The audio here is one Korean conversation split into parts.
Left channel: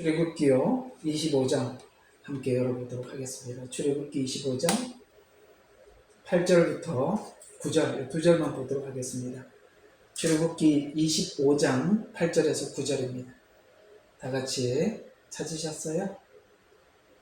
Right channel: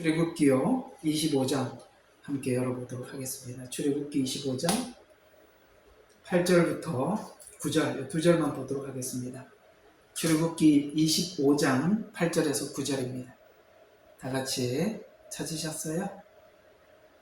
출애굽기요 25장 함께 열어보도록 하겠습니다. 출애굽기 25장 8절부터 9절 두 절만 보도록 하겠습니다. 출애굽기 25장 8절에서 9절입니다. 다 같이 찾으셨어요?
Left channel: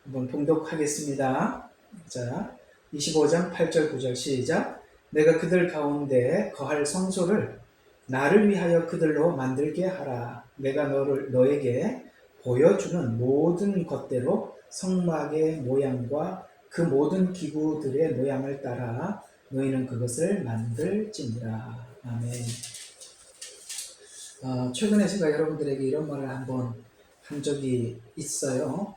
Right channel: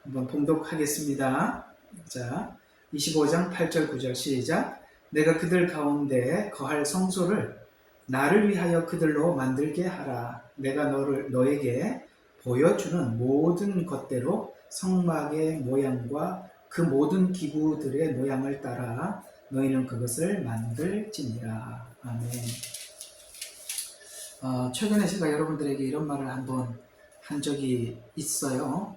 한번 봉독하겠습니다. 자, 25장 8절 9절 시작. 내가 그들 가운데 거할 성소를 나를 위하여 그들로 만들게 하라. 내가 너에게 보여주는 모든 것대로 성막의 모양과 그 모든 기구들의 모양을 따라 너희는 그것을 만들지니라. 아멘. 최근에 제가 여러분들에게 이런 말을 한번 한 적이 있어요.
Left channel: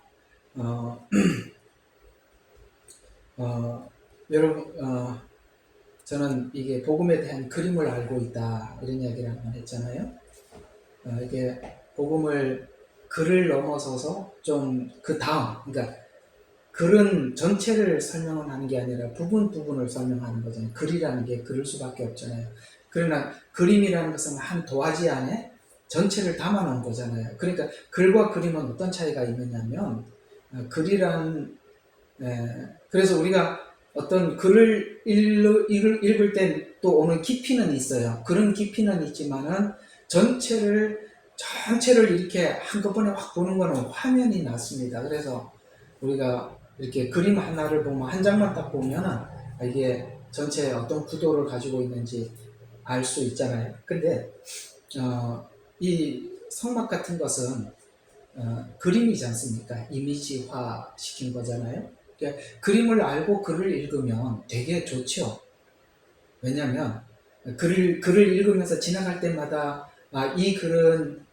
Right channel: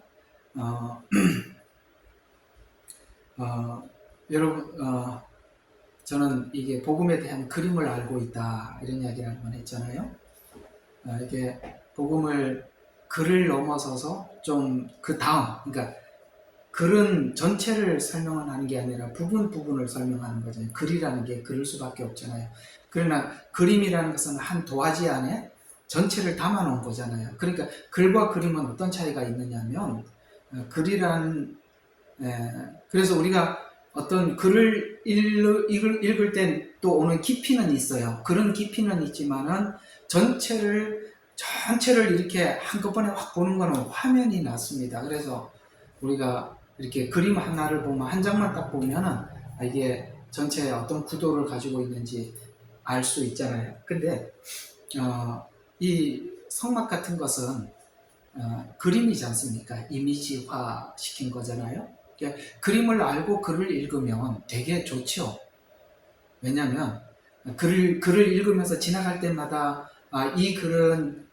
여러분, 저는 이게 복음에 대한 그림을 알고 있다 이런 이야기를 한번 했잖아요. 이게 복음을 글을 넘어서서 좀 그 다음, 그러니까 글은 전체를 설명하는 게 아니라 부분을 설명하는 거잖아요. 글이라는 게 그릴 수밖에 없잖아요. 그러나 그림이라는 것은 한 도화지 안에 전체를 담아 놓은 거잖아요. 그러니까 글과 그림은 어떤 차이가 있느냐면 글이란 그래서 우리가 어떤 글을 읽을 때 또 오는 깊이는 있어요. 글은 깊이는 있지만은 전체를 이렇게 한꺼번에 확 보는 거는 화면이 낫습니다. 그래서 우리가 이렇게 그림 하나를 보면 한 장만 딱 보면은 이게 전체에 어떤 구도를 가지고 있는지 알 수 있잖아요. 근데 이 성막 같은 것은 그림이지 않습니까? 이미지화 시킨 거잖아요. 그러니까 그림을 알고 글을 읽으면 되게 좋죠. 왜냐하면 글을 읽으면서 지나갈 때마다 이 글은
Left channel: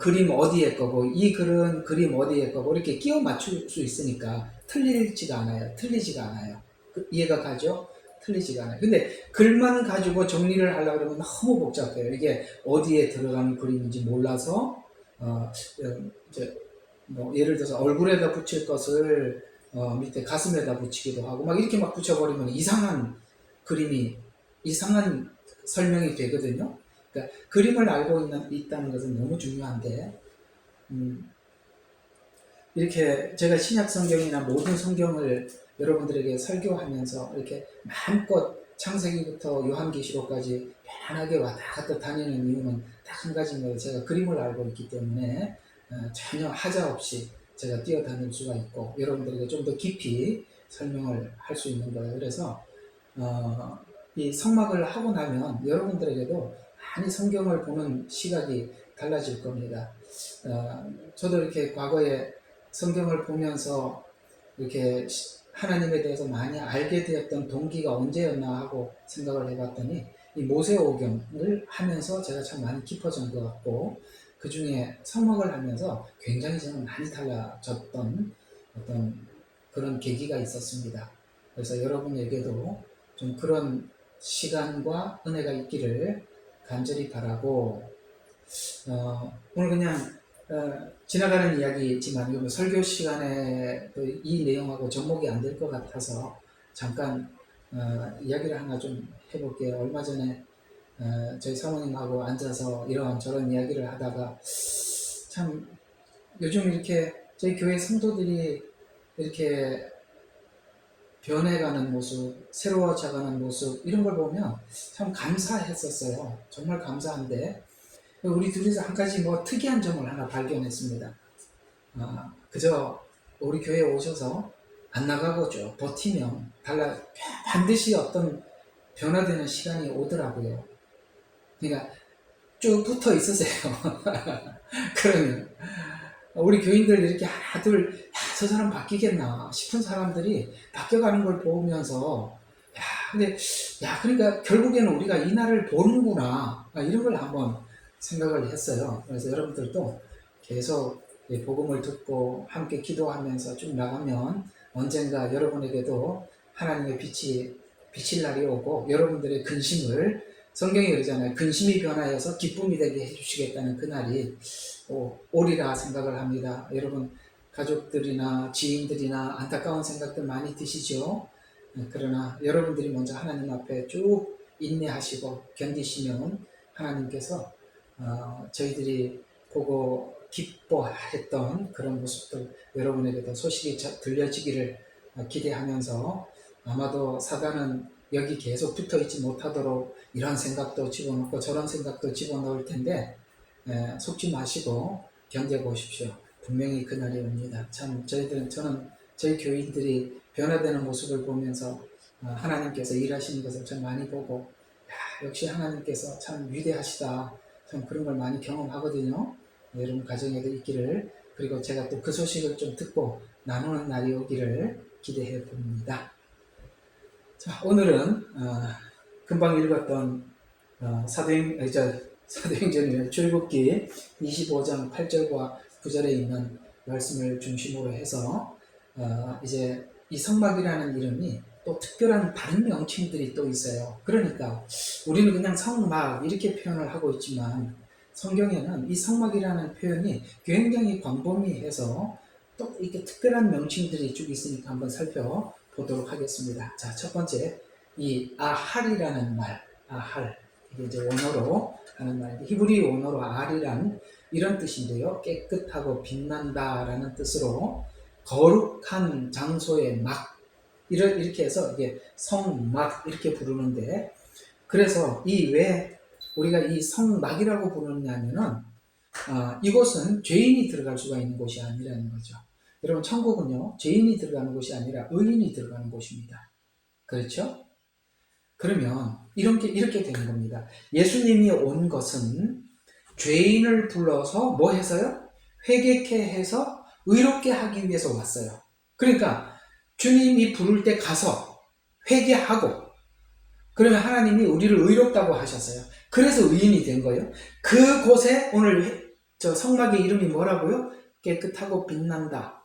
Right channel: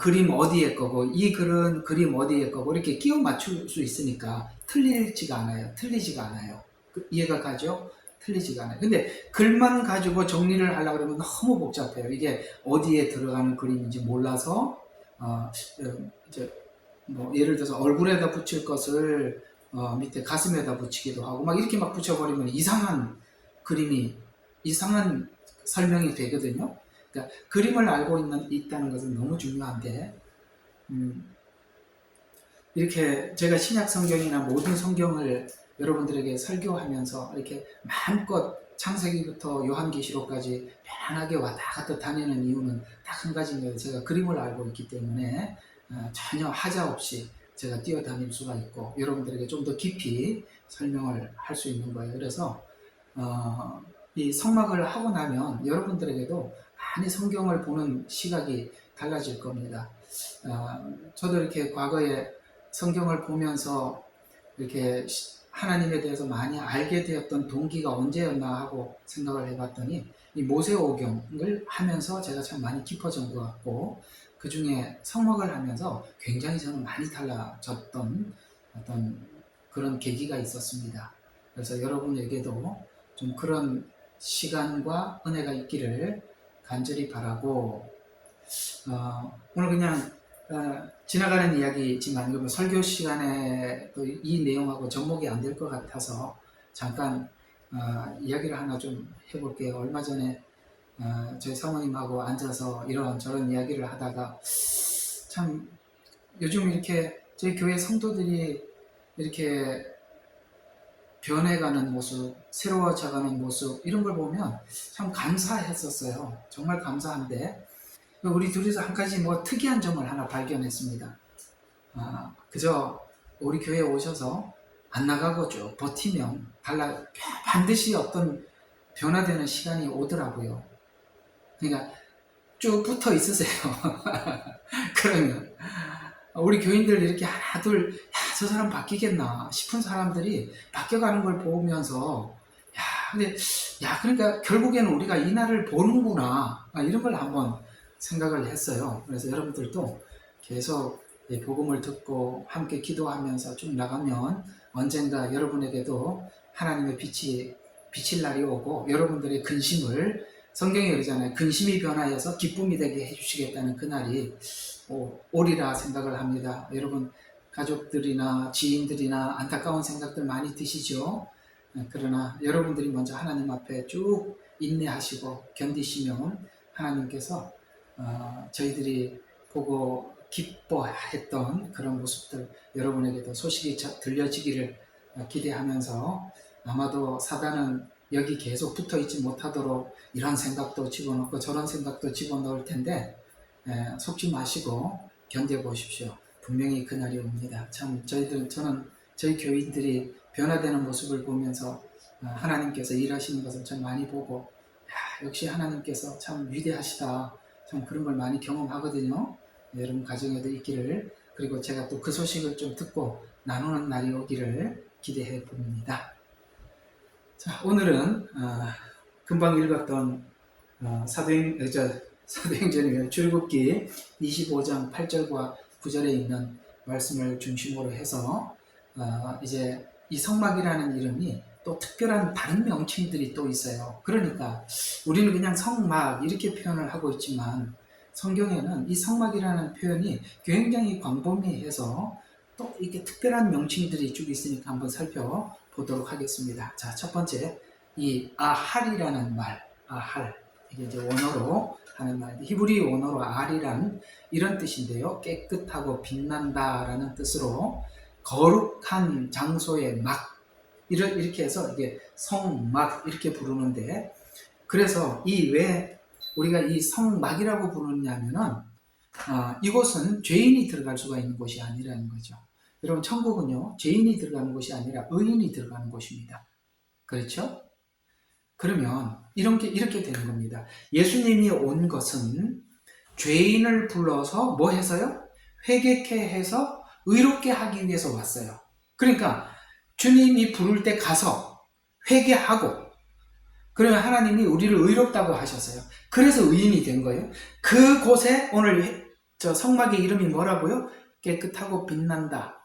그림 어디에 거고 이 글은 그림 어디에 거고 이렇게 끼워 맞출 수 있으니까 틀리지가 않아요. 이해가 가죠? 틀리지가 않아요. 근데 글만 가지고 정리를 하려고 그러면 너무 복잡해요. 이게 어디에 들어가는 그림인지 몰라서 이제 뭐 예를 들어서 얼굴에다 붙일 것을 밑에 가슴에다 붙이기도 하고 막 이렇게 막 붙여버리면 이상한 설명이 되거든요. 그러니까 그림을 알고 있다는 것은 너무 중요한데 이렇게 제가 신약 성경이나 모든 성경을 여러분들에게 설교하면서 이렇게 마음껏 창세기부터 요한계시록까지 편안하게 왔다 갔다 다니는 이유는 딱 한 가지입니다. 제가 그림을 알고 있기 때문에 전혀 하자 없이 제가 뛰어다닐 수가 있고 여러분들에게 좀 더 깊이 설명을 할 수 있는 거예요. 그래서 이 성막을 하고 나면 여러분들에게도 많이 성경을 보는 시각이 달라질 겁니다. 저도 이렇게 과거에 성경을 보면서 이렇게 하나님에 대해서 많이 알게 되었던 동기가 언제였나 하고 생각을 해봤더니 이 모세오경을 하면서 제가 참 많이 깊어진 것 같고 그 중에 성막을 하면서 굉장히 저는 많이 달라졌던 어떤 그런 계기가 있었습니다. 그래서 여러분에게도 좀 그런 시간과 은혜가 있기를 간절히 바라고 오늘 그냥 지나가는 이야기지만 설교 시간에 이 내용하고 접목이 안 될 것 같아서 잠깐 이야기를 하나 좀 해볼게요. 얼마 전에 저희 사모님하고 앉아서 이런 저런 이야기를 하다가 참 요즘 이렇게 저희 교회 성도들이 이렇게 변해가는 모습, 새로워져가는 모습 이런 걸 보면 참 감사했었어요. 정말 감사한데 우리 둘이서 한 가지 뭐 특이한 점을 하나 발견했습니다. 그저 우리 교회에 오셔서 안 나가고 쭉 버티면 반드시 어떤 변화되는 시간이 오더라고요. 그러니까 쭉 붙어 있으세요. 그러면 우리 교인들 이렇게 하나 둘 저 사람 바뀌겠나 싶은 사람들이 바뀌어가는 걸 보면서 그러니까 결국에는 우리가 이 날을 보는구나 이런 걸 한번 생각을 했어요. 그래서 여러분들도 계속 복음을 듣고 함께 기도하면서 쭉 나가면 언젠가 여러분에게도 하나님의 빛이 비칠 날이 오고 여러분들의 근심을 성경에 그러잖아요. 근심이 변하여서 기쁨이 되게 해주시겠다는 그날이 오리라 생각을 합니다. 여러분 가족들이나 지인들이나 안타까운 생각들 많이 드시죠? 그러나 여러분들이 먼저 하나님 앞에 쭉 인내하시고 견디시면 하나님께서 저희들이 보고 기뻐했던 그런 모습들 여러분에게도 소식이 들려지기를 기대하면서, 아마도 사단은 여기 계속 붙어 있지 못하도록 이런 생각도 집어넣고 저런 생각도 집어넣을 텐데, 속지 마시고 견뎌보십시오. 분명히 그날이 옵니다. 참 저는 저희 교인들이 변화되는 모습을 보면서 하나님께서 일하시는 것을 참 많이 보고, 역시 하나님께서 참 위대하시다, 참 그런 걸 많이 경험하거든요. 여러분 가정에도 있기를, 그리고 제가 또 그 소식을 좀 듣고 나누는 날이 오기를 기대해 봅니다. 자, 오늘은 금방 읽었던 사도행전이면 출애굽기 25장 8절과 9절에 있는 말씀을 중심으로 해서 이제 이 성막이라는 이름이 또 특별한 다른 명칭들이 또 있어요. 그러니까 우리는 그냥 성막 이렇게 표현을 하고 있지만, 성경에는 이 성막이라는 표현이 굉장히 광범위해서 또 이렇게 특별한 명칭들이 쭉 있으니까 한번 살펴보도록 하겠습니다. 자, 첫 번째, 이 아할이라는 말, 아할, 이게 이제 원어로 하는 말인데, 히브리 원어로 알이란 이런 뜻인데요. 깨끗하고 빛난다라는 뜻으로 거룩한 장소의 막, 이렇게 해서 이게 성막 이렇게 부르는데, 그래서 이 왜 우리가 이 성막이라고 부르냐면은 이곳은 죄인이 들어갈 수가 있는 곳이 아니라는 거죠. 여러분, 천국은요 죄인이 들어가는 곳이 아니라 의인이 들어가는 곳입니다. 그렇죠? 그러면 이렇게 되는 겁니다. 예수님이 온 것은 죄인을 불러서 뭐 해서요? 회개케 해서 의롭게 하기 위해서 왔어요. 그러니까 주님이 부를 때 가서 회개하고, 그러면 하나님이 우리를 의롭다고 하셨어요. 그래서 의인이 된 거예요. 그곳에 오늘 저 성막의 이름이 뭐라고요? 깨끗하고 빛난다.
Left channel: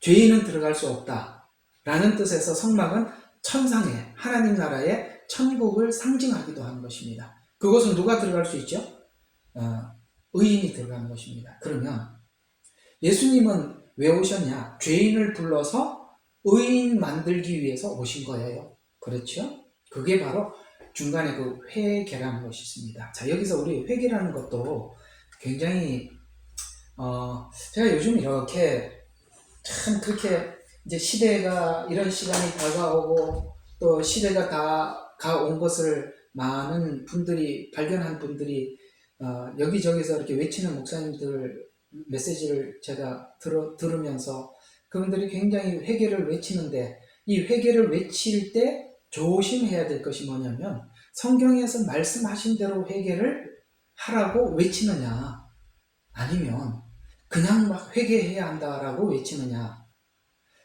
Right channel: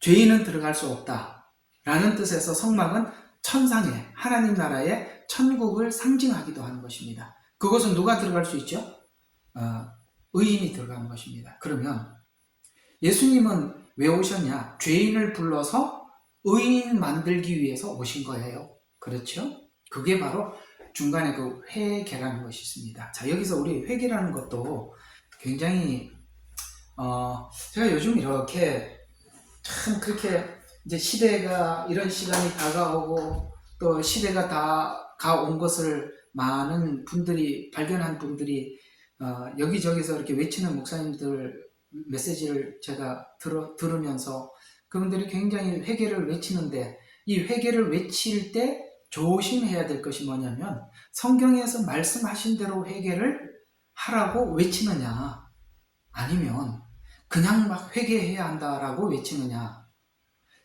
죄인은 들어갈 수 없다 라는 뜻에서 성막은 천상의 하나님 나라의 천국을 상징하기도 하는 것입니다. 그것은 누가 들어갈 수 있죠? 의인이 들어가는 것입니다. 그러면 예수님은 왜 오셨냐? 죄인을 불러서 의인 만들기 위해서 오신 거예요. 그렇죠? 그게 바로 중간에 그 회개라는 것이 있습니다. 자, 여기서 우리 회개라는 것도 굉장히 제가 요즘 이렇게 참 그렇게 이제 시대가 이런 시간이 다가오고 또 시대가 다 온 것을 많은 분들이 발견한 분들이 여기저기서 이렇게 외치는 목사님들 메시지를 제가 들으면서 그분들이 굉장히 회개를 외치는데, 이 회개를 외칠 때 조심해야 될 것이 뭐냐면, 성경에서 말씀하신 대로 회개를 하라고 외치느냐, 아니면 그냥 막 회개해야 한다라고 외치느냐.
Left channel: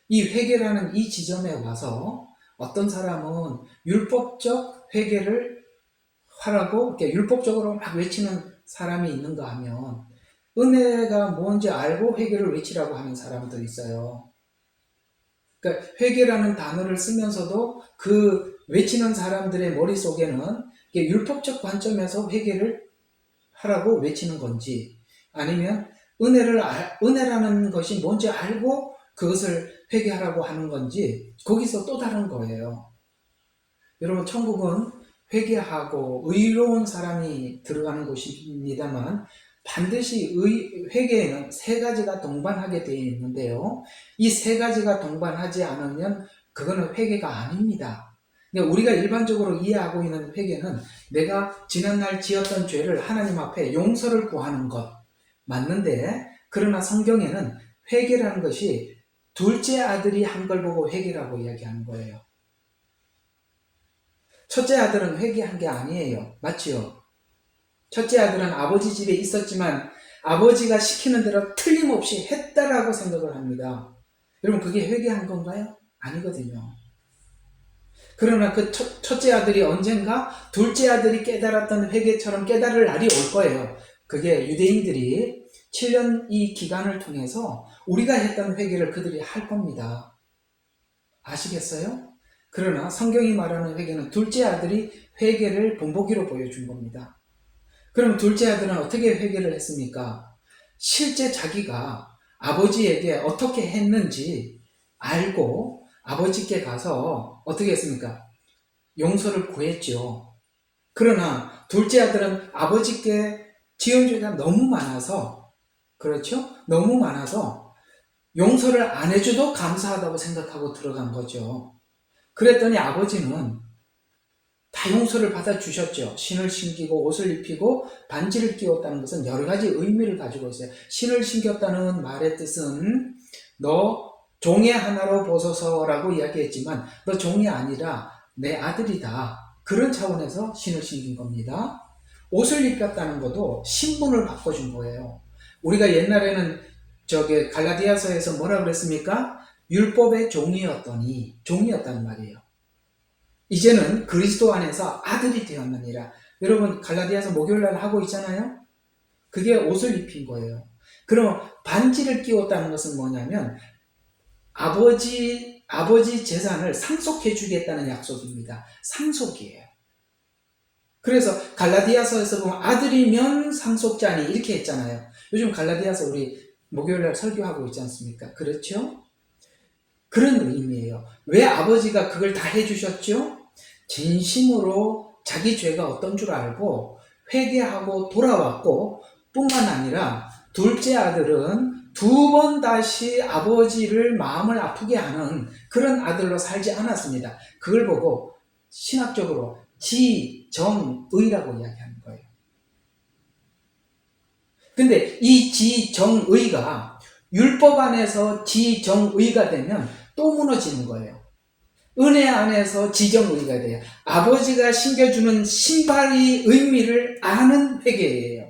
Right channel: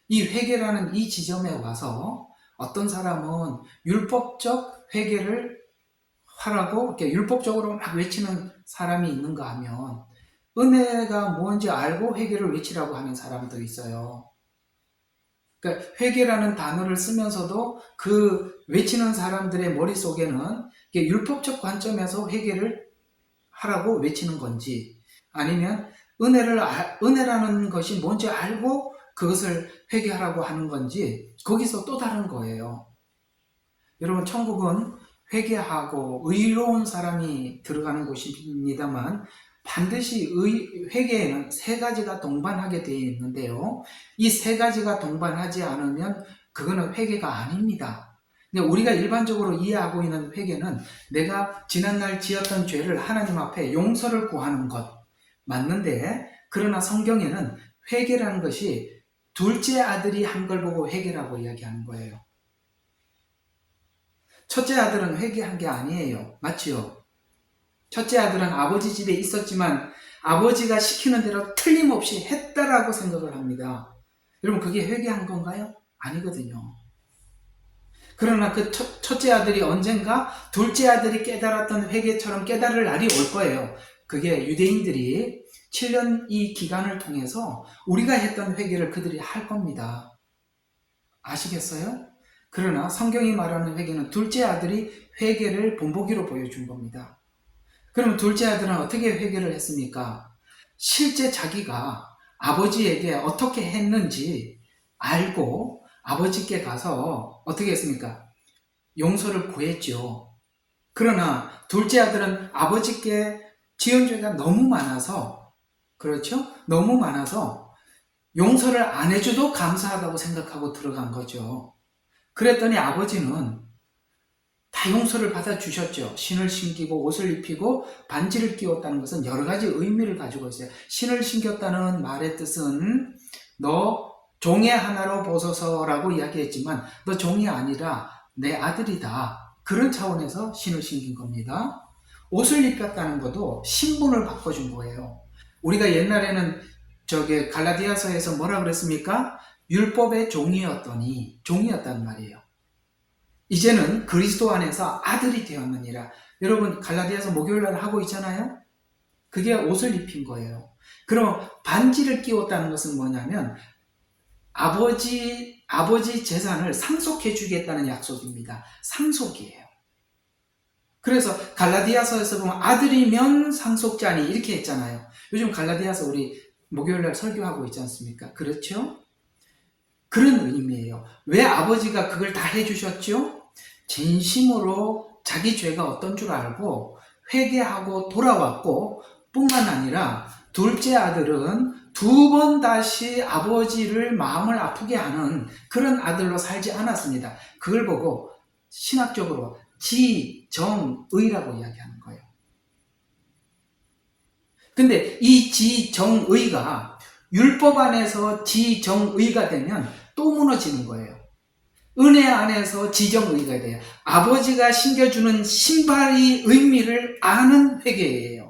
이 회개라는 이 지점에 와서 어떤 사람은 율법적 회개를 하라고 이렇게 율법적으로 막 외치는 사람이 있는가 하면, 은혜가 뭔지 알고 회개를 외치라고 하는 사람도 있어요. 그러니까 회개라는 단어를 쓰면서도 그 외치는 사람들의 머릿속에는 율법적 관점에서 회개를 하라고 외치는 건지, 아니면 은혜라는 것이 뭔지 알고 그것을 회개하라고 하는 건지, 거기서 또 다른 거예요. 여러분, 천국은 회개하고 의로운 사람이 들어가는 곳입니다만, 반드시 회개에는 세 가지가 동반하게 되어 있는데요. 이 세 가지가 동반하지 않으면 그거는 회개가 아닙니다. 근데 우리가 일반적으로 이해하고 있는 회개는 내가 지난날 지었던 죄를 하나님 앞에 용서를 구하는 것 맞는데, 그러나 성경에는 회개라는 것이 둘째 아들이 한 걸 보고 회개라고 이야기하는 거예요. 첫째 아들은 회개한 게 아니에요. 맞지요? 첫째 아들은 아버지 집에 있었지만 아버지가 시키는 대로 틀림없이 했다라고 생각을 합니다. 여러분, 그게 회개한 건가요? 아니거든요. 그러나 그 첫째 아들이 언젠가 둘째 아들이 깨달았던 회개처럼 깨달을 날이 올 거예요. 그게 유대인들이 7년 이 기간을 통해서 우리가 했던 회개를 그들이 할 겁니다. 아시겠어요? 그러나 성경이 말하는 회개는 둘째 아들이 회개를 본보기로 보여준 겁니다. 그럼 둘째 아들은 어떻게 회개를 했습니까? 실제 자기가 아버지에게 어떻게 했는지 알고 아버지께 가서 어떻게 했습니까? 용서를 구했죠. 그러나 둘째 아들은 아버지께 지은 죄가 너무 많아서 그렇죠? 너무 많아서 용서를 안 해줘도 감사하다고 생각하고 들어간 거죠. 그랬더니 아버지는 다 용서를 받아주셨죠. 신을 신기고 옷을 입히고 반지를 끼웠다는 것은 여러 가지 의미를 가지고 있어요. 신을 신겼다는 말의 뜻은 너 종의 하나로 보소서라고 이야기했지만 너 종이 아니라 내 아들이다. 그런 차원에서 신을 신긴 겁니다. 옷을 입혔다는 것도 신분을 바꿔준 거예요. 우리가 옛날에는 갈라디아서에서 뭐라 그랬습니까? 율법의 종이었다는 말이에요. 이제는 그리스도 안에서 아들이 되었느니라. 여러분 갈라디아서 목요일날 하고 있잖아요. 그게 옷을 입힌 거예요. 그럼 반지를 끼웠다는 것은 뭐냐면 아버지 재산을 상속해 주겠다는 약속입니다. 상속이에요. 그래서 갈라디아서에서 보면 아들이면 상속자니 이렇게 했잖아요. 요즘 갈라디아서 우리 목요일날 설교하고 있지 않습니까? 그렇죠? 그런 의미예요. 왜 아버지가 그걸 다 해주셨죠? 진심으로 자기 죄가 어떤 줄 알고 회개하고 돌아왔고 뿐만 아니라 둘째 아들은 두 번 다시 아버지를 마음을 아프게 하는 그런 아들로 살지 않았습니다. 그걸 보고 신학적으로 지정의라고 이야기하는 거예요. 근데 이 지정의가 율법 안에서 지정의가 되면 또 무너지는 거예요. 은혜 안에서 지정의가 돼요. 아버지가 신겨주는 신발의 의미를 아는 회개예요.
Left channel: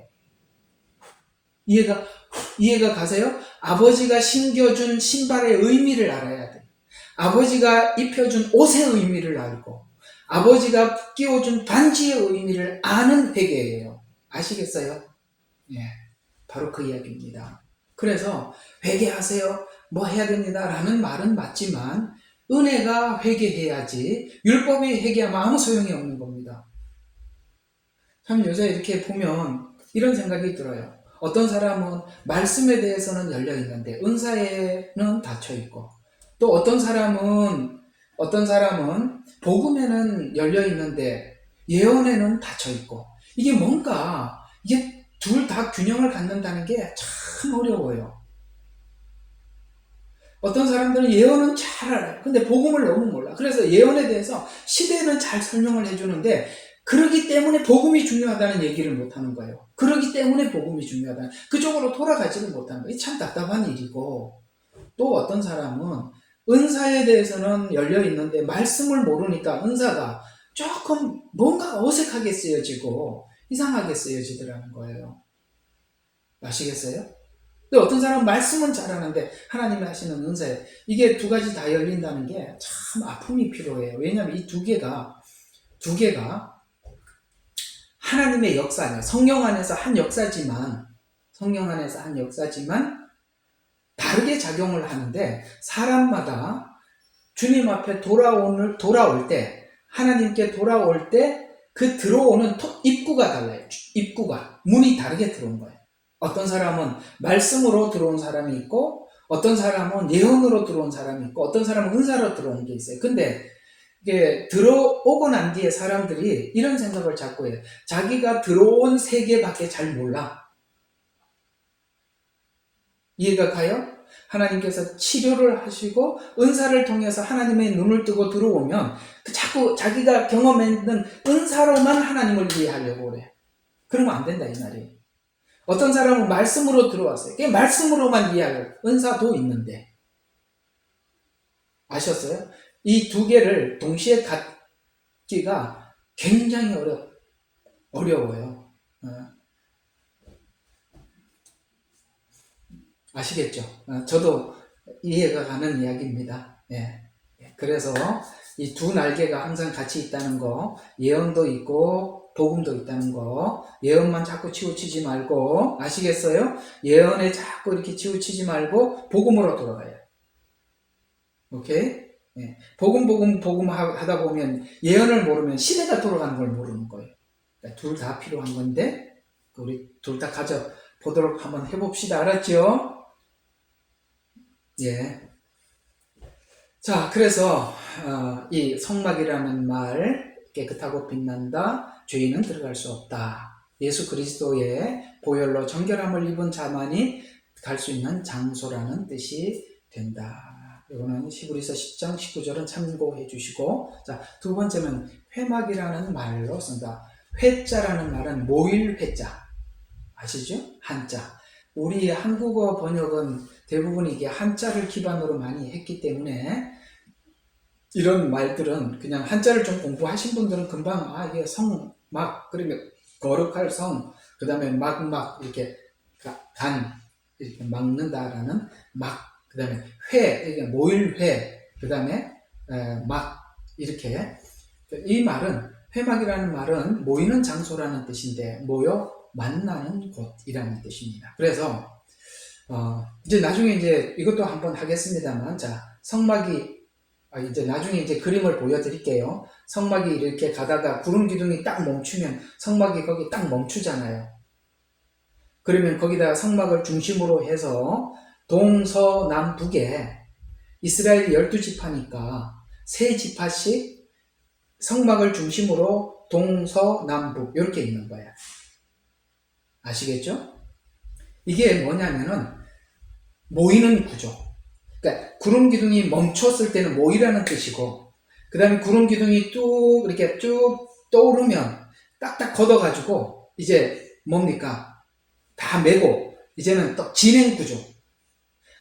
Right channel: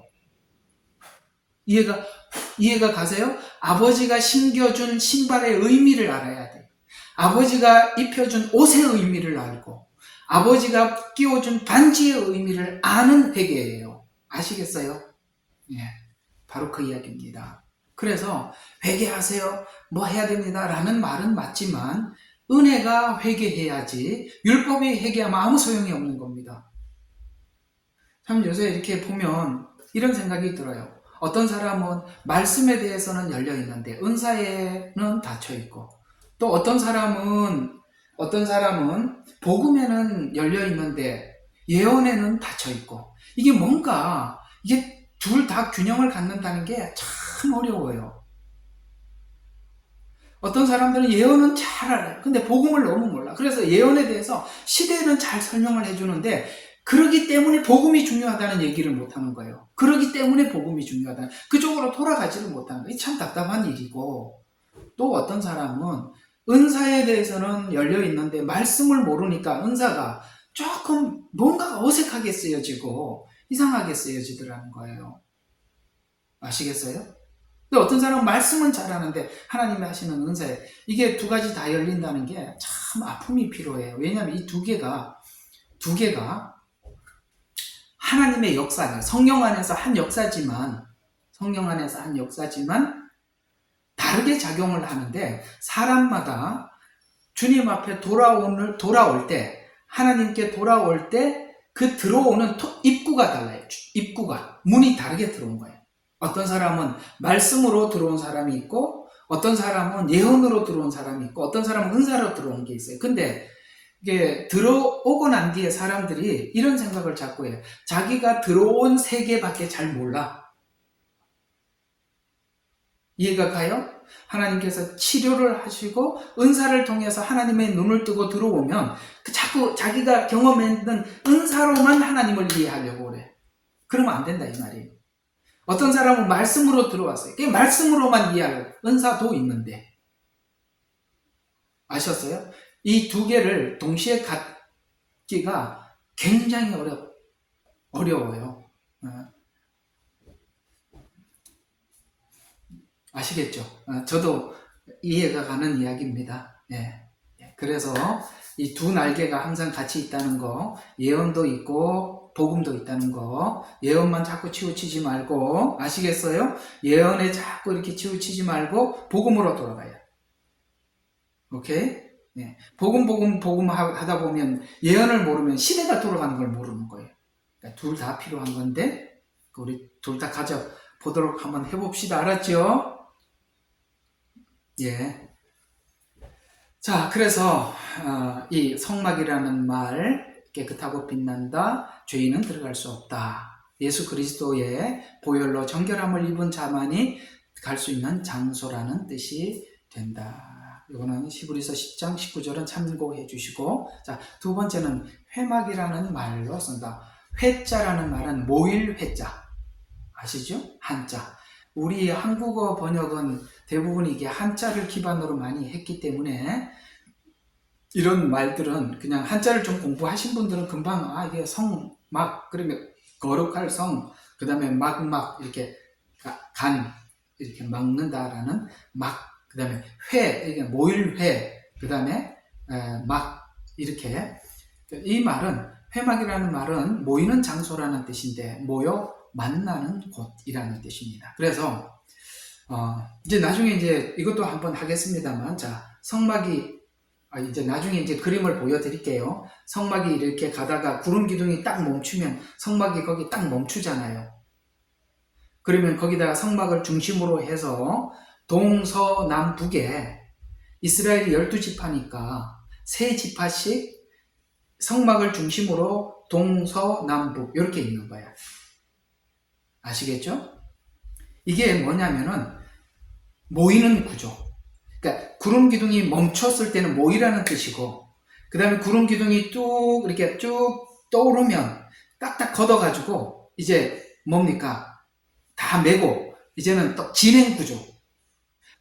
이해가 가세요? 아버지가 신겨준 신발의 의미를 알아야 돼. 아버지가 입혀준 옷의 의미를 알고 아버지가 끼워준 반지의 의미를 아는 회개예요. 아시겠어요? 예, 바로 그 이야기입니다. 그래서 회개하세요, 뭐 해야 됩니다 라는 말은 맞지만 은혜가 회개해야지 율법이 회개하면 아무 소용이 없는 겁니다. 참 요새 이렇게 보면 이런 생각이 들어요. 어떤 사람은 말씀에 대해서는 열려 있는데 은사에는 닫혀 있고, 또 어떤 사람은 복음에는 열려 있는데 예언에는 닫혀 있고, 이게 둘 다 균형을 갖는다는 게 참 어려워요. 어떤 사람들은 예언은 잘 알아요. 근데 복음을 너무 몰라. 그래서 예언에 대해서 시대는 잘 설명을 해주는데 그러기 때문에 복음이 중요하다는 얘기를 못하는 거예요. 그러기 때문에 복음이 중요하다. 그쪽으로 돌아가지를 못하는 거예요. 참 답답한 일이고, 또 어떤 사람은 은사에 대해서는 열려 있는데 말씀을 모르니까 은사가 조금 뭔가 어색하게 쓰여지고 이상하게 쓰여지더라는 거예요. 아시겠어요? 근데 어떤 사람은 말씀은 잘하는데 하나님이 하시는 은사에 이게 두 가지 다 열린다는 게 참 아픔이 필요해요. 왜냐하면 이 두 개가 하나님의 역사예요. 성령 안에서 한 역사지만 다르게 작용을 하는데, 사람마다 주님 앞에 돌아올 때, 하나님께 돌아올 때 그 들어오는 입구가 달라요. 문이 다르게 들어온 거예요. 어떤 사람은 말씀으로 들어온 사람이 있고, 어떤 사람은 예언으로 들어온 사람이 있고, 어떤 사람은 은사로 들어온 게 있어요. 근데 이게 들어오고 난 뒤에 사람들이 이런 생각을 자꾸 해요. 자기가 들어온 세계밖에 잘 몰라. 이해가 가요? 하나님께서 치료를 하시고 은사를 통해서 하나님의 눈을 뜨고 들어오면 자꾸 자기가 경험했는 은사로만 하나님을 이해하려고 그래. 그러면 안 된다 이 말이에요. 어떤 사람은 말씀으로 들어왔어요. 그게 말씀으로만 이해하려고. 은사도 있는데. 아셨어요? 이 두 개를 동시에 갖기가 굉장히 어려워요. 아시겠죠? 저도 이해가 가는 이야기입니다. 예. 그래서 이 두 날개가 항상 같이 있다는 거, 예언도 있고 복음도 있다는 거, 예언만 자꾸 치우치지 말고, 아시겠어요? 예언에 자꾸 이렇게 치우치지 말고 복음으로 돌아가요. 오케이? 예. 복음 하다 보면 예언을 모르면 시대가 돌아가는 걸 모르는 거예요. 그러니까 둘 다 필요한 건데 우리 둘 다 가져보도록 한번 해봅시다. 알았죠? 예. 자, 그래서 이 성막이라는 말, 깨끗하고 빛난다, 죄인은 들어갈 수 없다. 예수 그리스도의 보혈로 정결함을 입은 자만이 갈 수 있는 장소라는 뜻이 된다. 이거는 히브리서 10장 19절은 참고해 주시고, 자, 두 번째는 회막이라는 말로 쓴다. 회자라는 말은 모일 회자 아시죠? 한자. 우리 한국어 번역은 대부분 이게 한자를 기반으로 많이 했기 때문에 이런 말들은 그냥 한자를 좀 공부하신 분들은 금방 이게 성막, 그러면 거룩할 성, 그 다음에 막막 이렇게 간 이렇게 막는다라는 막, 그 다음에 회, 이게 모일회, 그 다음에 막 이렇게. 이 말은, 회막이라는 말은 모이는 장소라는 뜻인데 모여 만나는 곳이라는 뜻입니다. 그래서 이제 나중에 이제 이것도 한번 하겠습니다만, 자, 성막이 이제 나중에 이제 그림을 보여드릴게요. 성막이 이렇게 가다가 구름 기둥이 딱 멈추면 성막이 거기 딱 멈추잖아요. 그러면 거기다가 성막을 중심으로 해서 동서남북에 이스라엘이 12지파니까 3지파씩 성막을 중심으로 동서남북 이렇게 있는 거야. 아시겠죠? 이게 뭐냐면은 모이는 구조. 그러니까 구름 기둥이 멈췄을 때는 모이라는 뜻이고, 그 다음에 구름 기둥이 뚝 이렇게 쭉 떠오르면 딱딱 걷어가지고 이제 뭡니까? 다 메고 이제는 또 진행 구조.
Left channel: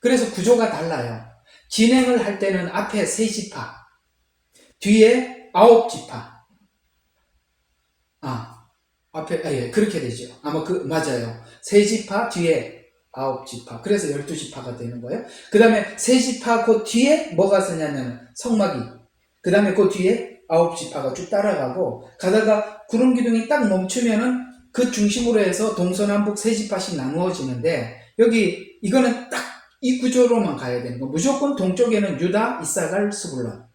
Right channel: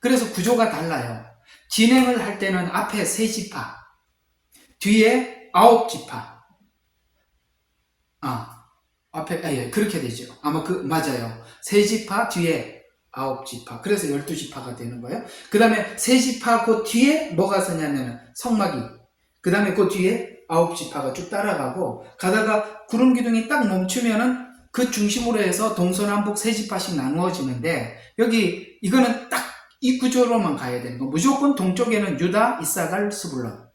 그래서 구조가 달라요. 진행을 할 때는 앞에 3지파, 뒤에 9지파. 앞에 예, 그렇게 되죠. 아마 맞아요. 3지파 뒤에 9지파. 그래서 12지파가 되는 거예요. 그 다음에 3지파 그 뒤에 뭐가 서냐면 성막이. 그 다음에 그 뒤에 9지파가 쭉 따라가고, 가다가 구름 기둥이 딱 멈추면은 그 중심으로 해서 동서남북 3지파씩 나누어지는데, 여기 이거는 딱 이 구조로만 가야 되는 거. 무조건 동쪽에는 유다, 이사갈, 스불론.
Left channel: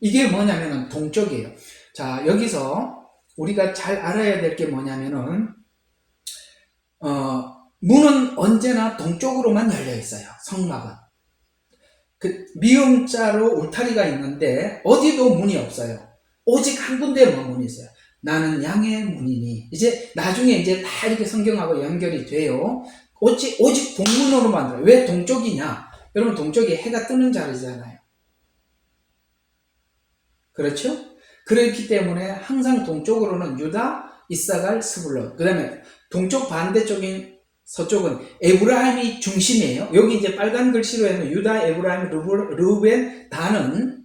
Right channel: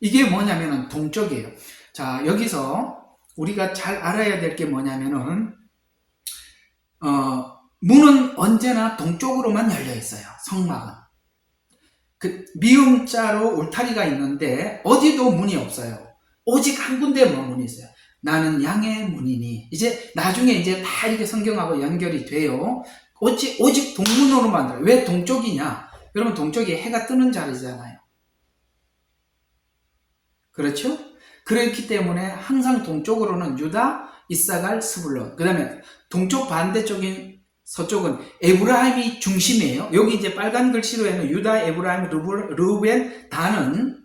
이게 뭐냐면은 동쪽이에요. 자, 여기서 우리가 잘 알아야 될 게 뭐냐면은 문은 언제나 동쪽으로만 열려 있어요. 성막은. 그 미음자로 울타리가 있는데 어디도 문이 없어요. 오직 한 군데만 문이 있어요. 나는 양의 문이니. 이제 나중에 이제 다 이렇게 성경하고 연결이 돼요. 오직 동문으로 만들어요. 왜 동쪽이냐? 여러분, 동쪽이 해가 뜨는 자리잖아요. 그렇죠? 그렇기 때문에 항상 동쪽으로는 유다, 이사갈, 스불론. 그 다음에 동쪽 반대쪽인 서쪽은 에브라임이 중심이에요. 여기 이제 빨간 글씨로 해놓은 유다, 에브라임, 르우벤, 단은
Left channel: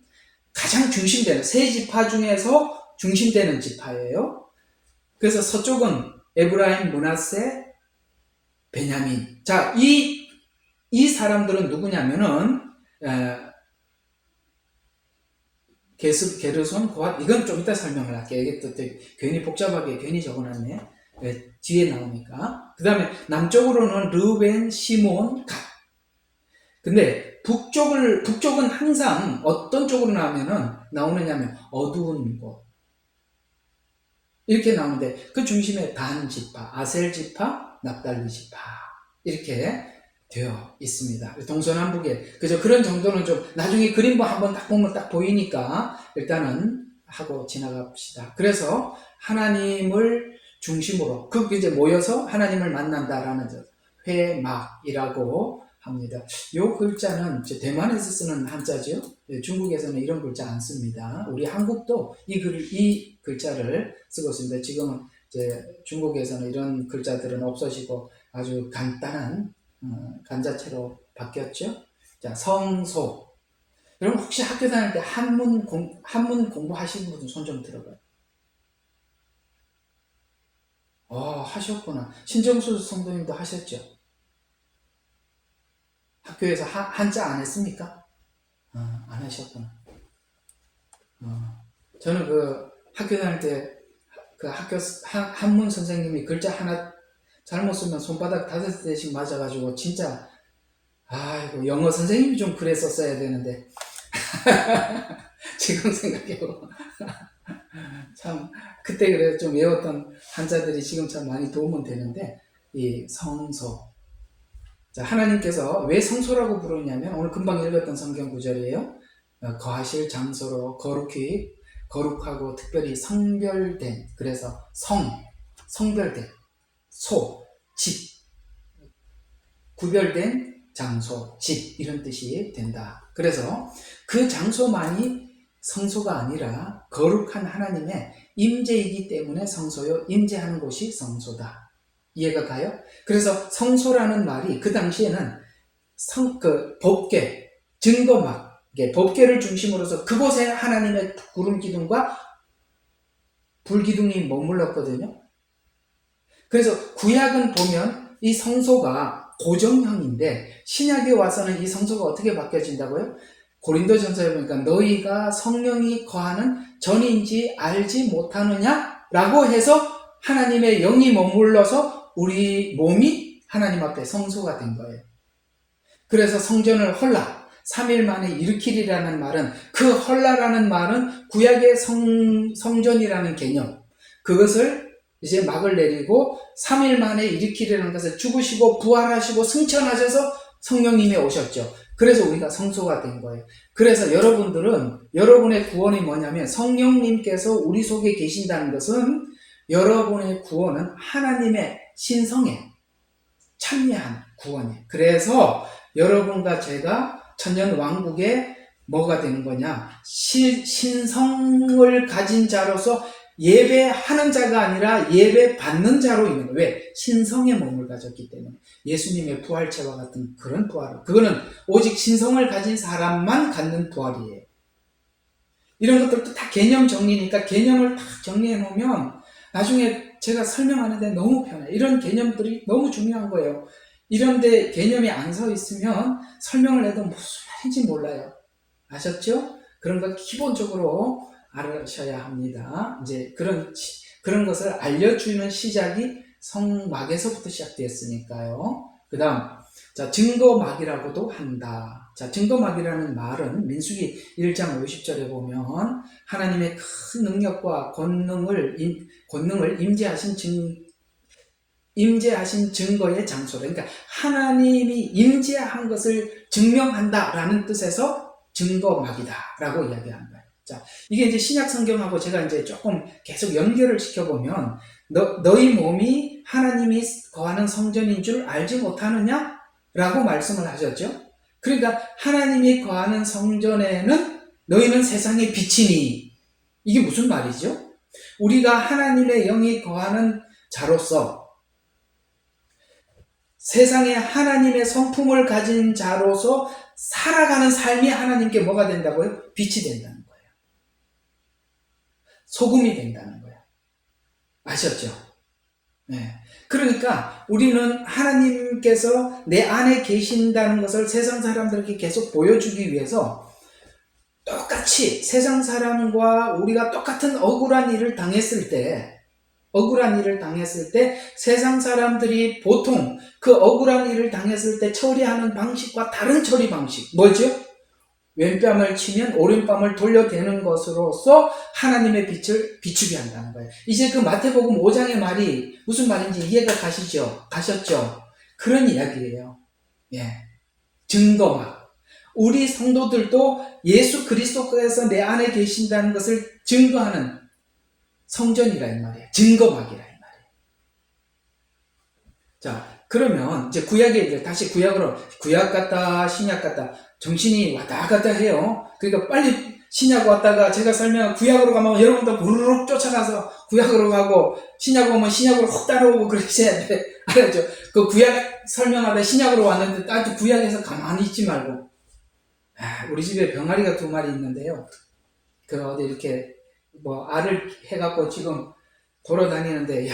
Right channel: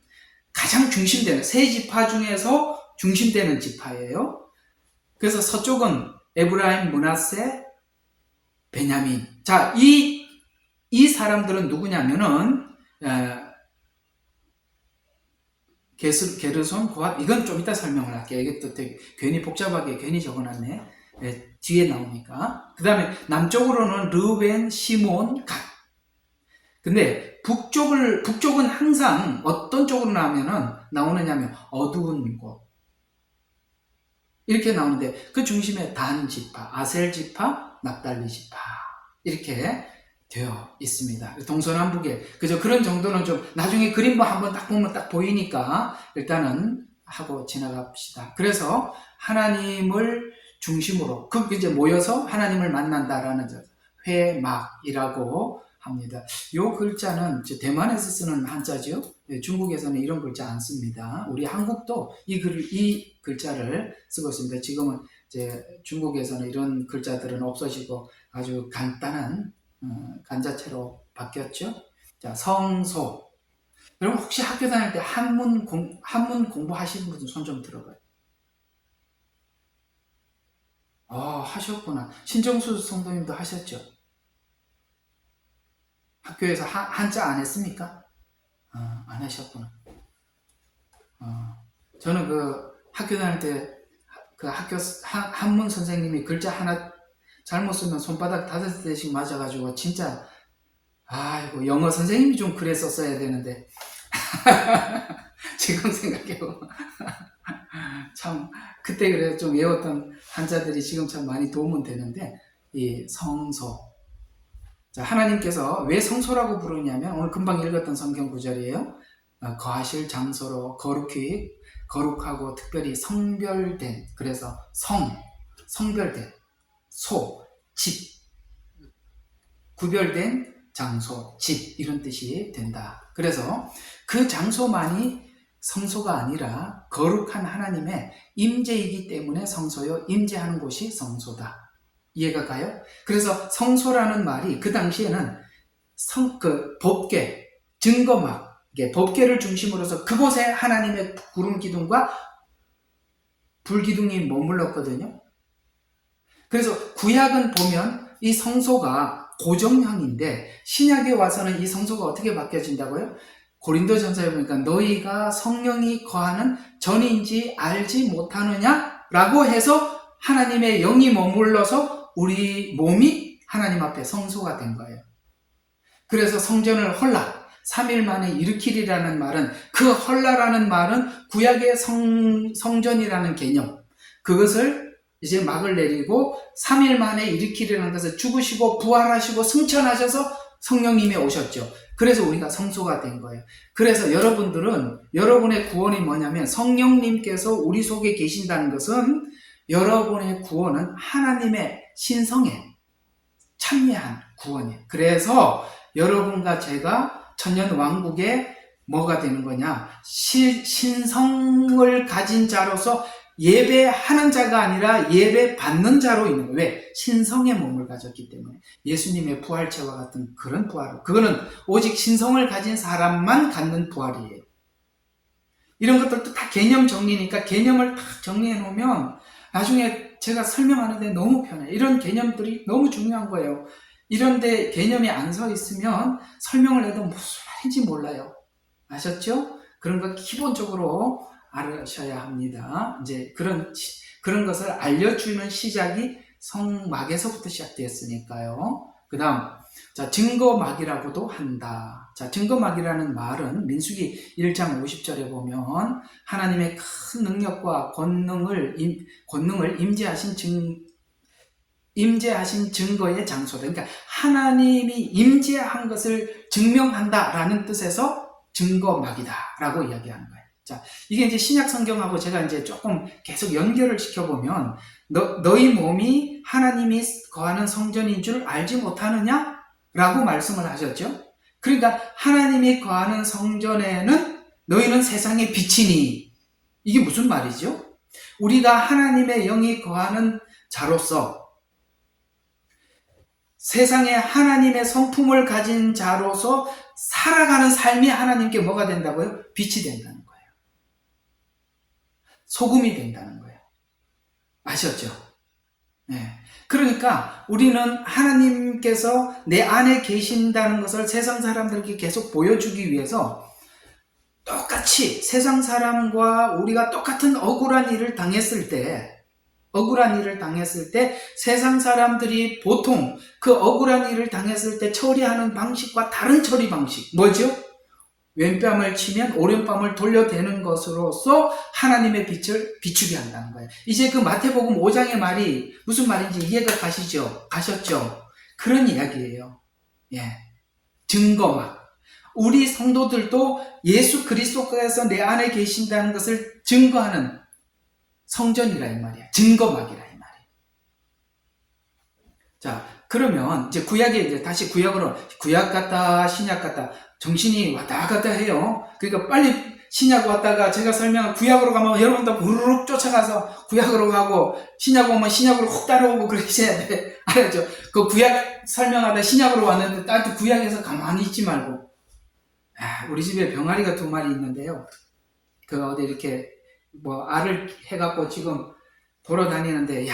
가장 중심되는 3지파 중에서 중심되는 지파예요. 그래서 서쪽은 에브라임, 므낫세, 베냐민. 자, 이 사람들은 누구냐면은 게르손, 고핫, 이건 좀 이따 설명을 할게요. 이게 또 되게 괜히 복잡하게 괜히 적어놨네. 뒤에 나오니까. 그 다음에 남쪽으로는 르벤, 시몬, 갓. 근데 북쪽은 항상 어떤 쪽으로 나오느냐면 어두운 곳. 이렇게 나오는데 그 중심에 단 지파, 아셀 지파, 납달리 지파. 이렇게 되어 있습니다. 동서남북에. 그저 그런 정도는 좀 나중에 그림 한번 딱 보면 딱 보이니까 일단은 하고 지나갑시다. 그래서 하나님을 중심으로 이제 모여서 하나님을 만난다라는 회막이라고 합니다. 이 글자는 대만에서 쓰는 한자죠. 중국에서는 이런 글자 안 씁니다. 우리 한국도 이 글자를 쓰고 있습니다. 지금은 이제 중국에서는 이런 글자들은 없어지고 아주 간단한 간자체로 바뀌었죠. 자, 성소. 여러분 혹시 학교 다닐 때 한문 공부하시는 분들 손 좀 들어봐요. 하셨구나. 신정수 성도님도 하셨죠? 학교에서 한자 안 했습니까? 안 하셨구나. 저는 학교 다닐 때 학교 한문 선생님이 글자 하나 잘못 쓰면 손바닥 5대씩 맞아가지고 진짜 이거 영어 선생님이 좀 그랬었어야 되는데 지금 생각해보면 참 그때 그래서 좀 외웠던 한자들이 지금 참 많이 도움은 되는데, 이 성소. 자, 하나님께서 왜 성소라고 부르냐면 오늘 금방 읽었던 성경 구절이에요. 거하실 장소로 거룩하고 특별히 성별된, 그래서 성별된, 집, 구별된 장소, 집 이런 뜻이 된다. 그래서 그 장소만이 성소가 아니라 거룩한 하나님의 임재이기 때문에 성소요, 임재하는 곳이 성소다. 이해가 가요? 그래서 성소라는 말이 그 당시에는 법궤, 증거막, 법궤를 중심으로서 그곳에 하나님의 구름 기둥과 불 기둥이 머물렀거든요. 그래서 구약은 보면 이 성소가 고정형인데 신약에 와서는 이 성소가 어떻게 바뀌어진다고요? 고린도전서에 보니까 너희가 성령이 거하는 전인지 알지 못하느냐? 라고 해서 하나님의 영이 머물러서 우리 몸이 하나님 앞에 성소가 된 거예요. 그래서 성전을 헐라, 3일 만에 일으키리라는 말은, 그 헐라라는 말은 구약의 성전이라는 개념, 그것을 이제 막을 내리고 3일 만에 일으키리라는 것을 죽으시고 부활하시고 승천하셔서 성령님이 오셨죠. 그래서 우리가 성소가 된 거예요. 그래서 여러분의 구원이 뭐냐면, 성령님께서 우리 속에 계신다는 것은 여러분의 구원은 하나님의 신성에 참여한 구원이에요. 그래서 여러분과 제가 천년 왕국에 뭐가 되는 거냐? 신성을 가진 자로서 예배하는 자가 아니라 예배 받는 자로 있는 거예요. 왜? 신성의 몸을 가졌기 때문에. 예수님의 부활체와 같은 그런 부활. 그거는 오직 신성을 가진 사람만 갖는 부활이에요. 이런 것들도 다 개념 정리니까 개념을 딱 정리해 놓으면 나중에 제가 설명하는데 너무 편해요. 이런 개념들이 너무 중요한 거예요. 이런데 개념이 안 서 있으면 설명을 해도 무슨 말인지 몰라요. 아셨죠? 그런 거 기본적으로 알으셔야 합니다. 이제 그런 것을 알려주는 시작이 성막에서부터 시작되었으니까요. 그 다음, 자, 증거막이라고도 한다. 자, 증거막이라는 말은 민수기 1장 50절에 보면 하나님의 큰 능력과 권능을 임재하신 증거의 장소다. 그러니까 하나님이 임재한 것을 증명한다라는 뜻에서 증거막이다라고 이야기하는 거예요. 자, 이게 이제 신약 성경하고 제가 이제 조금 계속 연결을 시켜보면, 너희 몸이 하나님이 거하는 성전인 줄 알지 못하느냐? 라고 말씀을 하셨죠. 그러니까 하나님이 거하는 성전에는 너희는 세상의 빛이니, 이게 무슨 말이죠? 우리가 하나님의 영이 거하는 자로서, 세상에 하나님의 성품을 가진 자로서 살아가는 삶이 하나님께 뭐가 된다고요? 빛이 된다는 거예요. 소금이 된다는 거예요. 아셨죠? 네. 그러니까 우리는 하나님께서 내 안에 계신다는 것을 세상 사람들에게 계속 보여주기 위해서 똑같이 세상 사람과 우리가 똑같은 억울한 일을 당했을 때 세상 사람들이 보통 그 억울한 일을 당했을 때 처리하는 방식과 다른 처리 방식, 뭐죠? 왼뺨을 치면 오른뺨을 돌려대는 것으로서 하나님의 빛을 비추게 한다는 거예요. 이제 그 마태복음 5장의 말이 무슨 말인지 이해가 가셨죠? 그런 이야기예요. 예. 증거막. 우리 성도들도 예수 그리스도께서 내 안에 계신다는 것을 증거하는 성전이라 이 말이에요. 증거막이라 이 말이에요. 자, 그러면 이제 구약에 다시 구약으로, 구약 같다 신약 같다 정신이 왔다 갔다 해요. 그러니까 빨리 신약 왔다가 제가 설명한 구약으로 가면 여러분도 우르륵 쫓아가서 구약으로 가고, 신약 오면 신약으로 훅 따라오고 그러셔야 돼. 알았죠? 그 구약 설명하다 신약으로 왔는데 딱 구약에서 가만히 있지 말고. 우리 집에 병아리가 2마리 있는데요. 그 어디 이렇게 알을 해갖고 지금 돌아다니는데,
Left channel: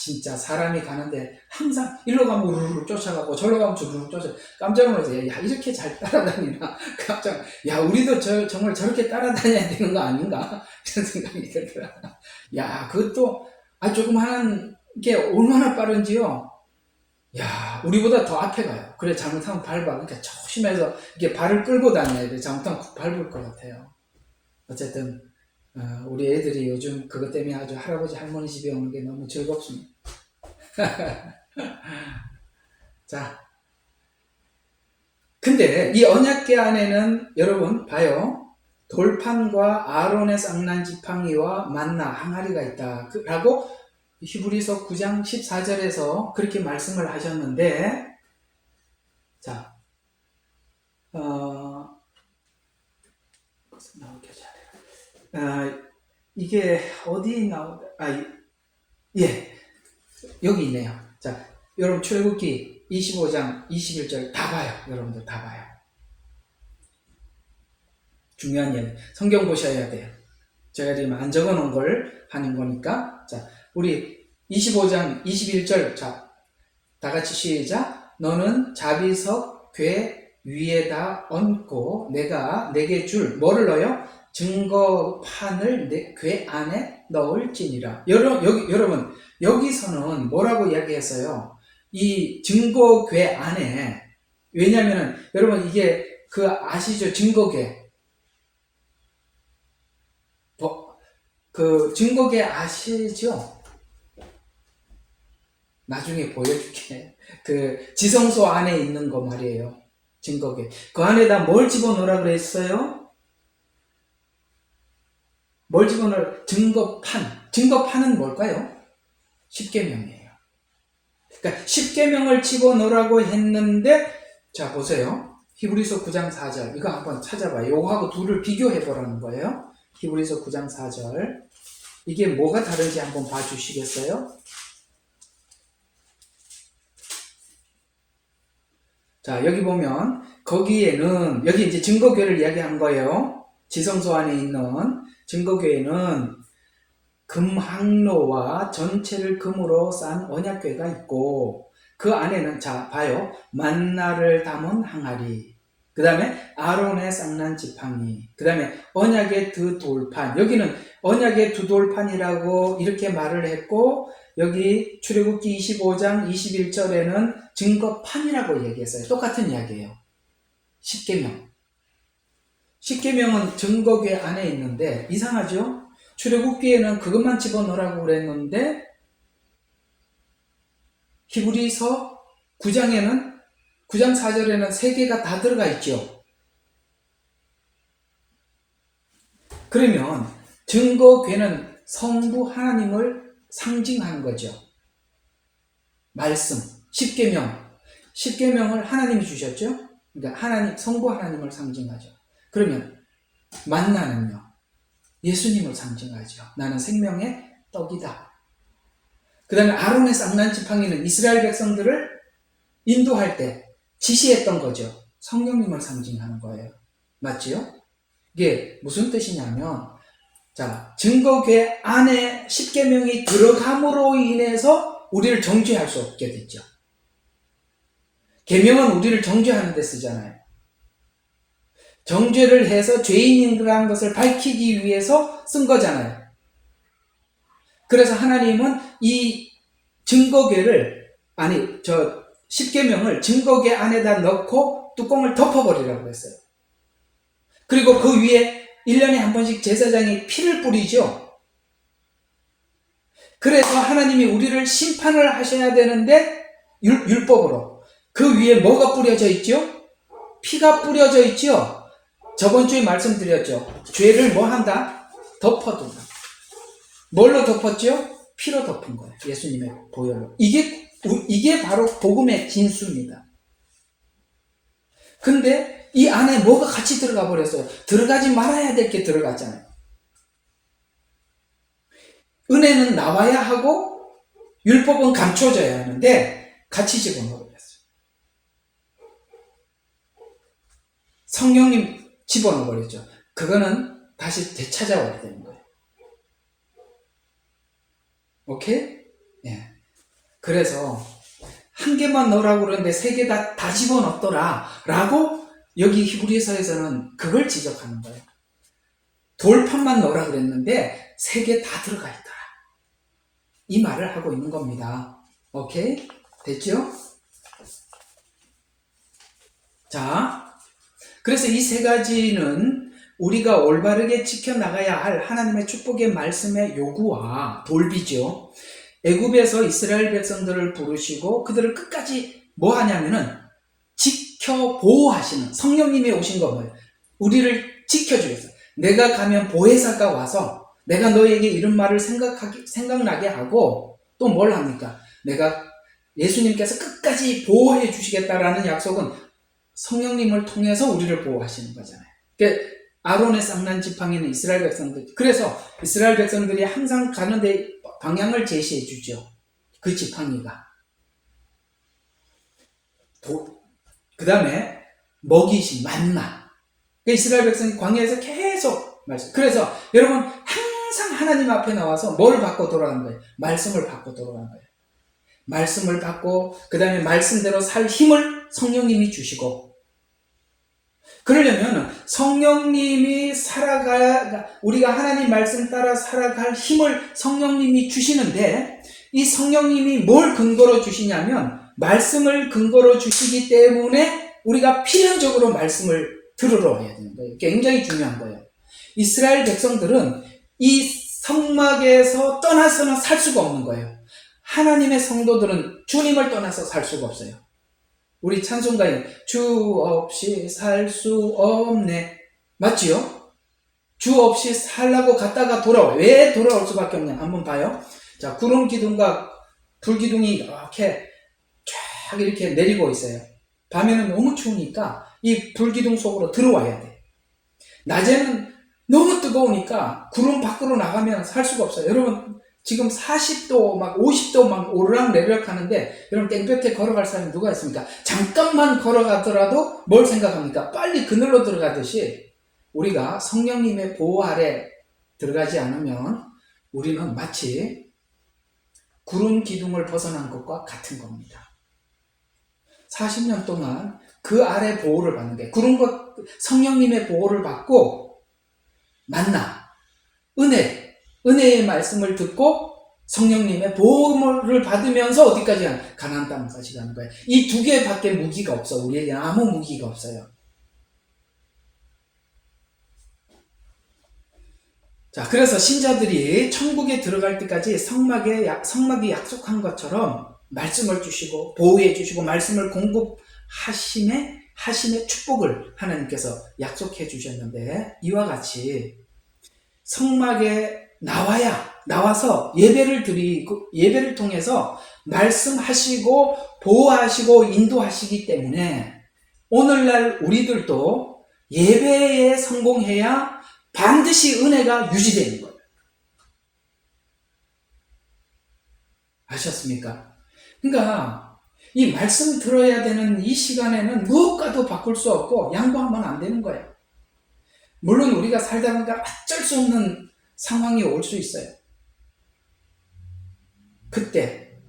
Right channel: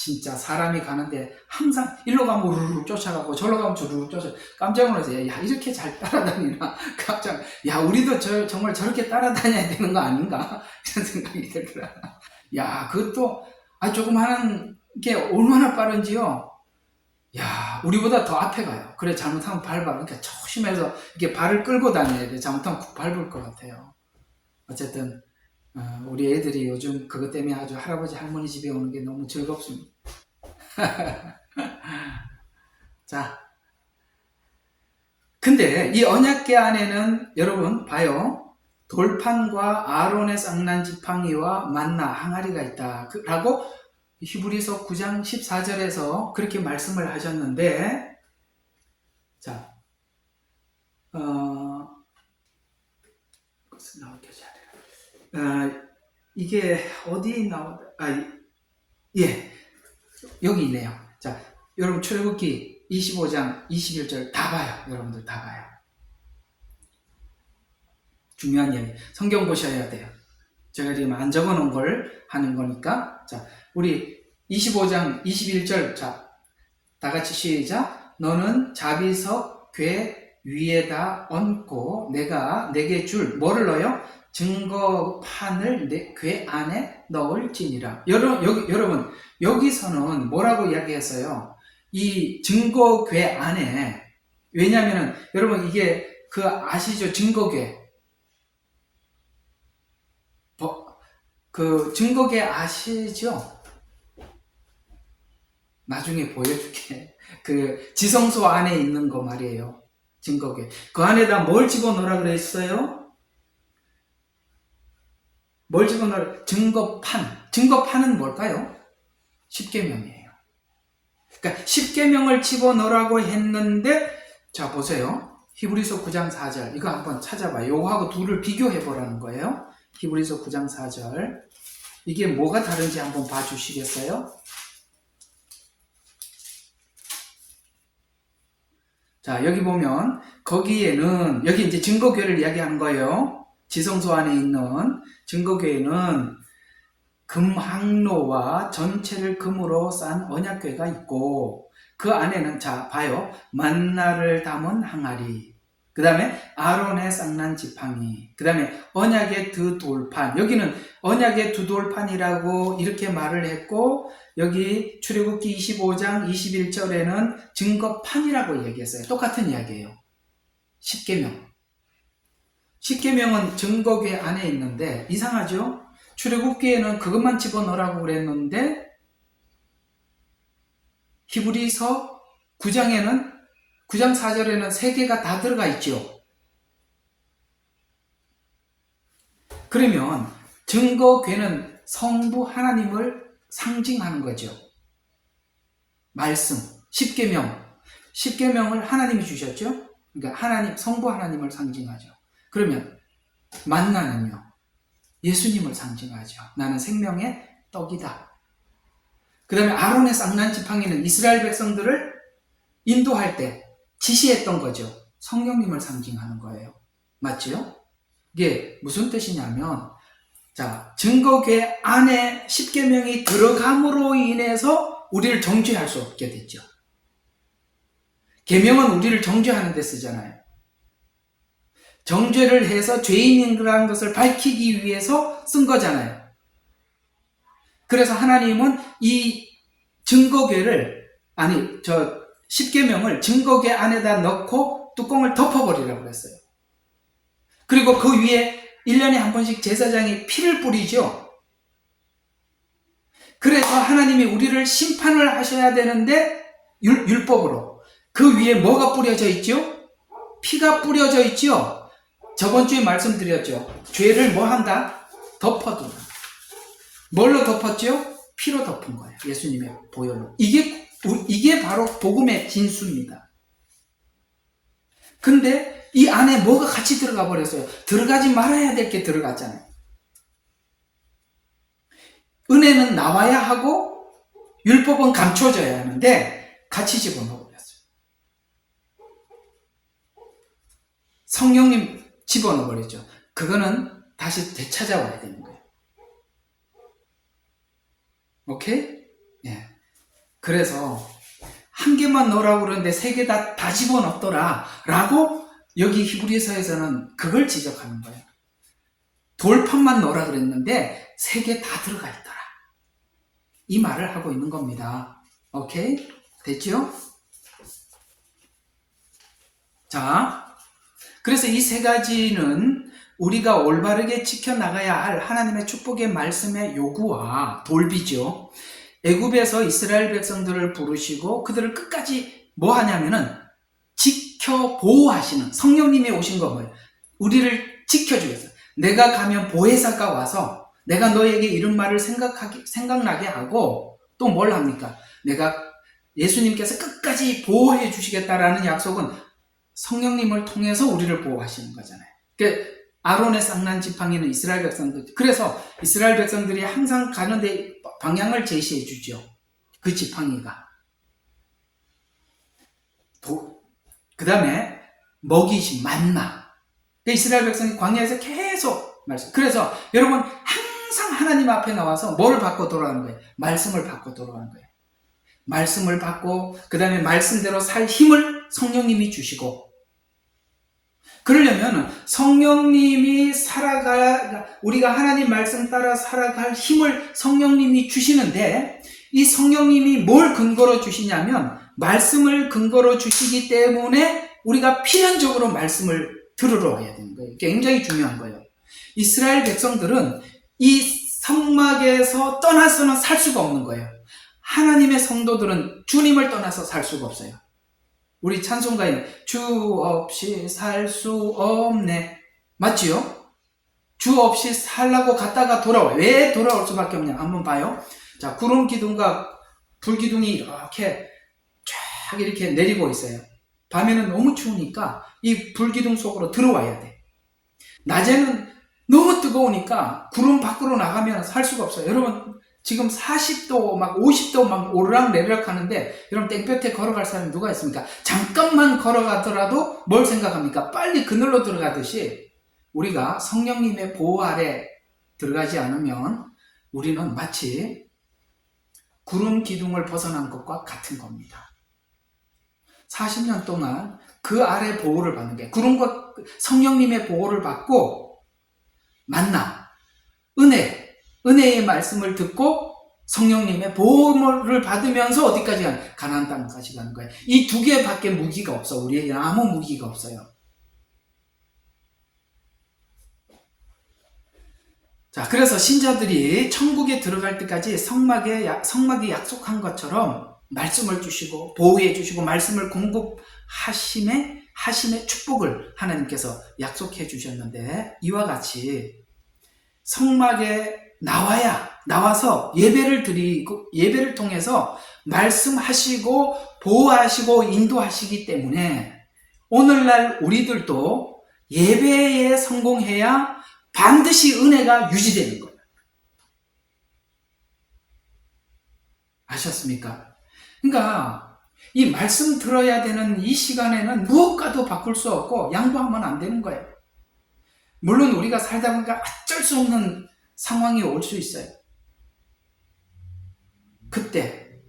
진짜 사람이 가는데 항상 일로 가면 우르르 쫓아가고 절로 가면 주르르 쫓아가고 깜짝 놀라서 이렇게 잘 따라다니나 깜짝, 우리도 정말 저렇게 따라다녀야 되는 거 아닌가 이런 생각이 들더라. 그것도 조금 하는 게 얼마나 빠른지요. 우리보다 더 앞에 가요. 그래 잘못하면 밟아. 그러니까 조심해서 이렇게 발을 끌고 다녀야 돼. 잘못하면 쿡 밟을 것 같아요. 어쨌든 우리 애들이 요즘 그것 때문에 아주 할아버지 할머니 집에 오는 게 너무 즐겁습니다. 자, 근데 이 언약궤 안에는 여러분 봐요. 돌판과 아론의 쌍난 지팡이와 만나 항아리가 있다 라고 히브리서 9장 14절에서 그렇게 말씀을 하셨는데, 자, 그것은 나오게 잘해. 이게 어디 예, 여기 있네요. 자, 여러분 출애굽기 25장 21절 다 봐요. 여러분들 다 봐요. 중요한 얘기. 성경 보셔야 돼요. 제가 지금 안 적어 놓은 걸 하는 거니까. 자, 우리 25장 21절. 자, 다 같이 시작. 너는 자비석 괴 위에다 얹고 내가 내게 줄 뭐를 넣어요? 증거판을 내 괴 안에 넣을지니라. 여러분 여기서는 뭐라고 이야기했어요? 이 증거괴 안에, 왜냐하면 여러분 이게 그 아시죠? 증거괴, 그 증거괴 아시죠? 나중에 보여줄게. 그 지성소 안에 있는 거 말이에요. 증거괴. 그 안에다 뭘 집어넣으라 그랬어요? 뭘 집어넣으라? 증거판. 증거판은 뭘까요? 십계명이에요. 그러니까 십계명을 집어넣으라고 했는데, 자 보세요. 히브리서 9장 4절 이거 한번 찾아봐요. 요거하고 둘을 비교해 보라는 거예요. 히브리서 9장 4절 이게 뭐가 다른지 한번 봐주시겠어요? 자, 여기 보면 거기에는 여기 이제 증거궤를 이야기하는 거예요. 지성소 안에 있는 증거궤에는 금항로와 전체를 금으로 싼 언약궤가 있고, 그 안에는 자 봐요. 만나를 담은 항아리, 그 다음에 아론의 쌍난 지팡이, 그 다음에 언약의 두 돌판. 여기는 언약의 두 돌판이라고 이렇게 말을 했고, 여기 출애굽기 25장 21절에는 증거판이라고 얘기했어요. 똑같은 이야기예요. 십계명. 십계명은 증거궤 안에 있는데 이상하죠? 출애굽기에는 그것만 집어넣으라고 그랬는데 히브리서 9장에는 9장 4절에는 세 개가 다 들어가 있죠. 그러면 증거궤는 성부 하나님을 상징하는 거죠. 말씀, 십계명을 하나님이 주셨죠. 그러니까 하나님, 성부 하나님을 상징하죠. 그러면 만나는요, 예수님을 상징하죠. 나는 생명의 떡이다. 그 다음에 아론의 쌍난 지팡이는 이스라엘 백성들을 인도할 때 지시했던 거죠. 성령님을 상징하는 거예요. 맞지요? 이게 무슨 뜻이냐면, 자, 증거궤 안에 십계명이 들어감으로 인해서 우리를 정죄할 수 없게 됐죠. 계명은 우리를 정죄하는 데 쓰잖아요. 정죄를 해서 죄인이라는 것을 밝히기 위해서 쓴 거잖아요. 그래서 하나님은 이 증거궤를, 십계명을 증거궤 안에다 넣고 뚜껑을 덮어버리라고 했어요. 그리고 그 위에 1년에 한 번씩 제사장이 피를 뿌리죠. 그래서 하나님이 우리를 심판을 하셔야 되는데, 율법으로 그 위에 뭐가 뿌려져 있죠? 피가 뿌려져 있죠. 저번 주에 말씀드렸죠. 죄를 뭐 한다? 덮어둔다. 뭘로 덮었죠? 피로 덮은 거예요. 예수님의 보혈로. 이게 바로 복음의 진수입니다. 근데 이 안에 뭐가 같이 들어가 버렸어요. 들어가지 말아야 될 게 들어갔잖아요. 은혜는 나와야 하고 율법은 감춰져야 하는데 같이 집어넣어 버렸어요. 성령님 집어넣어 버렸죠. 그거는 다시 되찾아와야 되는 거예요. 오케이? 예. 그래서 한 개만 넣으라고 그러는데 세 개 다 집어넣더라 라고 여기 히브리서에서는 그걸 지적하는 거예요. 돌판만 넣으라 그랬는데 세 개 다 들어가 있더라, 이 말을 하고 있는 겁니다. 오케이? 됐죠? 자, 그래서 이 세 가지는 우리가 올바르게 지켜나가야 할 하나님의 축복의 말씀의 요구와 돌비죠. 애굽에서 이스라엘 백성들을 부르시고 그들을 끝까지 뭐 하냐면은 지켜 보호하시는 성령님이 오신 거 뭐예요? 우리를 지켜주겠어요. 내가 가면 보혜사가 와서 내가 너에게 이런 말을 생각나게 하고 또 뭘 합니까? 내가 예수님께서 끝까지 보호해 주시겠다라는 약속은 성령님을 통해서 우리를 보호하시는 거잖아요. 그러니까 아론의 쌍난 지팡이는 이스라엘 백성들, 그래서 이스라엘 백성들이 항상 가는데 방향을 제시해 주죠. 그 지팡이가. 그 다음에 먹이신 만나. 이스라엘 백성이 광야에서 계속 말씀. 그래서 여러분 항상 하나님 앞에 나와서 뭐를 받고 돌아가는 거예요? 말씀을 받고 돌아가는 거예요. 말씀을 받고 그 다음에 말씀대로 살 힘을 성령님이 주시고, 그러려면 성령님이 우리가 하나님 말씀 따라 살아갈 힘을 성령님이 주시는데, 이 성령님이 뭘 근거로 주시냐면 말씀을 근거로 주시기 때문에 우리가 필연적으로 말씀을 들으러 와야 되는 거예요. 굉장히 중요한 거예요. 이스라엘 백성들은 이 성막에서 떠나서는 살 수가 없는 거예요. 하나님의 성도들은 주님을 떠나서 살 수가 없어요. 우리 찬송가에 주 없이 살 수 없네, 맞지요? 주 없이 살라고 갔다가 돌아와. 왜 돌아올 수밖에 없냐? 한번 봐요. 자, 구름 기둥과 불 기둥이 이렇게 쫙 이렇게 내리고 있어요. 밤에는 너무 추우니까 이 불 기둥 속으로 들어와야 돼. 낮에는 너무 뜨거우니까 구름 밖으로 나가면 살 수가 없어요. 여러분 지금 40도 막 50도 막 오르락내리락 하는데 여러분 땡볕에 걸어갈 사람이 누가 있습니까? 잠깐만 걸어가더라도 뭘 생각합니까? 빨리 그늘로 들어가듯이 우리가 성령님의 보호 아래 들어가지 않으면 우리는 마치 구름 기둥을 벗어난 것과 같은 겁니다. 40년 동안 그 아래 보호를 받는 게, 구름과 성령님의 보호를 받고 만나, 은혜의 말씀을 듣고 성령님의 보호를 받으면서 어디까지 가는? 가나안 땅까지 가는 거예요. 이 두 개밖에 무기가 없어. 우리에게 아무 무기가 없어요. 자, 그래서 신자들이 천국에 들어갈 때까지 성막이 약속한 것처럼 말씀을 주시고 보호해 주시고 말씀을 공급하심의 축복을 하나님께서 약속해 주셨는데, 이와 같이 성막에 나와서 예배를 드리고 예배를 통해서 말씀하시고 보호하시고 인도하시기 때문에 오늘날 우리들도 예배에 성공해야 반드시 은혜가 유지되는 거예요. 아셨습니까? 그러니까 이 말씀 들어야 되는 이 시간에는 무엇과도 바꿀 수 없고 양보하면 안 되는 거예요. 물론 우리가 살다 보니까 어쩔 수 없는 상황이 올 수 있어요. 그때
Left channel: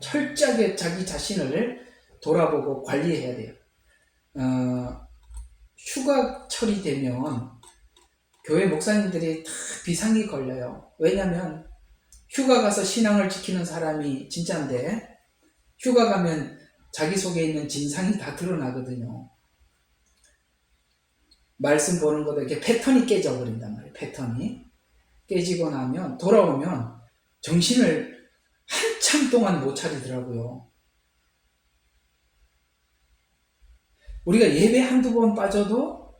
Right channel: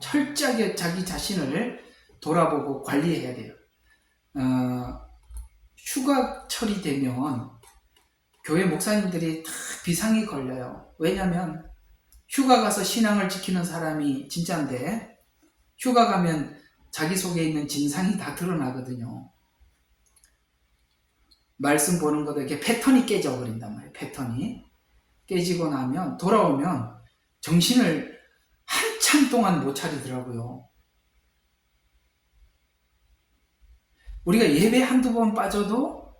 철저하게 자기 자신을 돌아보고 관리해야 돼요. 휴가철이 되면 교회 목사님들이 다 비상이 걸려요. 왜냐하면 휴가 가서 신앙을 지키는 사람이 진짜인데 휴가 가면 자기 속에 있는 진상이 다 드러나거든요. 말씀 보는 거다 이렇게 패턴이 깨져버린단 말이에요. 패턴이 깨지고 나면 돌아오면 정신을 한참 동안 못 차리더라고요. 우리가 예배 한두 번 빠져도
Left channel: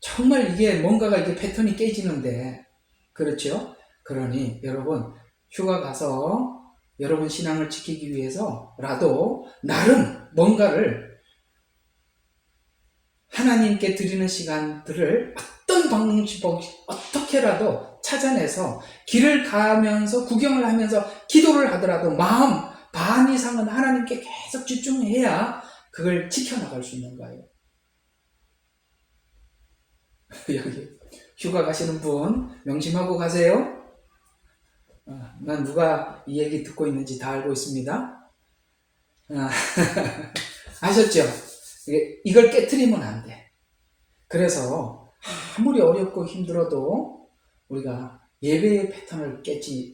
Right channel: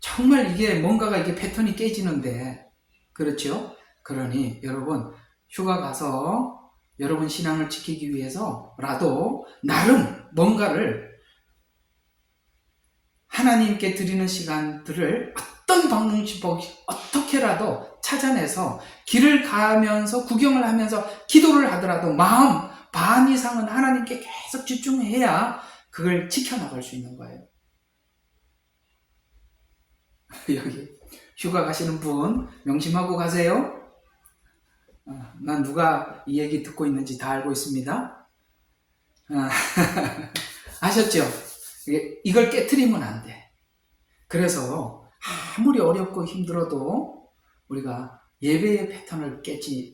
정말 이게 뭔가가 이게 패턴이 깨지는데, 그렇죠? 그러니 여러분 휴가 가서 여러분 신앙을 지키기 위해서라도 나름 뭔가를 하나님께 드리는 시간들을 어떤 방식 어떻게라도 찾아내서 길을 가면서 구경을 하면서 기도를 하더라도 마음 반 이상은 하나님께 계속 집중해야 그걸 지켜나갈 수 있는 거예요. 여기 휴가 가시는 분 명심하고 가세요. 난 누가 이 얘기 듣고 있는지 다 알고 있습니다. 아셨죠? 이걸 깨트리면 안 돼. 그래서 아무리 어렵고 힘들어도 우리가 예배의 패턴을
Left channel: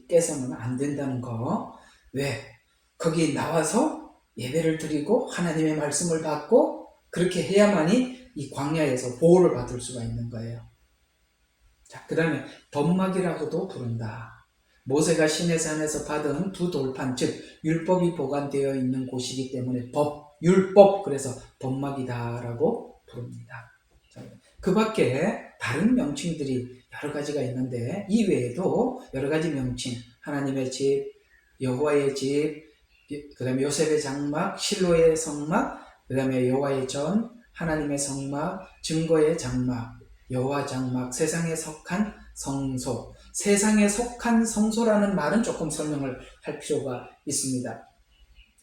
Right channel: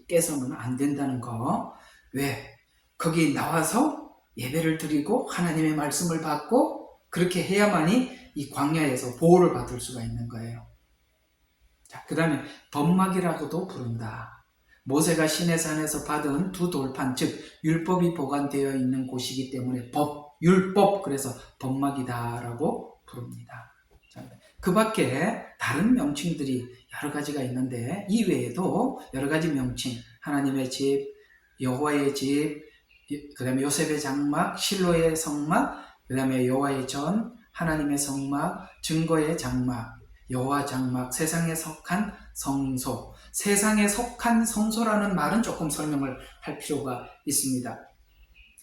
깨서는 안 된다는 거. 왜? 거기 나와서 예배를 드리고 하나님의 말씀을 받고 그렇게 해야만이 이 광야에서 보호를 받을 수가 있는 거예요. 자, 그 다음에 법막이라고도 부른다. 모세가 시내산에서 받은 두 돌판, 즉 율법이 보관되어 있는 곳이기 때문에 율법, 그래서 법막이다라고 부릅니다. 그 밖에 다른 명칭들이 여러 가지가 있는데 이 외에도 여러 가지 명칭, 하나님의 집, 여호와의 집, 그 다음에 요셉의 장막, 실로의 성막, 그 다음에 여호와의 전, 하나님의 성막, 증거의 장막, 여호와 장막, 세상에 속한 성소. 세상에 속한 성소라는 말은 조금 설명을 할 필요가 있습니다.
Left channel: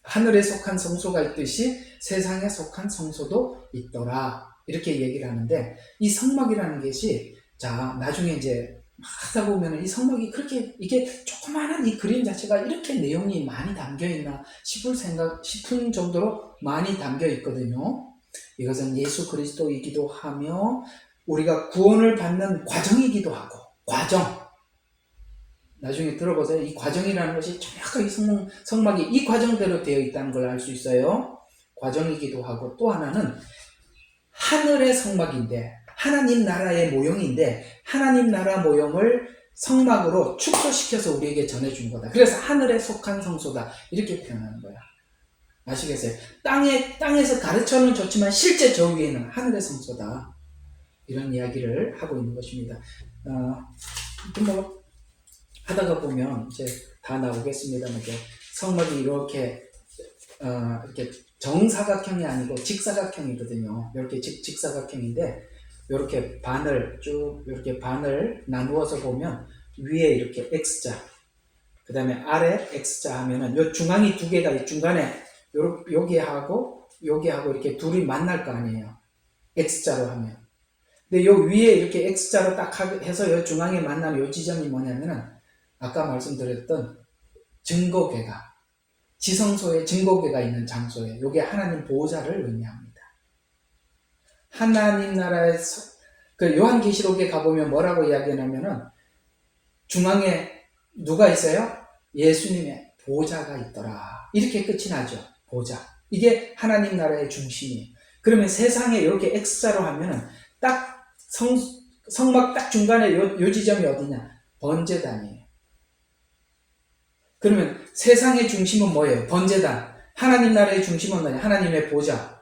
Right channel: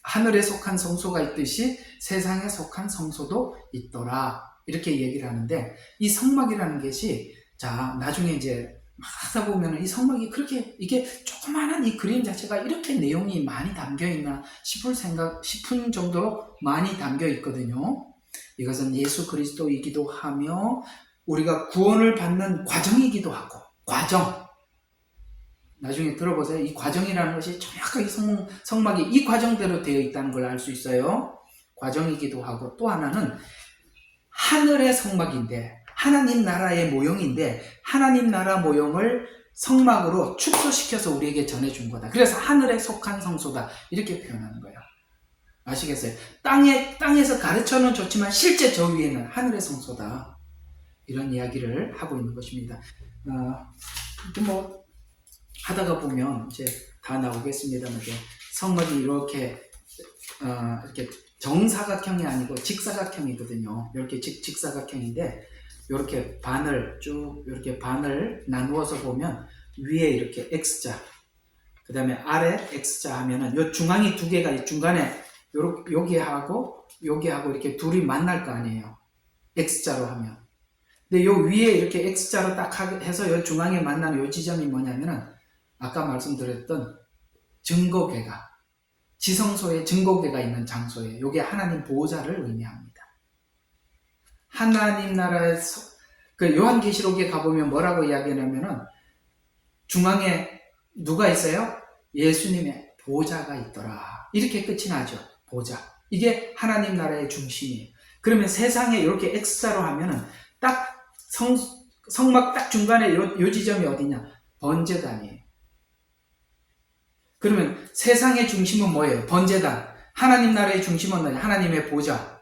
하늘에 속한 성소가 있듯이 세상에 속한 성소도 있더라. 이렇게 얘기를 하는데, 이 성막이라는 것이, 자, 나중에 이제 하다 보면 이 성막이 그렇게, 이게 조그마한 이 그림 자체가 이렇게 내용이 많이 담겨 있나 싶은 정도로 많이 담겨 있거든요. 이것은 예수 그리스도이기도 하며, 우리가 구원을 받는 과정이기도 하고, 과정. 나중에 들어보세요. 이 과정이라는 것이 정확하게 성막이 이 과정대로 되어 있다는 걸 알 수 있어요. 과정이기도 하고, 또 하나는 하늘의 성막인데, 하나님 나라의 모형인데, 하나님 나라 모형을 성막으로 축소시켜서 우리에게 전해준 거다. 그래서 하늘에 속한 성소다. 이렇게 표현하는 거야. 아시겠어요? 땅에서 가르쳐는 좋지만 실제 저 위에는 하늘의 성소다. 이런 이야기를 하고 있는 것입니다. 하다가 보면 이제 다 나오겠습니다만, 성막이 이렇게 정사각형이 아니고 직사각형이거든요. 이렇게 직사각형인데, 이렇게 이렇게 반을 나누어서 보면 위에 이렇게 X자, 그 다음에 아래 X자 하면은 요 중앙이 두 개가 중간에 여기하고 이렇게 둘이 만날 거 아니에요. X자로 하면. 근데 요 위에 이렇게 X자로 딱 해서 요 중앙에 만나는 요 지점이 뭐냐면은 아까 말씀드렸던 증거궤가, 지성소에 증거궤가 있는 장소에, 요게 하나님 보호자를 의미합니다. 하나님 나라의 그 요한계시록에 가보면 뭐라고 이야기하냐면은 중앙에 누가 있어요? 예수님의 보호자가 있더라. 이렇게 끝이 나죠. 보호자. 이게 하나님 나라의 중심이에요. 그러면 세상에 이렇게 X자로 하면은 딱 성막 딱 중간에 요 지점이 어디냐? 번제단이에요. 그러면 세상의 중심은 뭐예요? 번제단. 하나님 나라의 중심은 뭐냐? 하나님의 보호자.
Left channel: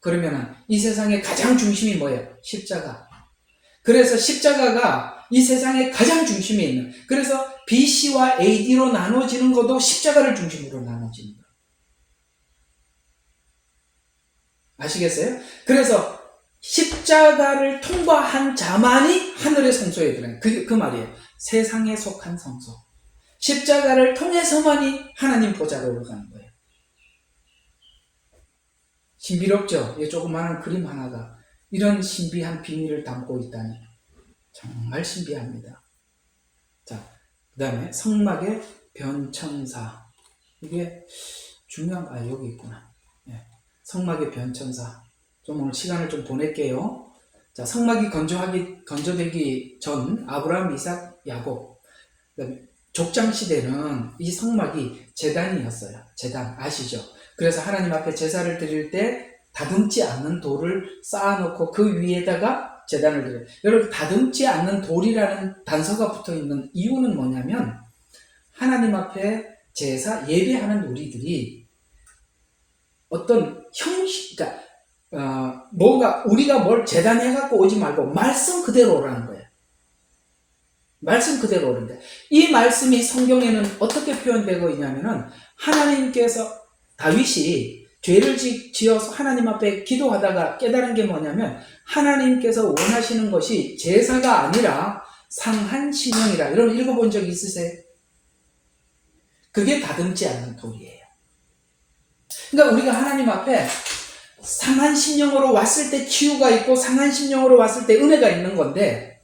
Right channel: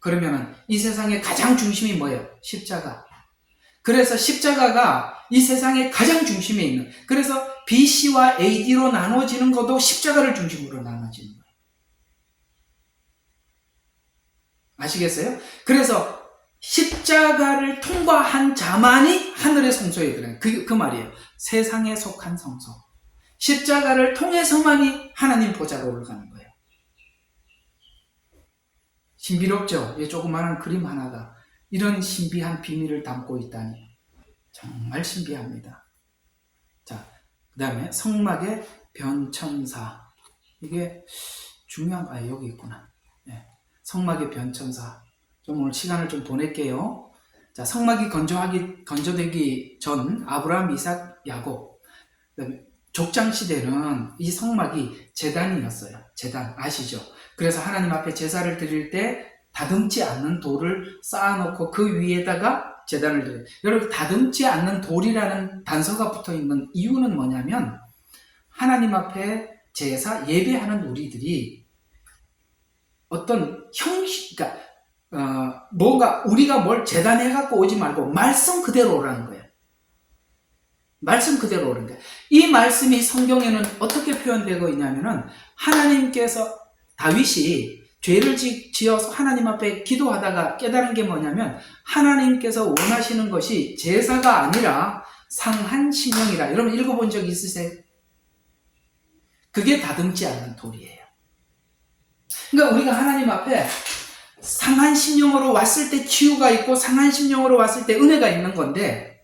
그러면은 이 세상의 가장 중심이 뭐예요? 십자가. 그래서 십자가가 이 세상의 가장 중심에 있는, 그래서 BC와 AD로 나눠지는 것도 십자가를 중심으로 나눠지는 거예요. 아시겠어요? 그래서 십자가를 통과한 자만이 하늘의 성소에 들어가는 그 말이에요. 세상에 속한 성소. 십자가를 통해서만이 하나님 보좌로 올라가는 거예요. 신비롭죠? 이 조그마한 그림 하나가 이런 신비한 비밀을 담고 있다니 정말 신비합니다. 자, 그 다음에 성막의 변천사. 이게 중요한, 여기 있구나. 네. 성막의 변천사. 좀 오늘 시간을 좀 보낼게요. 자, 성막이 건조되기 전 아브라함, 이삭, 야곱. 족장 시대는 이 성막이 제단이었어요. 제단 아시죠? 그래서 하나님 앞에 제사를 드릴 때 다듬지 않는 돌을 쌓아놓고 그 위에다가 제단을 드려요. 여러분, 다듬지 않는 돌이라는 단서가 붙어있는 이유는 뭐냐면, 하나님 앞에 제사 예배하는 우리들이 어떤 형식, 그러니까 우리가 뭘 제단해갖고 오지 말고 말씀 그대로 오라는 거예요. 말씀 그대로 오는 거예요. 이 말씀이 성경에는 어떻게 표현되고 있냐면은, 하나님께서, 다윗이 죄를 지어서 하나님 앞에 기도하다가 깨달은 게 뭐냐면, 하나님께서 원하시는 것이 제사가 아니라 상한심령이라. 여러분 읽어본 적 있으세요? 그게 다듬지 않는 돌이에요. 그러니까 우리가 하나님 앞에 상한심령으로 왔을 때 치유가 있고, 상한심령으로 왔을 때 은혜가 있는 건데,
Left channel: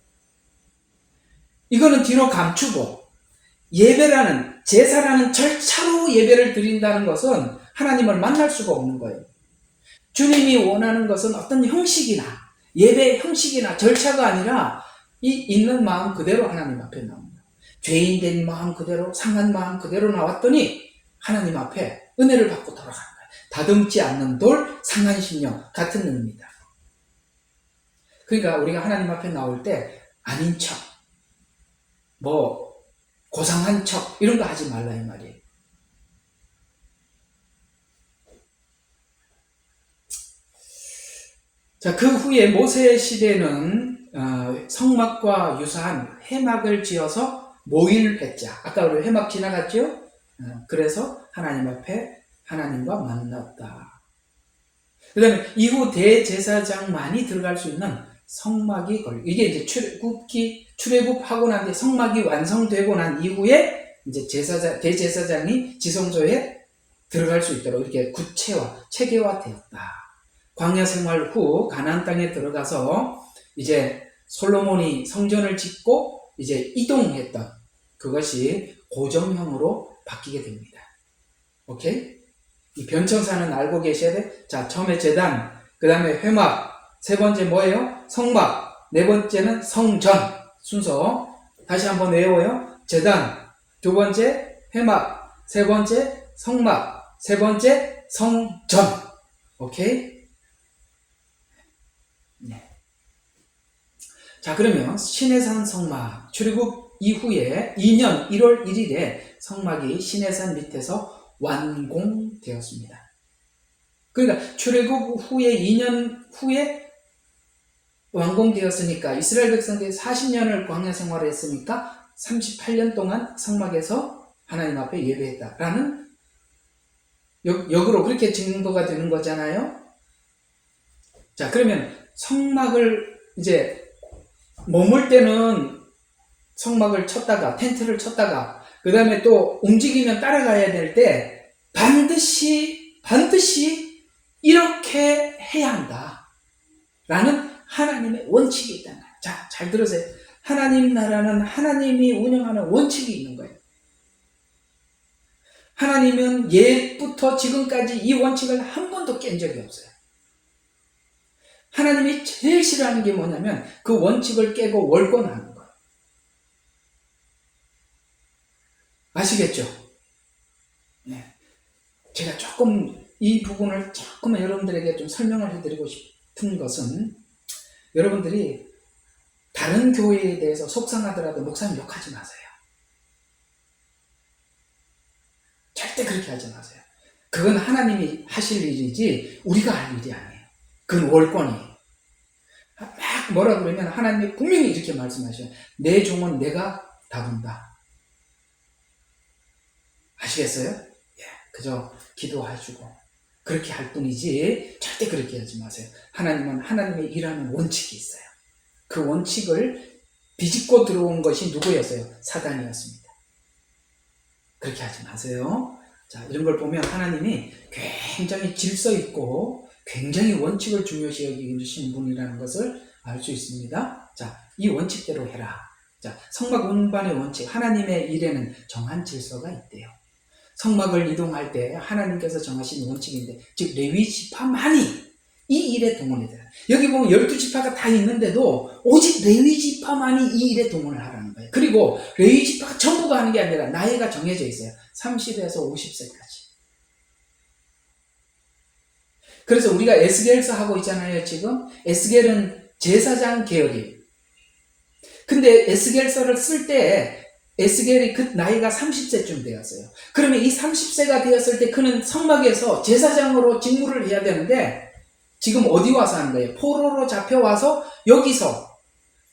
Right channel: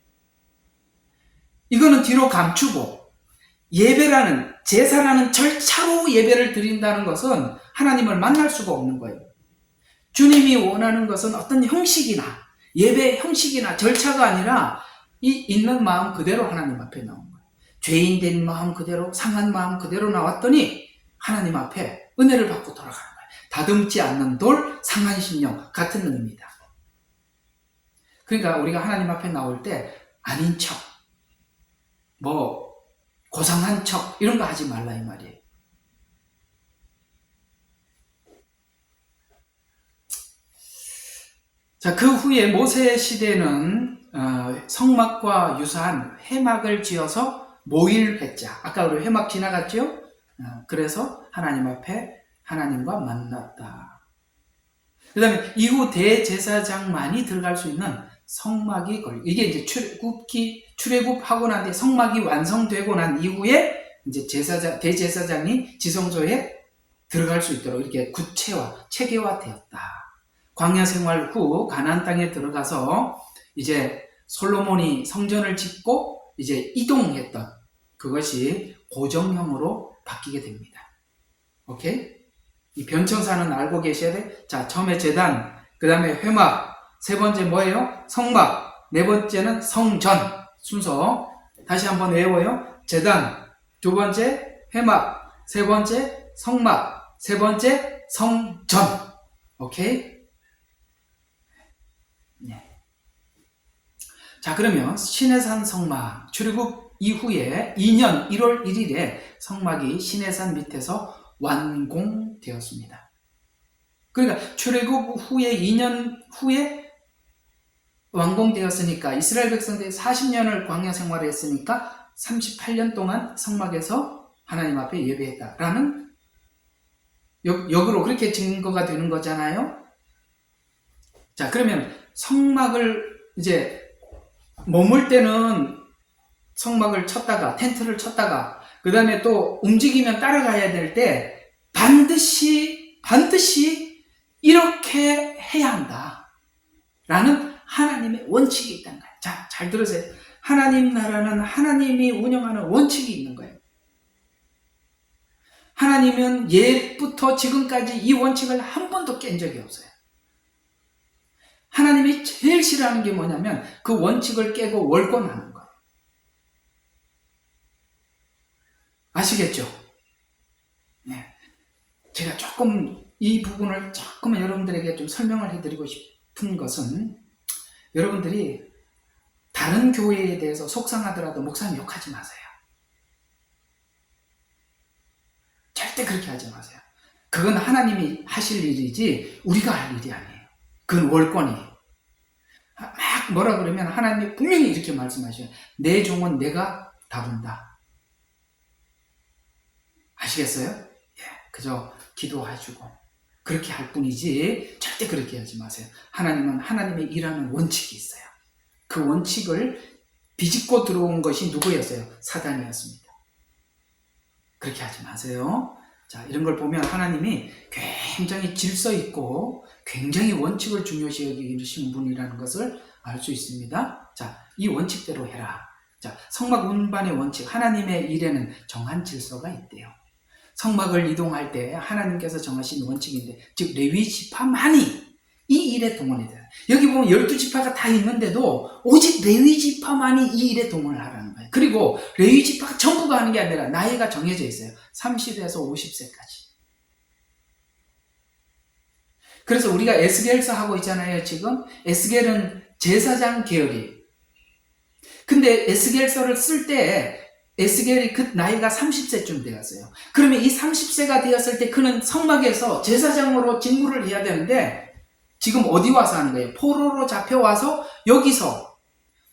이거는 뒤로 감추고, 예배라는, 제사라는 절차로 예배를 드린다는 것은 하나님을 만날 수가 없는 거예요. 주님이 원하는 것은 어떤 형식이나, 예배 형식이나 절차가 아니라 이 있는 마음 그대로 하나님 앞에 나온 거예요. 죄인 된 마음 그대로, 상한 마음 그대로 나왔더니 하나님 앞에 은혜를 받고 돌아가는 거예요. 다듬지 않는 돌, 상한 심령 같은 의미입니다. 그러니까 우리가 하나님 앞에 나올 때 아닌 척, 고상한 척, 이런 거 하지 말라 이 말이에요. 자, 그 후에 모세 시대는 성막과 유사한 회막을 지어서 모일회자, 아까 우리 회막 지나갔죠? 그래서 하나님 앞에 하나님과 만났다. 그 다음에 이후 대제사장만이 들어갈 수 있는 성막이 이게 이제 출애굽하고 난 뒤에 성막이 완성되고 난 이후에 이제 대제사장이 지성소에 들어갈 수 있도록 이렇게 체계화되었다. 광야 생활 후 가나안 땅에 들어가서 이제 솔로몬이 성전을 짓고 이제 이동했던 그것이 고정형으로 바뀌게 됩니다. 오케이? 이 변천사는 알고 계셔야 돼. 자, 처음에 제단, 그 다음에 회막, 세 번째 뭐예요? 성막, 네 번째는 성전 순서. 다시 한번 외워요. 제단, 두 번째 회막, 세 번째 성막, 세 번째 성전. 오케이? 네. 자, 그러면 시내산 성막 출애굽 이후에 2년 1월 1일에 성막이 시내산 밑에서 완공되었습니다. 그러니까 출애굽 후에 2년 후에 완공되었으니까 이스라엘 백성들이 40년을 광야 생활을 했으니까 38년 동안 성막에서 하나님 앞에 예배했다라는 역으로 그렇게 증거가 되는 거잖아요. 자, 그러면 성막을 이제 머물 때는 성막을 쳤다가 텐트를 쳤다가 그 다음에 또 움직이면 따라가야 될 때 반드시 이렇게 해야 한다 라는 하나님의 원칙이 있다는 거예요. 자, 잘 들으세요. 하나님 나라는 하나님이 운영하는 원칙이 있는 거예요. 하나님은 옛부터 지금까지 이 원칙을 한 번도 깬 적이 없어요. 하나님이 제일 싫어하는 게 뭐냐면 그 원칙을 깨고 월권하는 거예요. 아시겠죠? 네. 제가 조금 이 부분을 조금 여러분들에게 좀 설명을 해드리고 싶은 것은 여러분들이 다른 교회에 대해서 속상하더라도 목사님 욕하지 마세요. 절대 그렇게 하지 마세요. 그건 하나님이 하실 일이지 우리가 할 일이 아니에요. 그건 월권이에요. 막 뭐라 그러면 하나님이 분명히 이렇게 말씀하셔요. 내 종은 내가 다룬다. 아시겠어요? 예, 그저 기도해주고 그렇게 할 뿐이지 절대 그렇게 하지 마세요. 하나님은 하나님의 일하는 원칙이 있어요. 그 원칙을 비집고 들어온 것이 누구였어요? 사단이었습니다. 그렇게 하지 마세요. 자, 이런 걸 보면 하나님이 굉장히 질서 있고 굉장히 원칙을 중요시 여기시는 분이라는 것을 알 수 있습니다. 자, 이 원칙대로 해라. 자, 성막 운반의 원칙, 하나님의 일에는 정한 질서가 있대요. 성막을 이동할 때 하나님께서 정하신 원칙인데, 즉 레위 지파만이 이 일에 동원이 돼요. 여기 보면 12지파가 다 있는데도 오직 레위 지파만이 이 일에 동원을 하라는 거예요. 그리고 레위 지파가 전부가 하는 게 아니라 나이가 정해져 있어요. 30에서 50세까지. 그래서 우리가 에스겔서 하고 있잖아요. 지금 에스겔은 제사장 계열이. 근데 에스겔서를 쓸 때 에스겔이 그 나이가 30세쯤 되었어요. 그러면 이 30세가 되었을 때 그는 성막에서 제사장으로 직무를 해야 되는데 지금 어디 와서 하는 거예요? 포로로 잡혀와서 여기서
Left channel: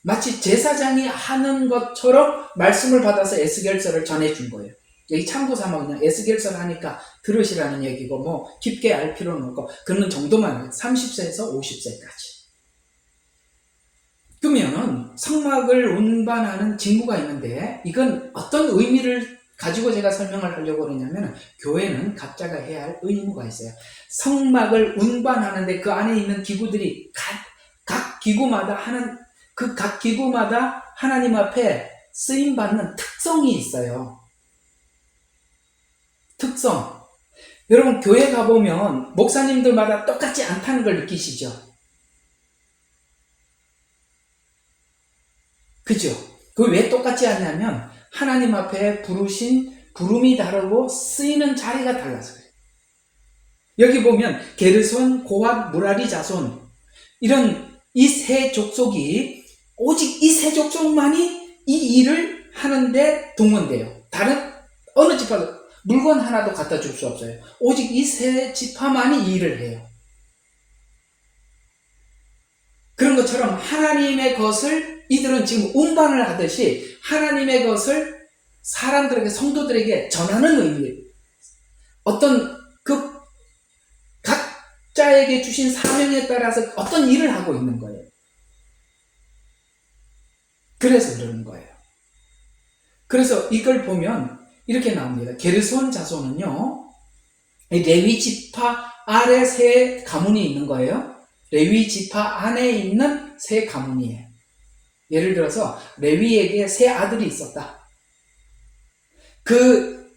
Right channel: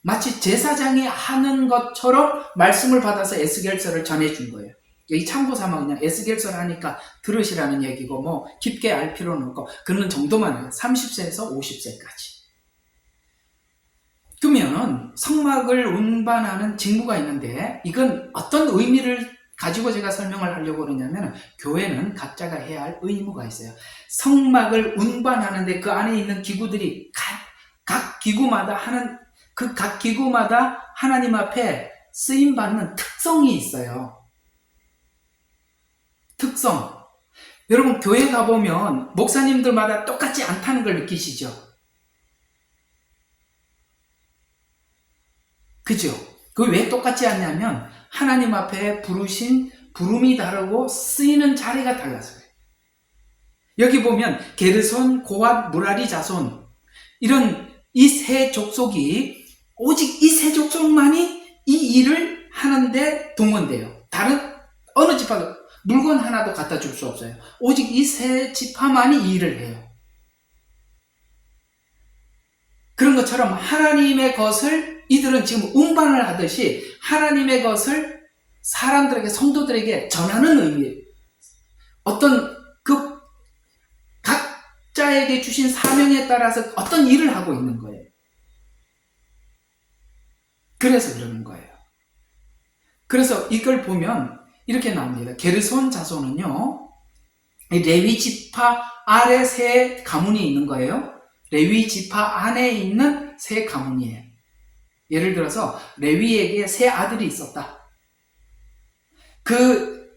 마치 제사장이 하는 것처럼 말씀을 받아서 에스겔서를 전해준 거예요. 여기 참고삼아 그냥 에스겔서를 하니까 들으시라는 얘기고 뭐 깊게 알 필요는 없고 그런 정도만 해요. 30세에서 50세까지. 그러면 성막을 운반하는 직무가 있는데 이건 어떤 의미를 가지고 제가 설명을 하려고 그러냐면 교회는 각자가 해야 할 의무가 있어요. 성막을 운반하는데 그 안에 있는 기구들이 각 기구마다 각 기구마다 하나님 앞에 쓰임받는 특성이 있어요. 특성. 여러분 교회 가보면 목사님들마다 똑같지 않다는 걸 느끼시죠? 그죠? 그 왜 똑같지 않냐면 하나님 앞에 부름이 다르고 쓰이는 자리가 달라서 그래요. 여기 보면 게르손, 고핫, 무라리, 자손 이런 이 세 족속이 오직 이 세 족속만이 이 일을 하는데 동원돼요. 다른 어느 지파도 물건 하나도 갖다 줄 수 없어요. 오직 이 세 지파만이 이 일을 해요. 그런 것처럼 하나님의 것을 이들은 지금 운반을 하듯이 하나님의 것을 사람들에게, 성도들에게 전하는 의미, 어떤 그 각자의 각자에게 주신 사명에 따라서 어떤 일을 하고 있는 거예요. 그래서 그러는 거예요. 그래서 이걸 보면 이렇게 나옵니다. 게르손 자손은요, 레위 지파 아래 세 가문이 있는 거예요. 레위 지파 안에 있는 세 가문이에요. 예를 들어서 레위에게 세 아들이 있었다. 그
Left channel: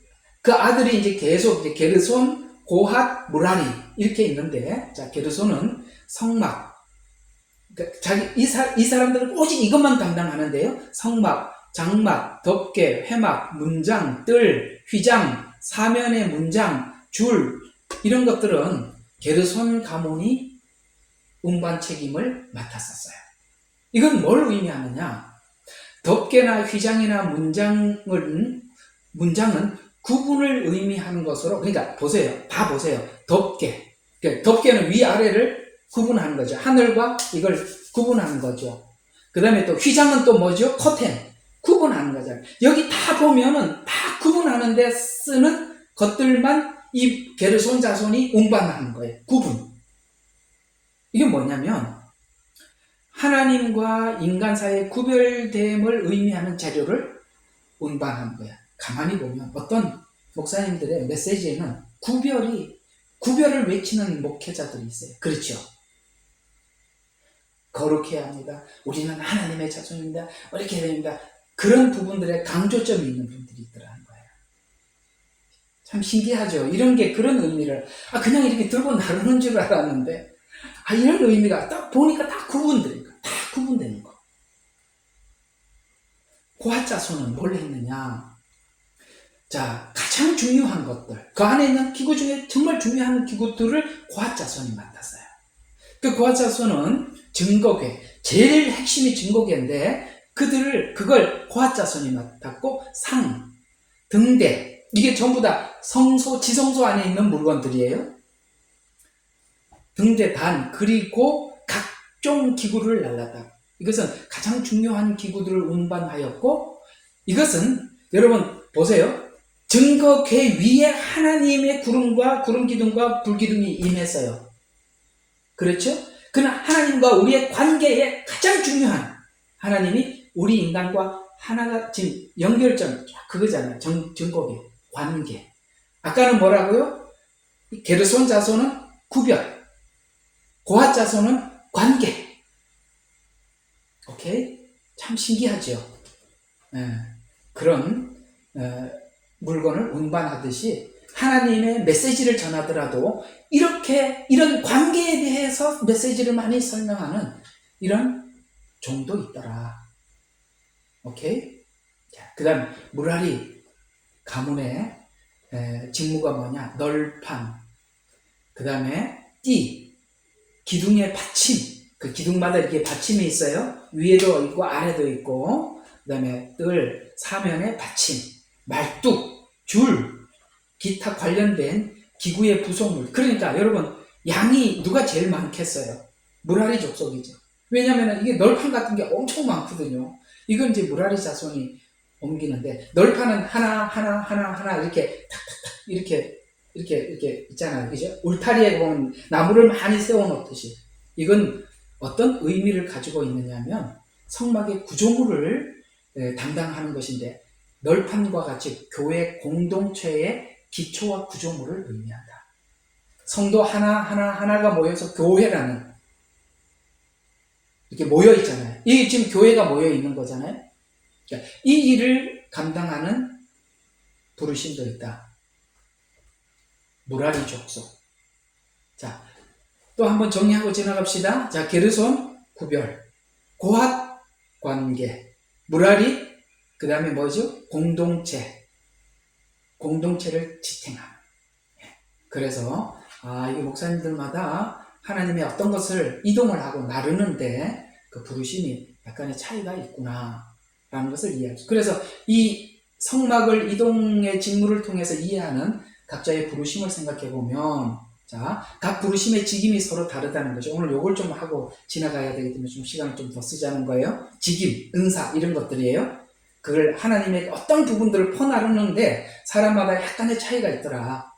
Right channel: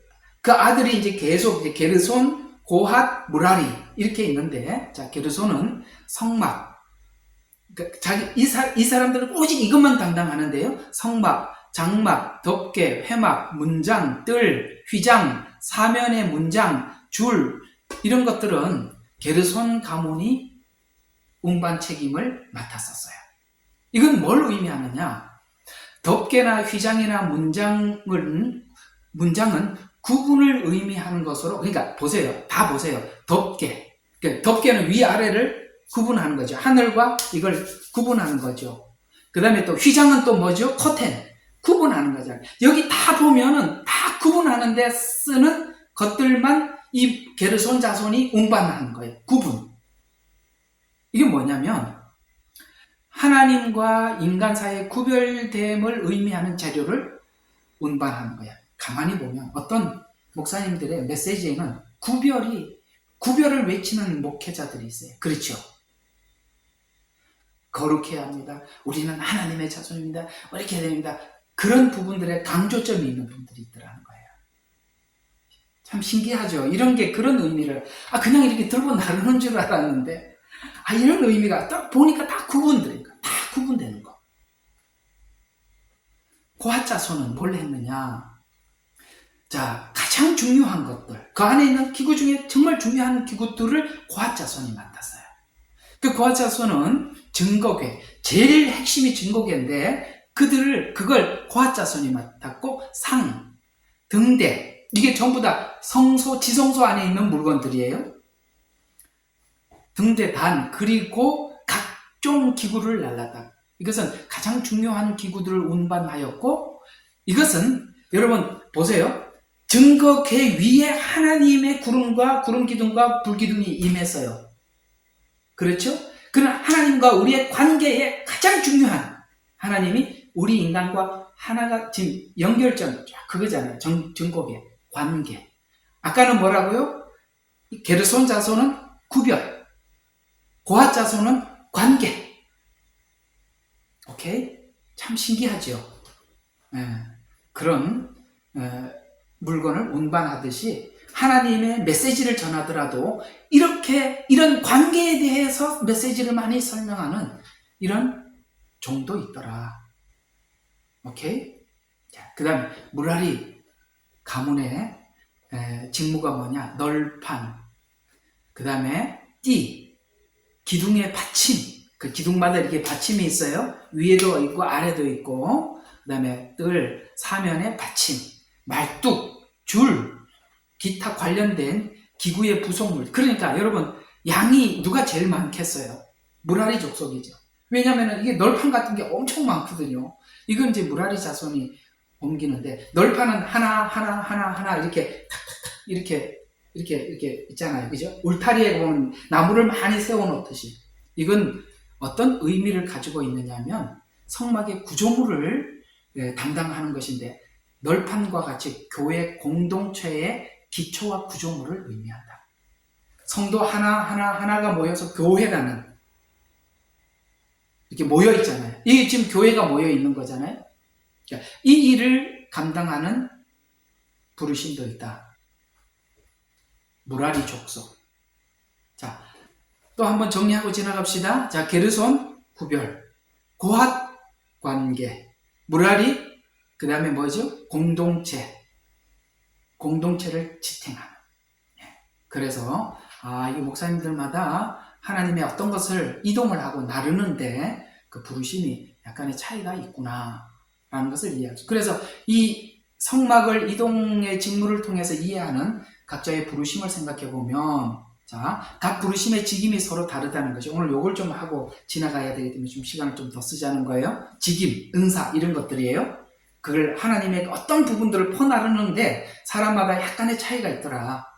아들이 이제 계속 이제 게르손, 고핫, 무라리 이렇게 있는데, 자, 게르손은 성막, 이 사람들은 오직 이것만 담당하는데요. 성막, 장막, 덮개, 회막, 문장, 뜰, 휘장, 사면의 문장, 줄, 이런 것들은 게르손 가문이 운반 책임을 맡았었어요. 이건 뭘 의미하느냐? 덮개나 휘장이나 문장은 구분을 의미하는 것으로, 그러니까 보세요. 다 보세요. 덮개. 덮개는 위아래를 구분하는 거죠. 하늘과 이걸 구분하는 거죠. 그 다음에 또 휘장은 또 뭐죠? 커튼. 구분하는 거잖아요. 여기 다 보면은 다 구분하는데 쓰는 것들만 이 게르손 자손이 운반하는 거예요. 구분. 이게 뭐냐면 하나님과 인간 사이의 구별됨을 의미하는 재료를 운반하는 거야. 가만히 보면 어떤 목사님들의 메시지에는 구별을 외치는 목회자들이 있어요. 그렇죠? 거룩해야 합니다. 우리는 하나님의 자손입니다. 이렇게 해야 됩니다. 그런 부분들에 강조점이 있는 분들이 있더라는 거예요. 참 신기하죠? 이런 게 그런 의미를, 그냥 이렇게 들고 나르는 줄 알았는데, 이런 의미가 딱 보니까 다 구분되는 거. 고핫 자손은 뭘 했느냐? 자, 가장 중요한 것들, 그 안에 있는 기구 중에 정말 중요한 기구들을 고핫 자손이 맡았어요. 그 고핫 자손은 증거궤, 제일 핵심이 증거궤인데, 그걸 고핫 자손이 맡았고, 상, 등대, 이게 전부 다 지성소 안에 있는 물건들이에요. 등대, 단, 그리고 각종 기구를 날랐다. 이것은 가장 중요한 기구들을 운반하였고, 이것은 여러분 보세요. 증거궤 위에 하나님의 구름 기둥과 불 기둥이 임했어요. 그렇죠? 그는 하나님과 우리의 관계에 가장 중요한, 하나님이 우리 인간과 하나가 지금 연결점, 그거잖아요. 증거궤, 관계. 아까는 뭐라고요? 게르손 자손은 구별, 고핫 자손은 관계. 오케이? 참 신기하죠? 그런 물건을 운반하듯이 하나님의 메시지를 전하더라도 이런 관계에 대해서 메시지를 많이 설명하는 이런 종도 있더라. 오케이? 자, 그 다음에 무라리 가문의 직무가 뭐냐? 널판, 그 다음에 띠, 기둥의 받침, 그 기둥마다 이렇게 받침이 있어요. 위에도 있고 아래도 있고, 그 다음에 뜰, 사면의 받침, 말뚝, 줄, 기타 관련된 기구의 부속물. 그러니까 여러분, 양이 누가 제일 많겠어요? 무라리 족속이죠. 왜냐하면 이게 널판 같은 게 엄청 많거든요. 이건 이제 무라리 자손이 옮기는데, 널판은 하나 이렇게 탁탁탁 이렇게 있잖아요. 그죠? 울타리에 보면 나무를 많이 세워놓듯이. 이건 어떤 의미를 가지고 있느냐면 성막의 구조물을 담당하는 것인데, 널판과 같이 교회 공동체의 기초와 구조물을 의미한다. 성도 하나가 모여서 교회라는, 이렇게 모여 있잖아요. 이게 지금 교회가 모여 있는 거잖아요. 이 일을 감당하는 부르심도 있다. 무라리 족속. 자, 또 한번 정리하고 지나갑시다. 자, 게르손 구별, 고핫 관계, 무라리, 그 다음에 뭐죠? 공동체를 지탱하는. 그래서 이 목사님들마다 하나님의 어떤 것을 이동을 하고 나르는데 그 부르심이 약간의 차이가 있구나 라는 것을 이해하죠. 그래서 이 성막을 이동의 직무를 통해서 이해하는 각자의 부르심을 생각해 보면, 자, 각 부르심의 직임이 서로 다르다는 거죠. 오늘 요걸 좀 하고 지나가야 되기 때문에 좀 시간을 좀 더 쓰자는 거예요. 직임, 은사 이런 것들이에요. 그걸 하나님의 어떤 부분들을 퍼나르는데 사람마다 약간의 차이가 있더라.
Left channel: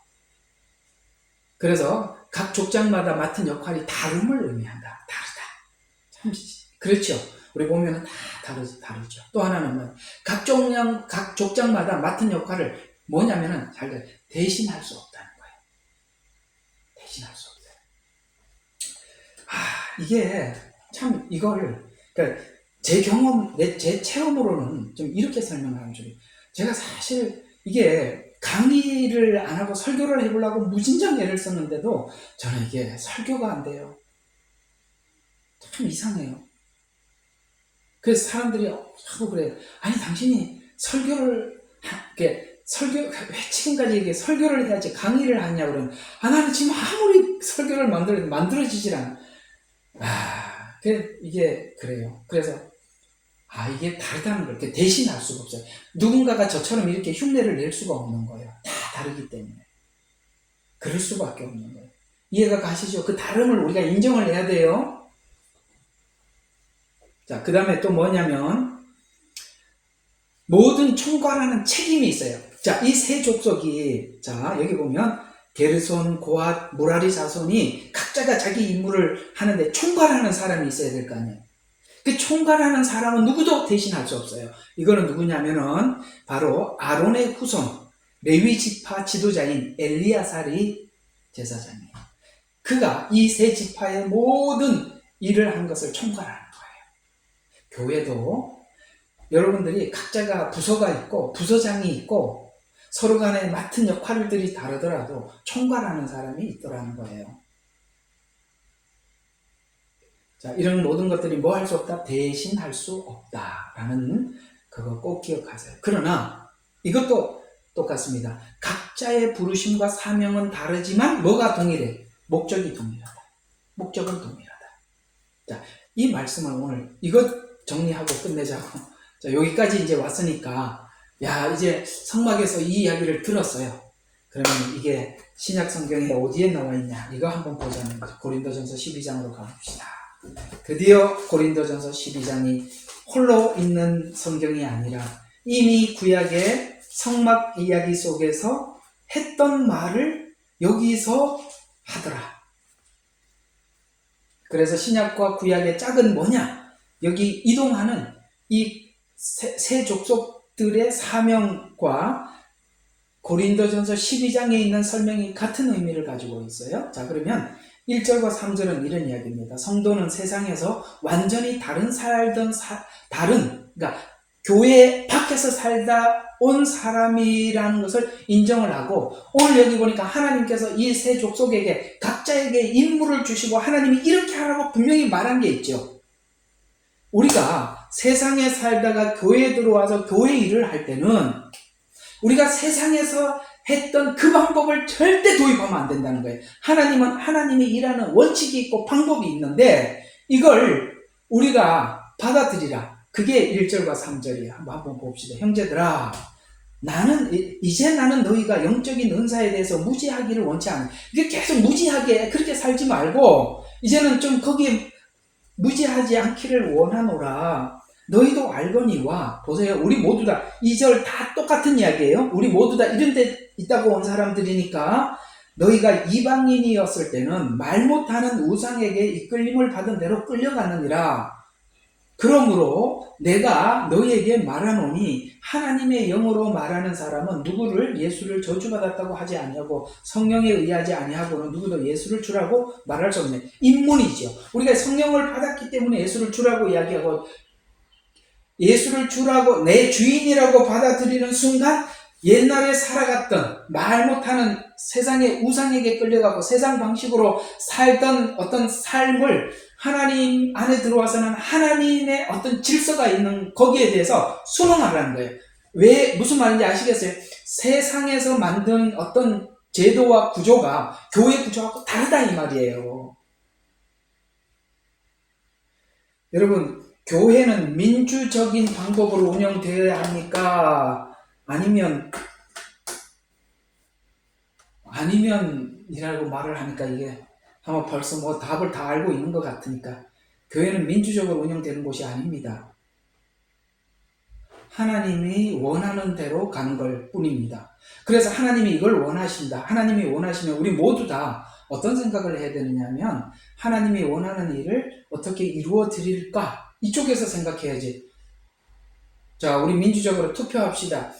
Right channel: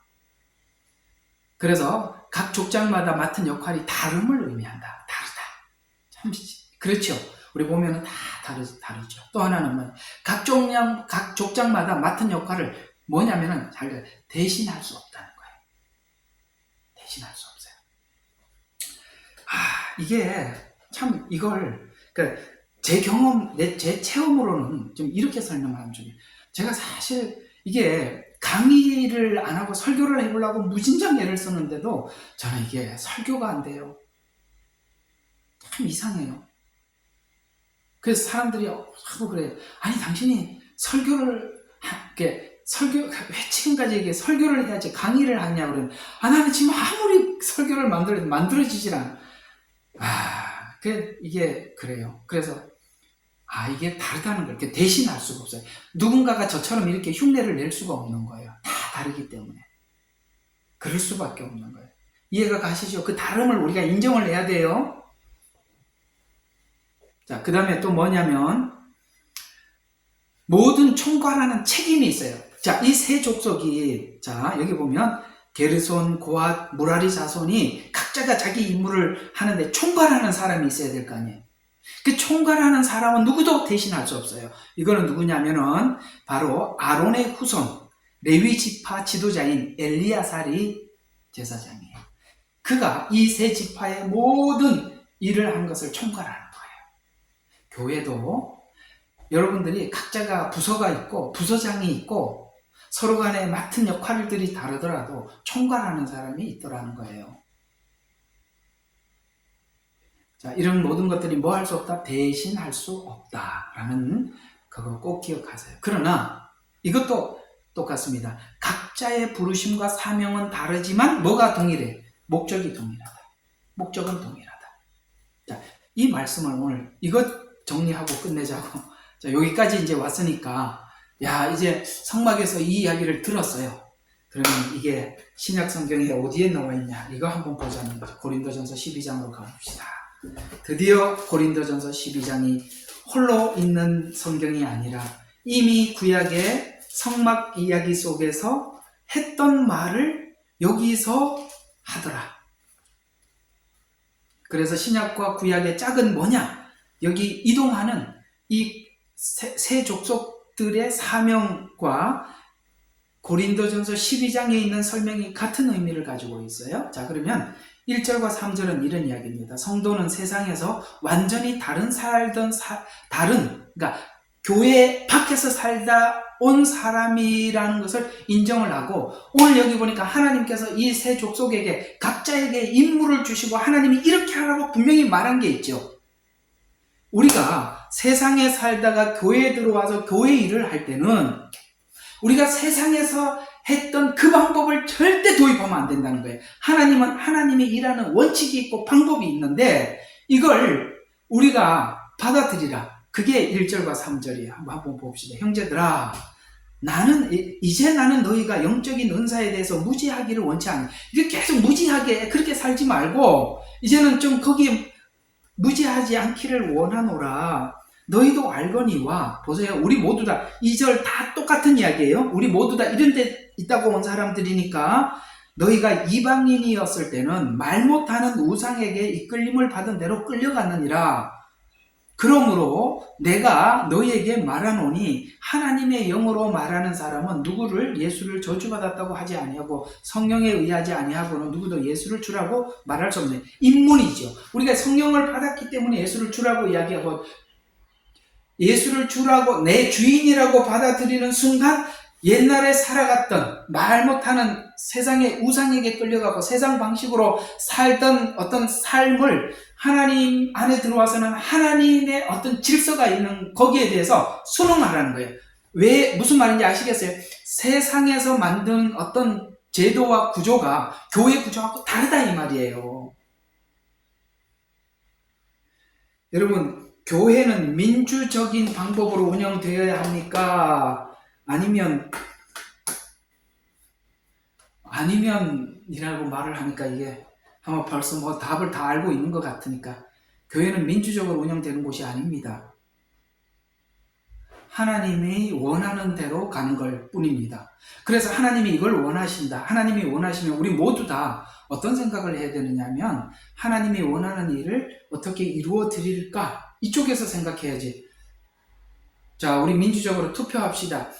그래서 각 족장마다 맡은 역할이 다름을 의미한다. 다르다. 참 그렇죠. 우리 보면은 다 다르죠. 또 하나는 뭐 각 족장마다 맡은 역할을 뭐냐면은 잘 대신할 수 없다는 거예요. 대신할 수 없어요. 이게 참 이걸 그러니까 제 경험, 제 체험으로는 좀 이렇게 설명하면 좀 제가 사실 이게 강의를 안 하고 설교를 해보려고 무진장 애를 썼는데도 저는 이게 설교가 안 돼요. 참 이상해요. 그래서 사람들이 하고 그래요. 아니 당신이 설교를 지금까지 이게 설교를 해야지 강의를 하냐 그러면 나는 지금 아무리 설교를 만들어지질 않아. 이게 그래요. 그래서 이게 다르다는 걸 대신할 수가 없어요. 누군가가 저처럼 이렇게 흉내를 낼 수가 없는 거예요. 다 다르기 때문에. 그럴 수밖에 없는 거예요. 이해가 가시죠? 그 다름을 우리가 인정을 해야 돼요. 자, 그 다음에 또 뭐냐면 모든 총괄하는 책임이 있어요. 자, 이 세 족속이 여기 보면 게르손, 고앗, 무라리 자손이 각자가 자기 임무를 하는데 총괄하는 사람이 있어야 될 거 아니에요. 그 총괄하는 사람은 누구도 대신할 수 없어요. 이거는 누구냐면은 바로 아론의 후손 레위 지파 지도자인 엘리야살이 제사장이에요. 그가 이 세 지파의 모든 일을 한 것을 총괄하는 거예요. 교회도 여러분들이 각자가 부서가 있고 부서장이 있고 서로 간에 맡은 역할들이 다르더라도 총괄하는 사람이 있더라는 거예요. 자, 이런 모든 것들이 뭐 할 수 없다? 대신할 수 없다라는 그거 꼭 기억하세요. 그러나 이것도 똑같습니다. 각자의 부르심과 사명은 다르지만 뭐가 동일해? 목적이 동일하다. 목적은 동일하다. 자, 이 말씀을 오늘 이것 정리하고 끝내자고. 자, 여기까지 이제 왔으니까 이제 성막에서 이 이야기를 들었어요. 그러면 이게 신약 성경에 어디에 나와 있냐? 이거 한번 보자는 거죠. 고린도전서 12장으로 가봅시다. 드디어 고린도전서 12장이 홀로 있는 성경이 아니라 이미 구약의 성막 이야기 속에서 했던 말을 여기서 하더라. 그래서 신약과 구약의 짝은 뭐냐? 여기 이동하는 이 세 족속들의 사명과 고린도전서 12장에 있는 설명이 같은 의미를 가지고 있어요. 자, 그러면 1절과 3절은 이런 이야기입니다. 성도는 세상에서 완전히 그러니까 교회 밖에서 살다 온 사람이라는 것을 인정을 하고, 오늘 여기 보니까 하나님께서 이 세 족속에게 각자에게 임무를 주시고 하나님이 이렇게 하라고 분명히 말한 게 있죠. 우리가 세상에 살다가 교회에 들어와서 교회 일을 할 때는 우리가 세상에서 했던 그 방법을 절대 도입하면 안 된다는 거예요. 하나님은 하나님이 일하는 원칙이 있고 방법이 있는데 이걸 우리가 받아들이라. 그게 1절과 3절이에요. 한번 봅시다. 형제들아, 이제 나는 너희가 영적인 은사에 대해서 무지하기를 원치 않아. 이게 계속 무지하게 그렇게 살지 말고 이제는 좀 거기에 무지하지 않기를 원하노라. 너희도 알거니와. 보세요. 우리 모두 다 2절 다 똑같은 이야기예요. 우리 모두 다 이런 데 있다고 온 사람들이니까 너희가 이방인이었을 때는 말 못하는 우상에게 이끌림을 받은 대로 끌려갔느니라. 그러므로 내가 너희에게 말하노니 하나님의 영으로 말하는 사람은 누구를 예수를 저주받았다고 하지 아니하고 성령에 의하지 아니하고는 누구도 예수를 주라고 말할 수 없네. 인문이죠. 우리가 성령을 받았기 때문에 예수를 주라고 이야기하고 예수를 주라고 내 주인이라고 받아들이는 순간 옛날에 살아갔던 말 못하는 세상의 우상에게 끌려가고 세상 방식으로 살던 어떤 삶을 하나님 안에 들어와서는 하나님의 어떤 질서가 있는 거기에 대해서 순응하라는 거예요. 왜 무슨 말인지 아시겠어요? 세상에서 만든 어떤 제도와 구조가 교회 구조하고 다르다 이 말이에요. 여러분, 교회는 민주적인 방법으로 운영되어야 합니까? 아니면이라고 말을 하니까 이게 아마 벌써 답을 다 알고 있는 것 같으니까 교회는 민주적으로 운영되는 곳이 아닙니다. 하나님이 원하는 대로 가는 걸 뿐입니다. 그래서 하나님이 이걸 원하신다. 하나님이 원하시면 우리 모두 다 어떤 생각을 해야 되느냐면 하나님이 원하는 일을 어떻게 이루어 드릴까? 이쪽에서 생각해야지. 자, 우리 민주적으로 투표합시다.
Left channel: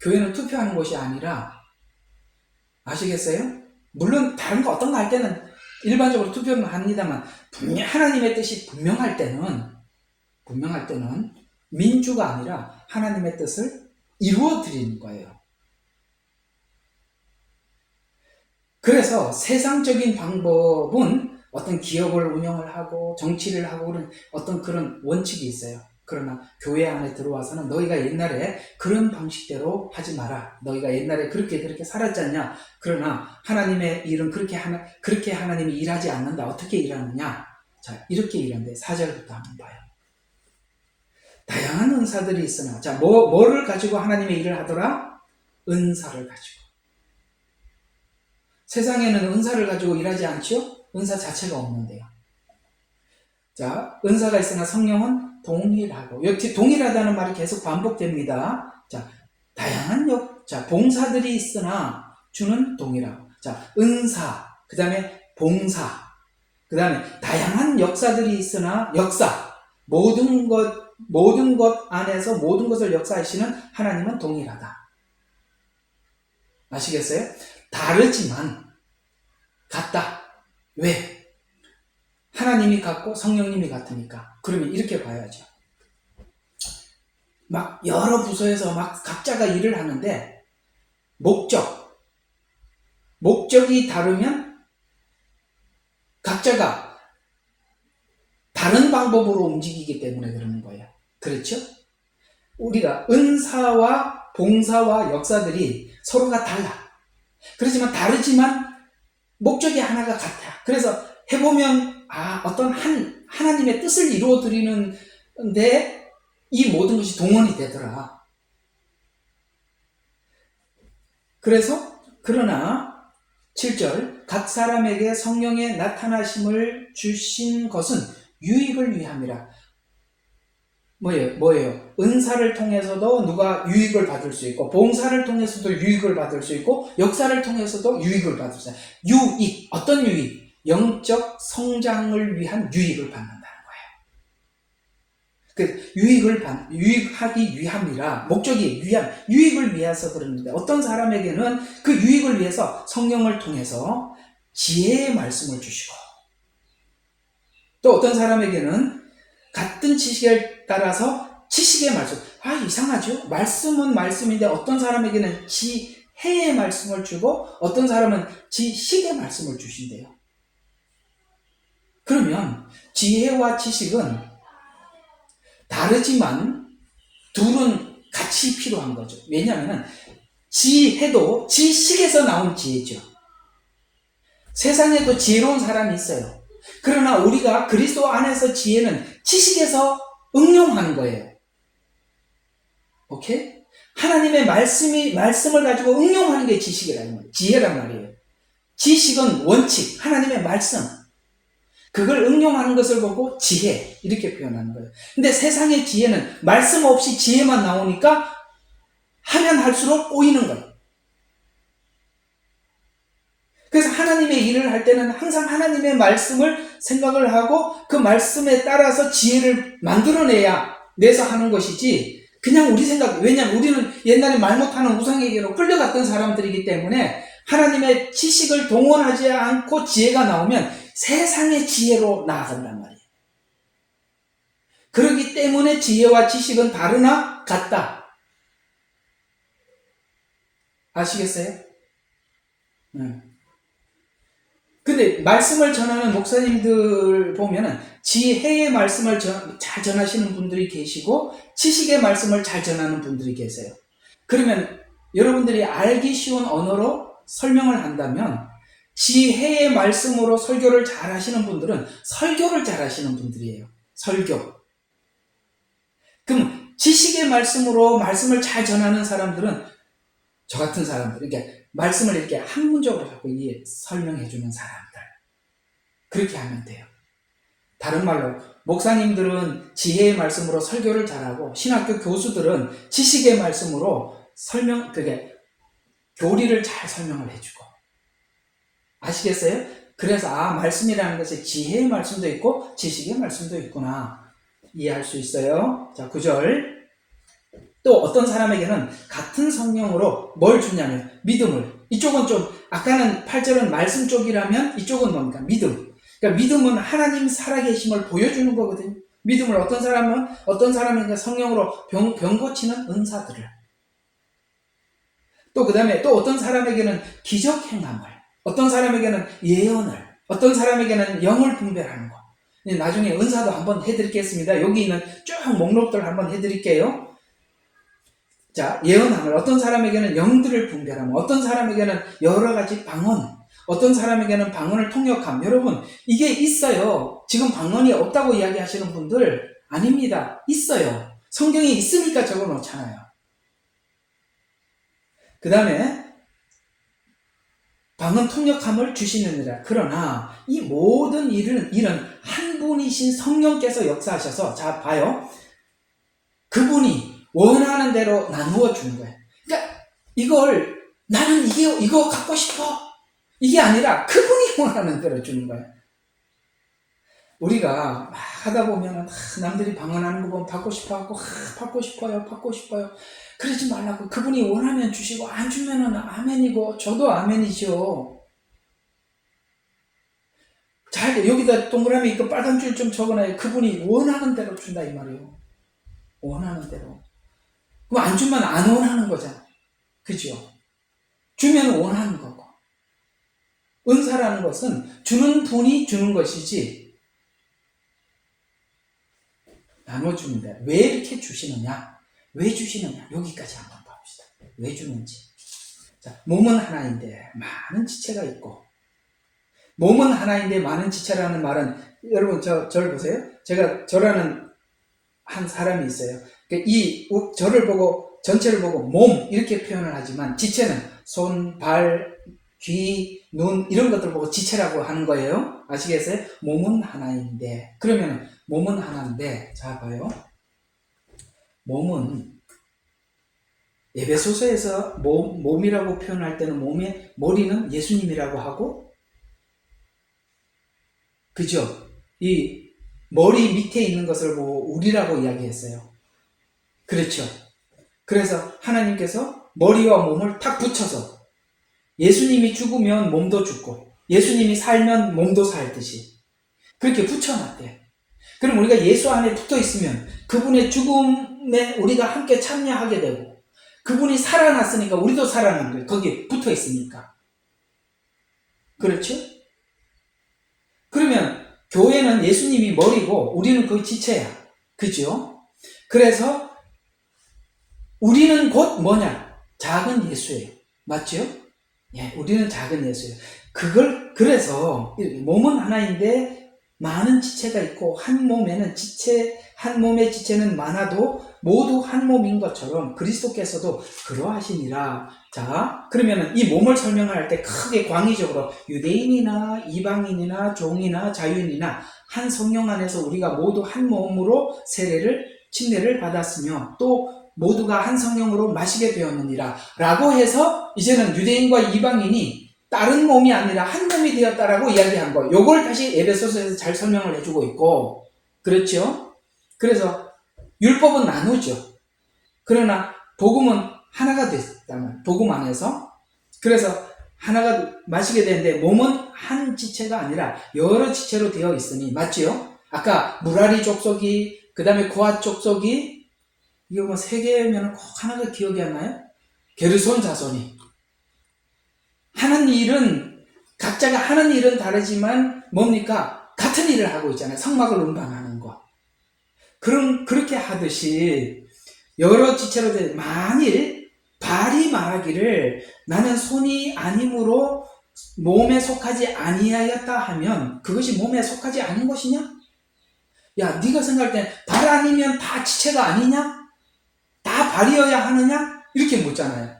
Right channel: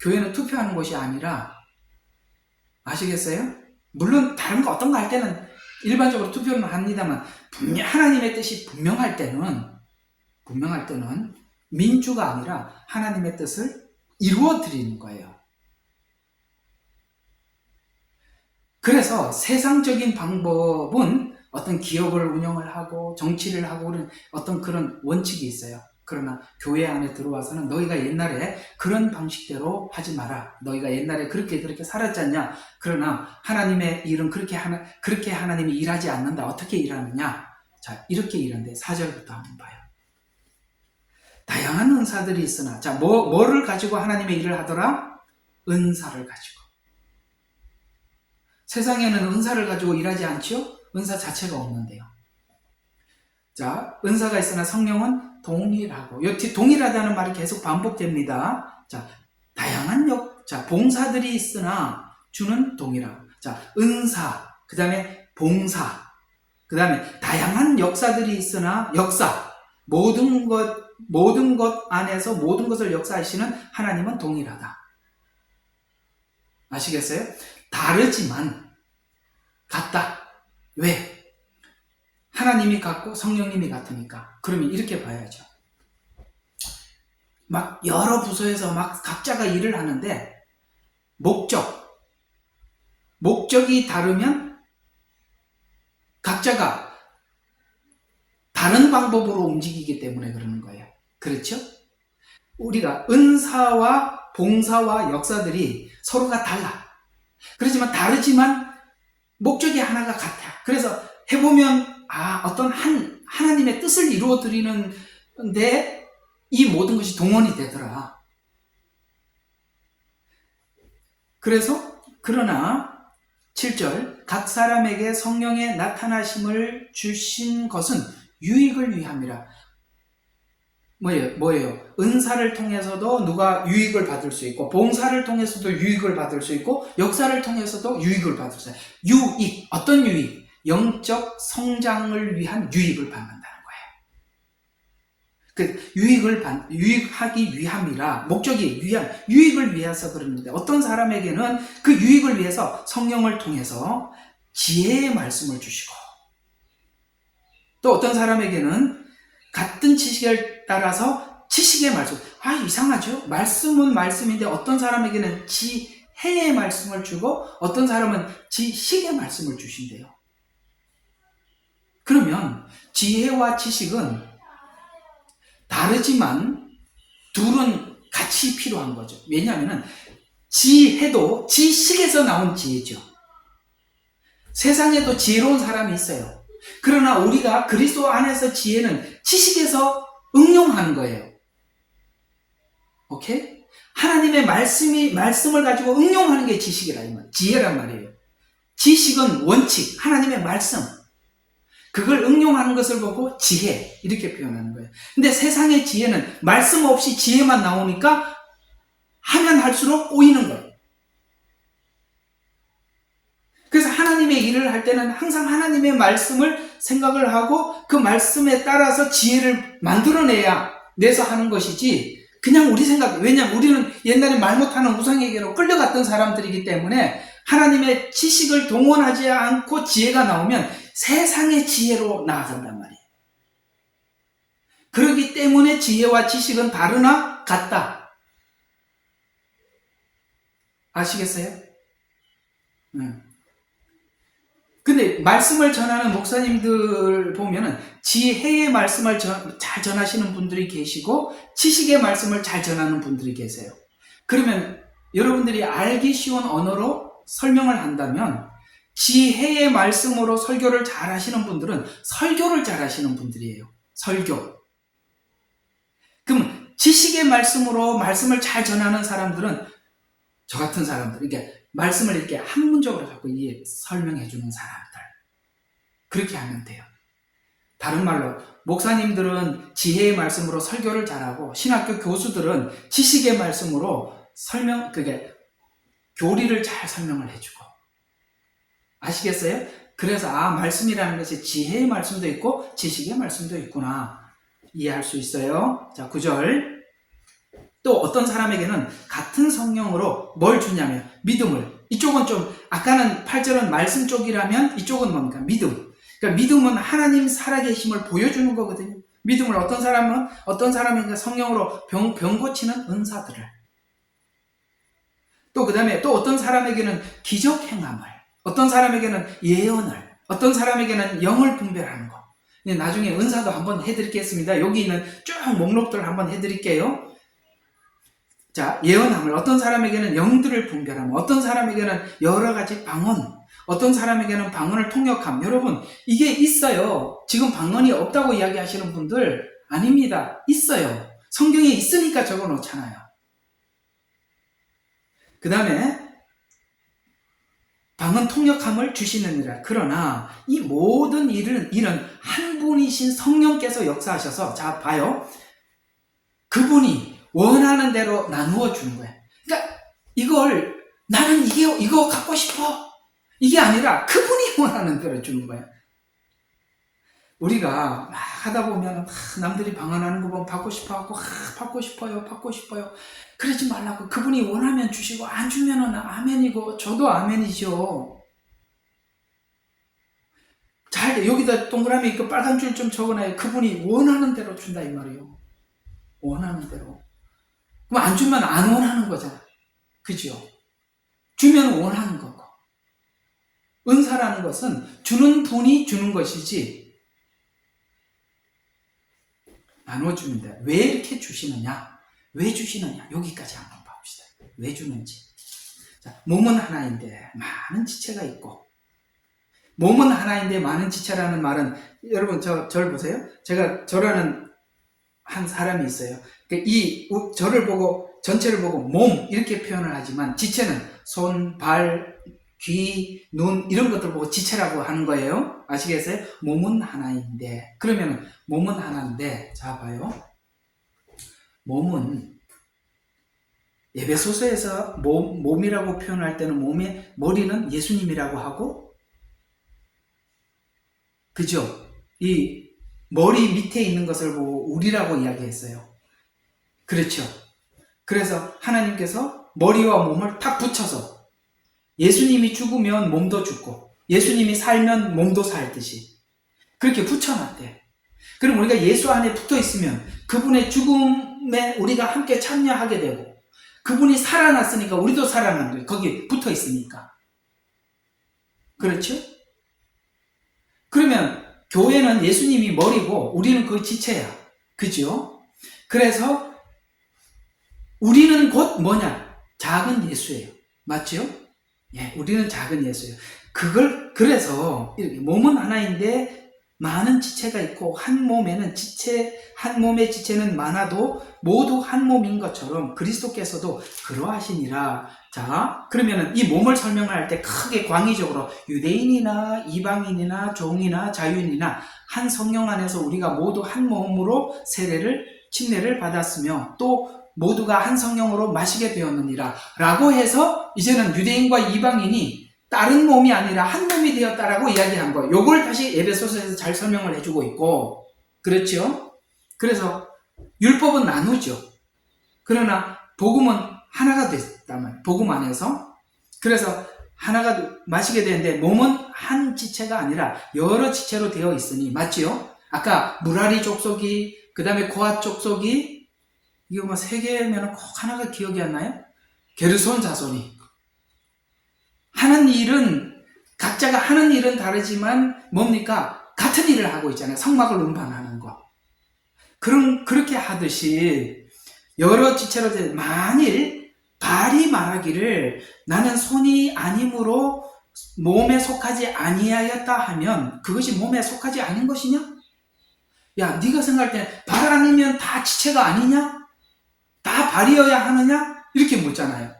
교회는 투표하는 곳이 아니라, 아시겠어요? 물론 다른 거 어떤 거 할 때는 일반적으로 투표는 합니다만 하나님의 뜻이 분명할 때는 민주가 아니라 하나님의 뜻을 이루어 드리는 거예요. 그래서 세상적인 방법은 어떤 기업을 운영을 하고 정치를 하고 그런 어떤 그런 원칙이 있어요. 그러나 교회 안에 들어와서는 너희가 옛날에 그런 방식대로 하지 마라. 너희가 옛날에 그렇게 살았잖냐. 그러나 하나님의 일은 그렇게 하나님이 일하지 않는다. 어떻게 일하느냐. 자, 이렇게 일하는데 4절부터 한번 봐요. 다양한 은사들이 있으나, 자, 뭐를 가지고 하나님의 일을 하더라? 은사를 가지고. 세상에는 은사를 가지고 일하지 않지요? 은사 자체가 없는데요. 자, 은사가 있으나 성령은 동일하고, 이 동일하다는 말이 계속 반복됩니다. 자, 다양한 봉사들이 있으나 주는 동일하고. 자, 은사, 그 다음에 봉사, 그 다음에 다양한 역사들이 있으나 역사, 모든 것 안에서 모든 것을 역사하시는 하나님은 동일하다. 아시겠어요? 다르지만 같다. 왜? 하나님이 같고 성령님이 같으니까. 그러면 이렇게 봐야죠. 막 여러 부서에서 막 각자가 일을 하는데 목적이 다르면 각자가 다른 방법으로 움직이기 때문에 그러는 거예요. 그렇죠? 우리가 은사와 봉사와 역사들이 서로가 달라. 그렇지만 다르지만 목적이 하나가 같아. 그래서 해보면 어떤 하나님의 뜻을 이루어 드리는데 이 모든 것이 동원이 되더라. 그러나 7절 각 사람에게 성령의 나타나심을 주신 것은 유익을 위함이라. 뭐예요? 은사를 통해서도 누가 유익을 받을 수 있고, 봉사를 통해서도 유익을 받을 수 있고, 역사를 통해서도 유익을 받을 수 있어요. 유익, 어떤 유익? 영적 성장을 위한 유익을 받는다는 거예요. 유익하기 위함이라, 목적이 유익을 위해서 그러는데, 어떤 사람에게는 그 유익을 위해서 성령을 통해서 지혜의 말씀을 주시고, 또 어떤 사람에게는 같은 지식을 따라서 지식의 말씀. 이상하죠? 말씀은 말씀인데 어떤 사람에게는 지혜의 말씀을 주고 어떤 사람은 지식의 말씀을 주신대요. 그러면 지혜와 지식은 다르지만 둘은 같이 필요한 거죠. 왜냐하면 지혜도 지식에서 나온 지혜죠. 세상에도 지혜로운 사람이 있어요. 그러나 우리가 그리스도 안에서 지혜는 지식에서 응용하는 거예요. 오케이? 하나님의 말씀을 가지고 응용하는 게 지혜란 말이에요. 지식은 원칙, 하나님의 말씀. 그걸 응용하는 것을 보고 지혜, 이렇게 표현하는 거예요. 근데 세상의 지혜는 말씀 없이 지혜만 나오니까 하면 할수록 꼬이는 거예요. 그래서 하나님의 일을 할 때는 항상 하나님의 말씀을 생각을 하고 그 말씀에 따라서 지혜를 내서 하는 것이지, 그냥 우리 생각, 왜냐면 우리는 옛날에 말 못하는 우상에게로 끌려갔던 사람들이기 때문에 하나님의 지식을 동원하지 않고 지혜가 나오면 세상의 지혜로 나아간단 말이에요. 그렇기 때문에 지혜와 지식은 다르나 같다. 아시겠어요? 근데 말씀을 전하는 목사님들 보면은 지혜의 말씀을 잘 전하시는 분들이 계시고 지식의 말씀을 잘 전하는 분들이 계세요. 그러면 여러분들이 알기 쉬운 언어로 설명을 한다면 지혜의 말씀으로 설교를 잘 하시는 분들은 설교를 잘 하시는 분들이에요. 설교. 그럼 지식의 말씀으로 말씀을 잘 전하는 사람들은 저 같은 사람들, 이게 말씀을 이렇게 한 문적으로 자꾸 설명해주는 사람들. 그렇게 하면 돼요. 다른 말로 목사님들은 지혜의 말씀으로 설교를 잘하고 신학교 교수들은 지식의 말씀으로 교리를 잘 설명을 해주고. 아시겠어요? 그래서 말씀이라는 것이 지혜의 말씀도 있고 지식의 말씀도 있구나 이해할 수 있어요. 자, 9절. 또 어떤 사람에게는 같은 성령으로 뭘 주냐면 믿음을. 이쪽은 좀 아까는 8절은 말씀 쪽이라면 이쪽은 뭡니까? 믿음. 그러니까 믿음은 하나님 살아계심을 보여주는 거거든요. 믿음을 어떤 사람에게 성령으로 병 고치는 은사들을. 또 그 다음에 또 어떤 사람에게는 기적 행함을, 어떤 사람에게는 예언을, 어떤 사람에게는 영을 분별하는 거. 나중에 은사도 한번 해드리겠습니다. 여기 있는 쭉 목록들 한번 해드릴게요. 자, 예언함을, 어떤 사람에게는 영들을 분별함, 어떤 사람에게는 여러 가지 방언, 어떤 사람에게는 방언을 통역함. 여러분, 이게 있어요. 지금 방언이 없다고 이야기하시는 분들 아닙니다. 있어요. 성경에 있으니까 적어 놓잖아요. 그 다음에 방언 통역함을 주시느니라. 그러나 이 모든 일은 한 분이신 성령께서 역사하셔서, 자 봐요. 그분이 원하는 대로 나누어 주는 거예요. 그러니까 이걸 나는 이거 갖고 싶어 이게 아니라 그분이 원하는 대로 주는 거예요. 우리가 막 하다 보면 남들이 방언하는 거 보면 받고 싶어하고 받고 싶어요. 그러지 말라고. 그분이 원하면 주시고 안 주면은 아멘이고 저도 아멘이죠. 잘 여기다 동그라미 그 빨간 줄 좀 적어놔요. 그분이 원하는 대로 준다 이 말이에요. 원하는 대로. 그럼 안 주면 안 원하는 거잖아. 그죠? 주면 원하는 거고. 은사라는 것은 주는 분이 주는 것이지 나눠줍니다. 왜 이렇게 주시느냐? 왜 주시느냐? 여기까지 한번 봅시다. 왜 주는지. 자, 몸은 하나인데 많은 지체가 있고, 몸은 하나인데 많은 지체라는 말은, 여러분 저를 보세요. 제가 저라는 한 사람이 있어요. 저를 보고 전체를 보고 몸 이렇게 표현을 하지만 지체는 손, 발, 귀, 눈 이런 것들 보고 지체라고 하는 거예요. 아시겠어요? 몸은 하나인데. 그러면 몸은 하나인데, 자 봐요. 몸은 에베소서에서 몸이라고 표현할 때는 몸의 머리는 예수님이라고 하고, 그죠? 이 머리 밑에 있는 것을 보고 우리라고 이야기했어요. 그렇죠? 그래서 하나님께서 머리와 몸을 탁 붙여서 예수님이 죽으면 몸도 죽고 예수님이 살면 몸도 살듯이 그렇게 붙여놨대요. 그럼 우리가 예수 안에 붙어 있으면 그분의 죽음에 우리가 함께 참여하게 되고, 그분이 살아났으니까 우리도 살아난 거예요. 거기에 붙어 있으니까. 그렇죠? 그러면 교회는 예수님이 머리고 우리는 그 지체야. 그죠? 그래서 우리는 곧 뭐냐? 작은 예수예요. 맞죠? 예, 우리는 작은 예수예요. 그래서 몸은 하나인데 많은 지체가 있고, 한 몸의 지체는 많아도 모두 한 몸인 것처럼 그리스도께서도 그러하시니라. 자, 그러면 이 몸을 설명할 때 크게 광의적으로 유대인이나 이방인이나 종이나 자유인이나 한 성령 안에서 우리가 모두 한 몸으로 침례를 받았으며 또 모두가 한 성령으로 마시게 되었느니라 라고 해서 이제는 유대인과 이방인이 다른 몸이 아니라 한 몸이 되었다라고 이야기한 거예요. 요걸 다시 에베소서에서 잘 설명을 해주고 있고, 그렇죠? 그래서 율법은 나누죠. 그러나 복음은 하나가 됐다면, 복음 안에서. 그래서 하나가 마시게 되는데 몸은 한 지체가 아니라 여러 지체로 되어 있으니, 맞지요? 아까 무라리 족속이, 그 다음에 고핫 족속이, 이거 뭐 세 개면 꼭 하나가 기억이 안 나요? 게르손 자손이 하는 일은, 각자가 하는 일은 다르지만 뭡니까? 같은 일을 하고 있잖아요. 성막을 운반하는 거. 그렇게 하듯이 여러 지체로 된, 만일 발이 말하기를 나는 손이 아니므로 몸에 속하지 아니하였다 하면 그것이 몸에 속하지 않은 것이냐? 야, 네가 생각할 때 발 아니면 다 지체가 아니냐? 다 발이어야 하느냐? 이렇게 묻잖아요.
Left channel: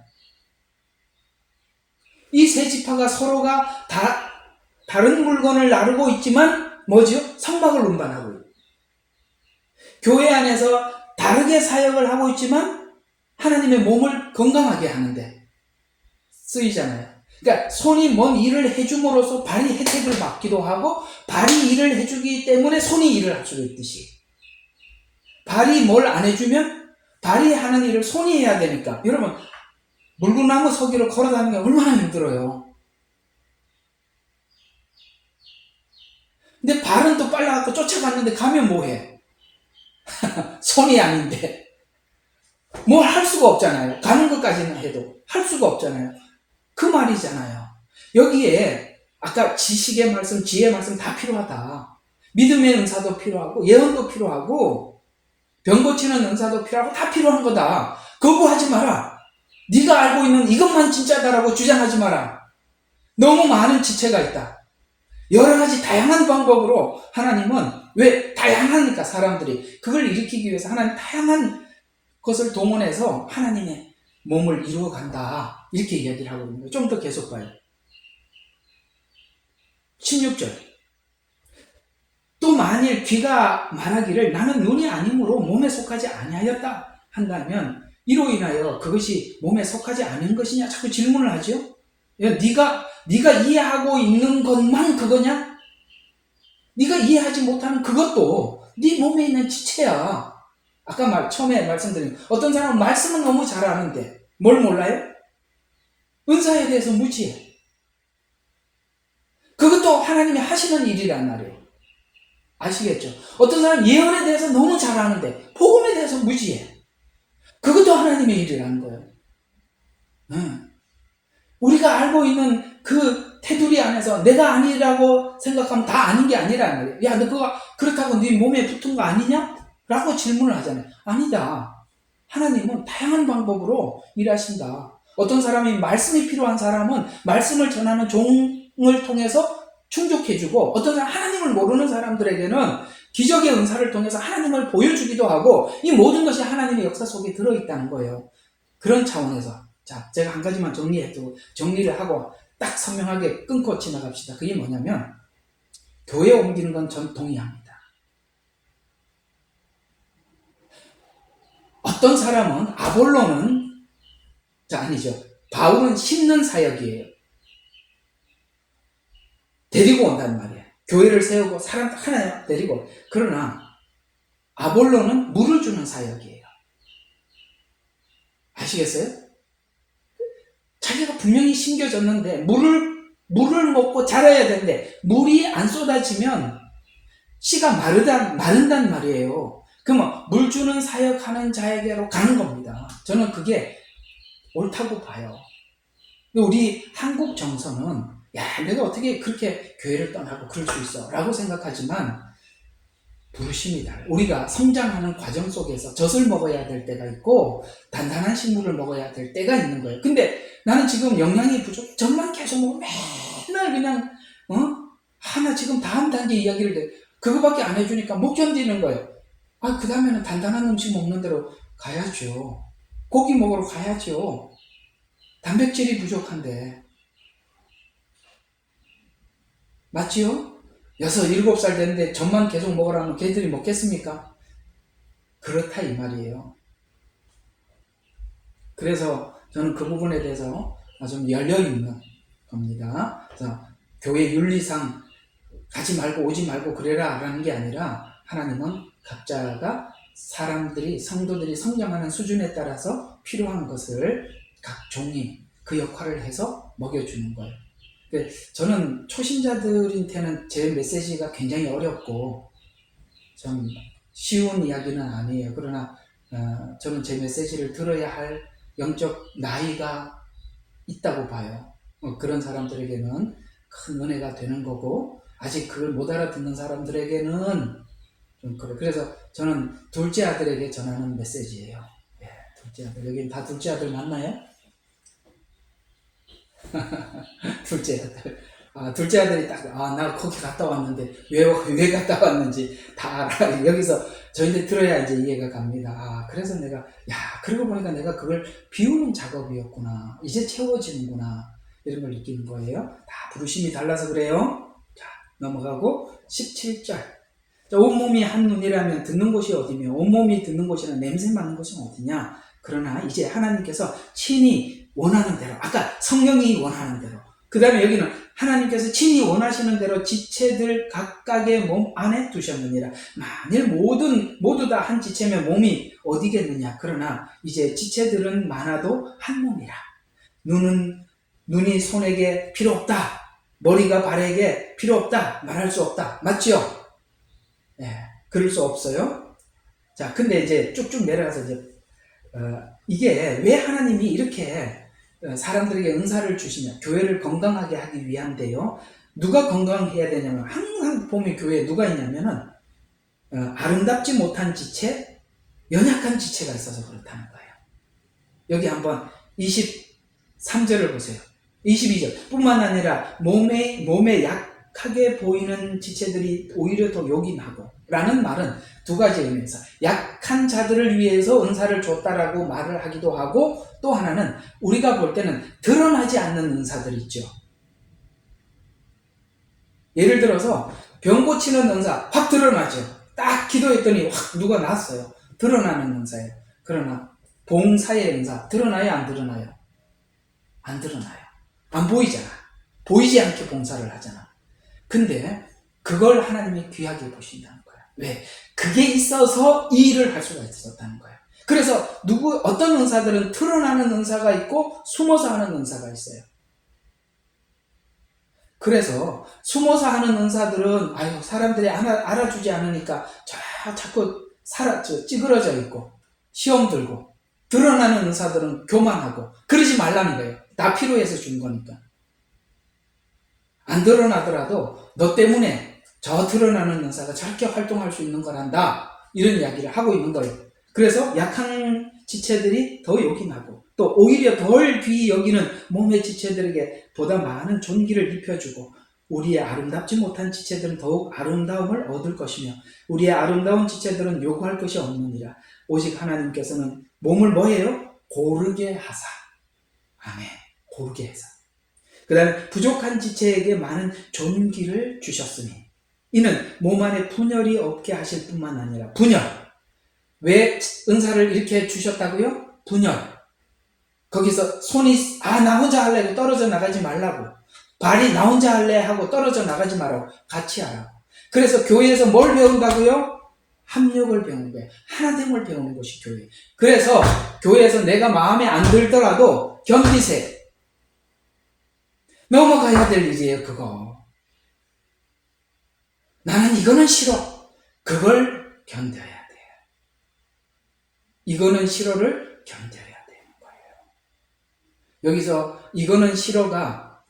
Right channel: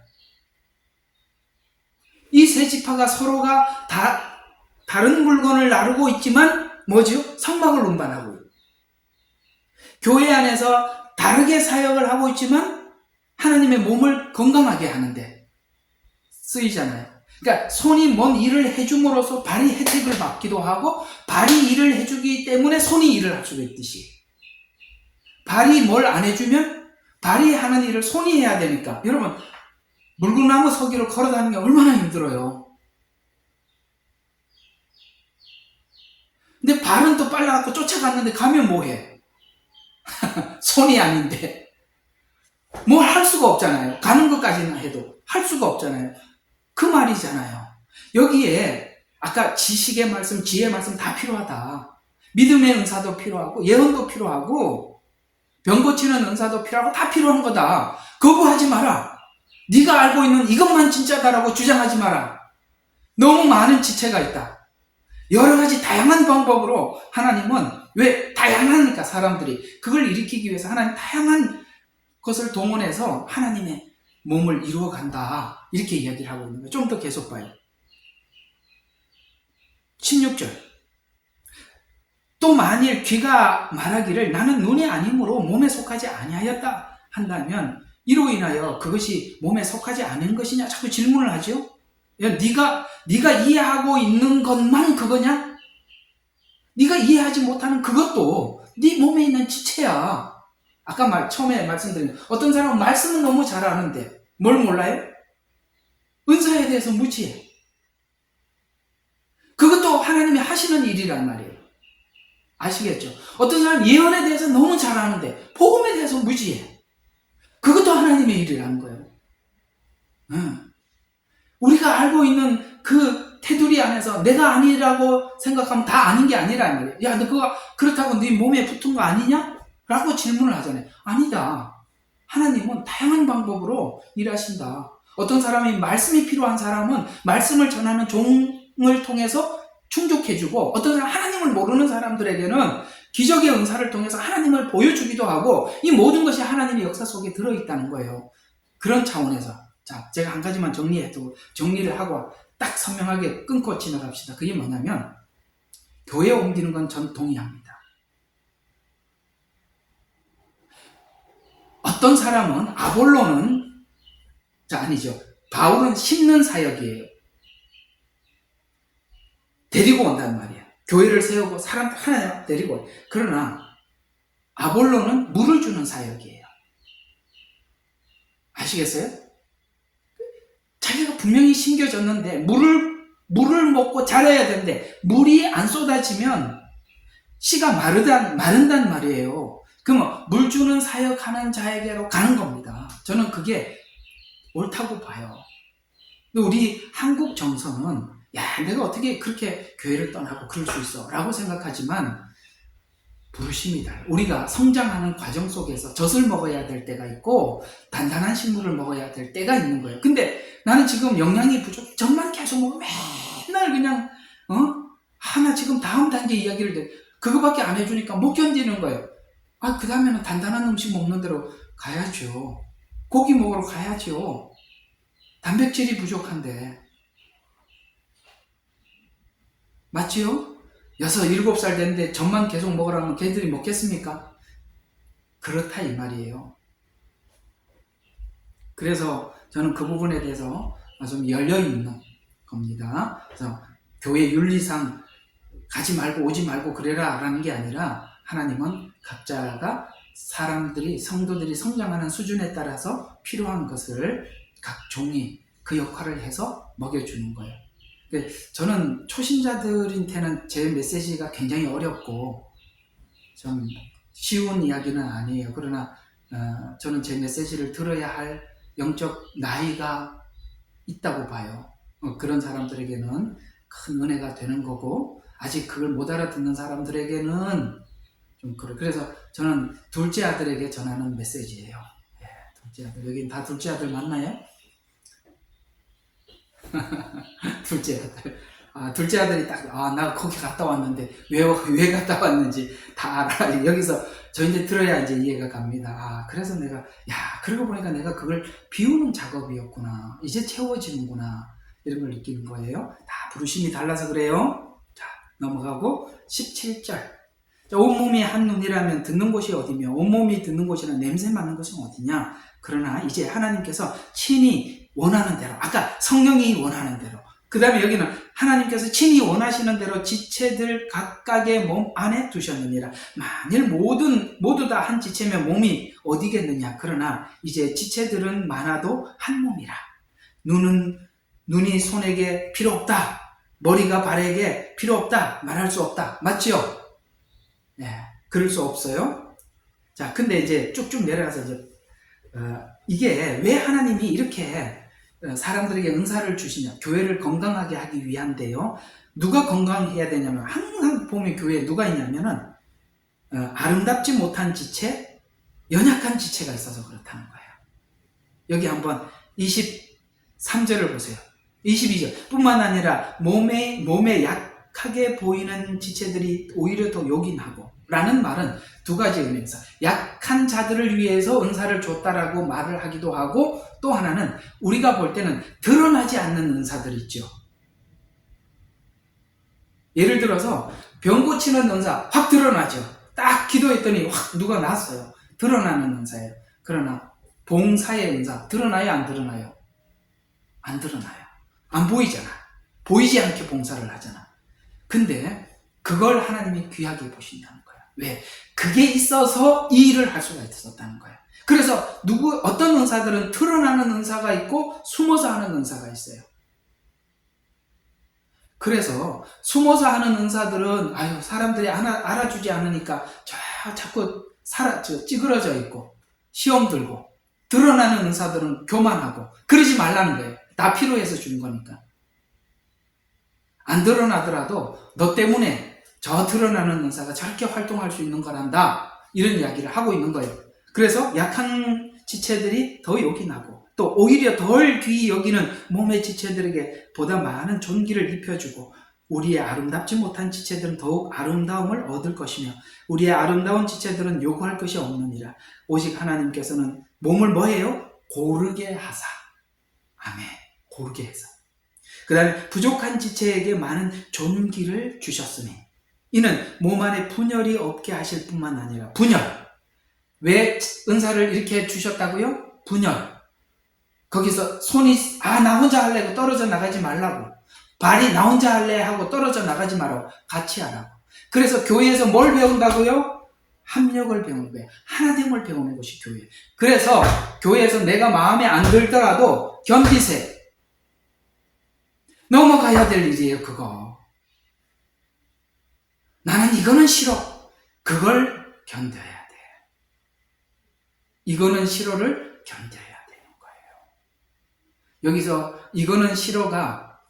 이 세 지파가 서로가 다른 물건을 나르고 있지만 뭐죠? 성막을 운반하고 있고, 교회 안에서 다르게 사역을 하고 있지만 하나님의 몸을 건강하게 하는데 쓰이잖아요. 그러니까 손이 뭔 일을 해줌으로써 발이 혜택을 받기도 하고, 발이 일을 해주기 때문에 손이 일을 할 수도 있듯이, 발이 뭘 안 해주면 발이 하는 일을 손이 해야 되니까. 여러분, 물구나무 서기로 걸어다니는 게 얼마나 힘들어요. 근데 발은 또 빨라갖고 쫓아갔는데 가면 뭐해? 손이 아닌데 뭘 할 수가 없잖아요. 가는 것까지는 해도 할 수가 없잖아요. 그 말이잖아요. 여기에 아까 지식의 말씀, 지혜의 말씀 다 필요하다. 믿음의 은사도 필요하고, 예언도 필요하고, 병 고치는 은사도 필요하고, 다 필요한 거다. 거부하지 마라. 네가 알고 있는 이것만 진짜다라고 주장하지 마라. 너무 많은 지체가 있다. 여러 가지 다양한 방법으로 하나님은, 왜 다양하니까 사람들이 그걸 일으키기 위해서 하나님 다양한 것을 동원해서 하나님의 몸을 이루어 간다. 이렇게 이야기를 하고 있는 거예요. 좀 더 계속 봐요. 16절. 또 만일 귀가 말하기를 나는 눈이 아니므로 몸에 속하지 아니하였다 한다면 이로 인하여 그것이 몸에 속하지 않은 것이냐? 자꾸 질문을 하죠. 야, 네가 이해하고 있는 것만 그거냐? 네가 이해하지 못하는 그것도 네 몸에 있는 지체야. 아까 처음에 말씀드린, 어떤 사람은 말씀은 너무 잘 아는데 뭘 몰라요? 은사에 대해서 무지해. 그것도 하나님이 하시는 일이란 말이에요. 아시겠죠? 어떤 사람은 예언에 대해서 너무 잘 아는데 복음에 대해서 무지해. 그것도 하나님의 일이라는 거예요. 우리가 알고 있는 그 테두리 안에서 내가 아니라고 생각하면 다 아닌 게 아니란 말이에요. 야, 너 그거 그렇다고 네 몸에 붙은 거 아니냐? 라고 질문을 하잖아요. 아니다. 하나님은 다양한 방법으로 일하신다. 어떤 사람이 말씀이 필요한 사람은 말씀을 전하는 종을 통해서 충족해주고, 어떤 사람 하나님을 모르는 사람들에게는 기적의 은사를 통해서 하나님을 보여주기도 하고, 이 모든 것이 하나님의 역사 속에 들어있다는 거예요. 그런 차원에서 자, 제가 한 가지만 정리를 하고 딱 선명하게 끊고 지나갑시다. 그게 뭐냐면, 교회 옮기는 건 전 동의합니다. 어떤 사람은 아볼로는 아니죠. 바울은 심는 사역이에요. 데리고 온단 말이에요. 교회를 세우고 사람 하나 데리고. 그러나 아볼로는 물을 주는 사역이에요. 아시겠어요? 자기가 분명히 심겨졌는데 물을 먹고 자라야 되는데 물이 안 쏟아지면 씨가 마른단 말이에요. 그러면 물 주는 사역하는 자에게로 가는 겁니다. 저는 그게 옳다고 봐요. 우리 한국 정서는 야, 내가 어떻게 그렇게 교회를 떠나고 그럴 수 있어 라고 생각하지만 부르심이다. 우리가 성장하는 과정 속에서 젖을 먹어야 될 때가 있고 단단한 식물을 먹어야 될 때가 있는 거예요. 근데 나는 지금 영양이 부족해. 젖만 계속 먹으면 맨날 그냥 하나 지금 다음 단계 이야기를 해. 그거밖에 안 해주니까 못 견디는 거예요. 그 다음에는 단단한 음식 먹는 데로 가야죠. 고기 먹으러 가야죠. 단백질이 부족한데. 맞지요? 6, 7살 됐는데 젖만 계속 먹으라면 걔들이 먹겠습니까? 그렇다 이 말이에요. 그래서 저는 그 부분에 대해서 좀 열려있는 겁니다. 그래서 교회 윤리상 가지 말고 오지 말고 그래라 라는 게 아니라, 하나님은 각자가 성도들이 성장하는 수준에 따라서 필요한 것을 각 종이 그 역할을 해서 먹여주는 거예요. 저는 초신자들한테는 제 메시지가 굉장히 어렵고 좀 쉬운 이야기는 아니에요. 그러나 저는 제 메시지를 들어야 할 영적 나이가 있다고 봐요. 그런 사람들에게는 큰 은혜가 되는 거고, 아직 그걸 못 알아듣는 사람들에게는 좀 그래서 저는 둘째 아들에게 전하는 메시지예요. 둘째 아들. 여긴 다 둘째 아들 맞나요? 둘째 아들. 둘째 아들이 나 거기 갔다 왔는데 왜 갔다 왔는지 다 알아. 여기서 저희들 들어야 이제 이해가 갑니다. 그래서 내가 그러고 보니까 내가 그걸 비우는 작업이었구나. 이제 채워지는구나. 이런 걸 느끼는 거예요. 다 부르심이 달라서 그래요. 자, 넘어가고 17절. 온몸이 한눈이라면 듣는 곳이 어디며 온몸이 듣는 곳이란 냄새 맡는 곳은 어디냐. 그러나 이제 하나님께서 친히 원하는 대로, 아까 성령이 원하는 대로, 그 다음에 여기는 하나님께서 친히 원하시는 대로 지체들 각각의 몸 안에 두셨느니라. 만일 모두 다 한 지체면 몸이 어디겠느냐. 그러나 이제 지체들은 많아도 한 몸이라. 눈이 손에게 필요 없다. 머리가 발에게 필요 없다. 말할 수 없다. 맞죠? 예, 그럴 수 없어요. 자, 근데 이제 쭉쭉 내려가서 이제 이게 왜 하나님이 이렇게 사람들에게 은사를 주시냐. 교회를 건강하게 하기 위한데요. 누가 건강해야 되냐면 항상 보면 교회에 누가 있냐면은 아름답지 못한 지체, 연약한 지체가 있어서 그렇다는 거예요. 여기 한번 23절을 보세요. 22절 뿐만 아니라 몸에 약하게 보이는 지체들이 오히려 더 욕이 나고 라는 말은 두 가지 의미에서 약한 자들을 위해서 은사를 줬다라고 말을 하기도 하고, 또 하나는 우리가 볼 때는 드러나지 않는 은사들 있죠. 예를 들어서 병 고치는 은사 확 드러나죠. 딱 기도했더니 확 누가 났어요. 드러나는 은사예요. 그러나 봉사의 은사 드러나요? 안 드러나요? 안 드러나요. 안 보이잖아. 보이지 않게 봉사를 하잖아. 근데 그걸 하나님이 귀하게 보신다는 거야. 왜? 그게 있어서 이 일을 할 수가 있었다는 거야. 그래서 어떤 은사들은 드러나는 은사가 있고 숨어서 하는 은사가 있어요. 그래서 숨어서 하는 은사들은 사람들이 알아주지 않으니까 자꾸 찌그러져 있고 시험 들고, 드러나는 은사들은 교만하고 그러지 말라는 거예요. 다 필요해서 준 거니까. 안 드러나더라도 너 때문에 저 드러나는 은사가 저렇게 활동할 수 있는 거란다. 이런 이야기를 하고 있는 거예요. 그래서 약한 지체들이 더 욕이 나고, 또 오히려 덜 귀히 여기는 몸의 지체들에게 보다 많은 존귀를 입혀주고, 우리의 아름답지 못한 지체들은 더욱 아름다움을 얻을 것이며 우리의 아름다운 지체들은 요구할 것이 없느니라. 오직 하나님께서는 몸을 뭐해요? 고르게 하사. 아멘. 고르게 해서. 그 다음에 부족한 지체에게 많은 존귀를 주셨으니 이는 몸 안에 분열이 없게 하실 뿐만 아니라, 분열. 왜 은사를 이렇게 주셨다고요? 분열. 거기서 손이 나 혼자 할래 하고 떨어져 나가지 말라고, 발이 나 혼자 할래 하고 떨어져 나가지 말라고, 같이 하라고. 그래서 교회에서 뭘 배운다고요? 합력을 배우는 거예요. 하나됨을 배우는 것이 교회. 그래서 교회에서 내가 마음에 안 들더라도 견디세요. 넘어가야 될 일이에요. 그거 나는 이거는 싫어. 그걸 견뎌야 돼. 이거는 싫어를 견뎌야 되는 거예요. 여기서 이거는 싫어가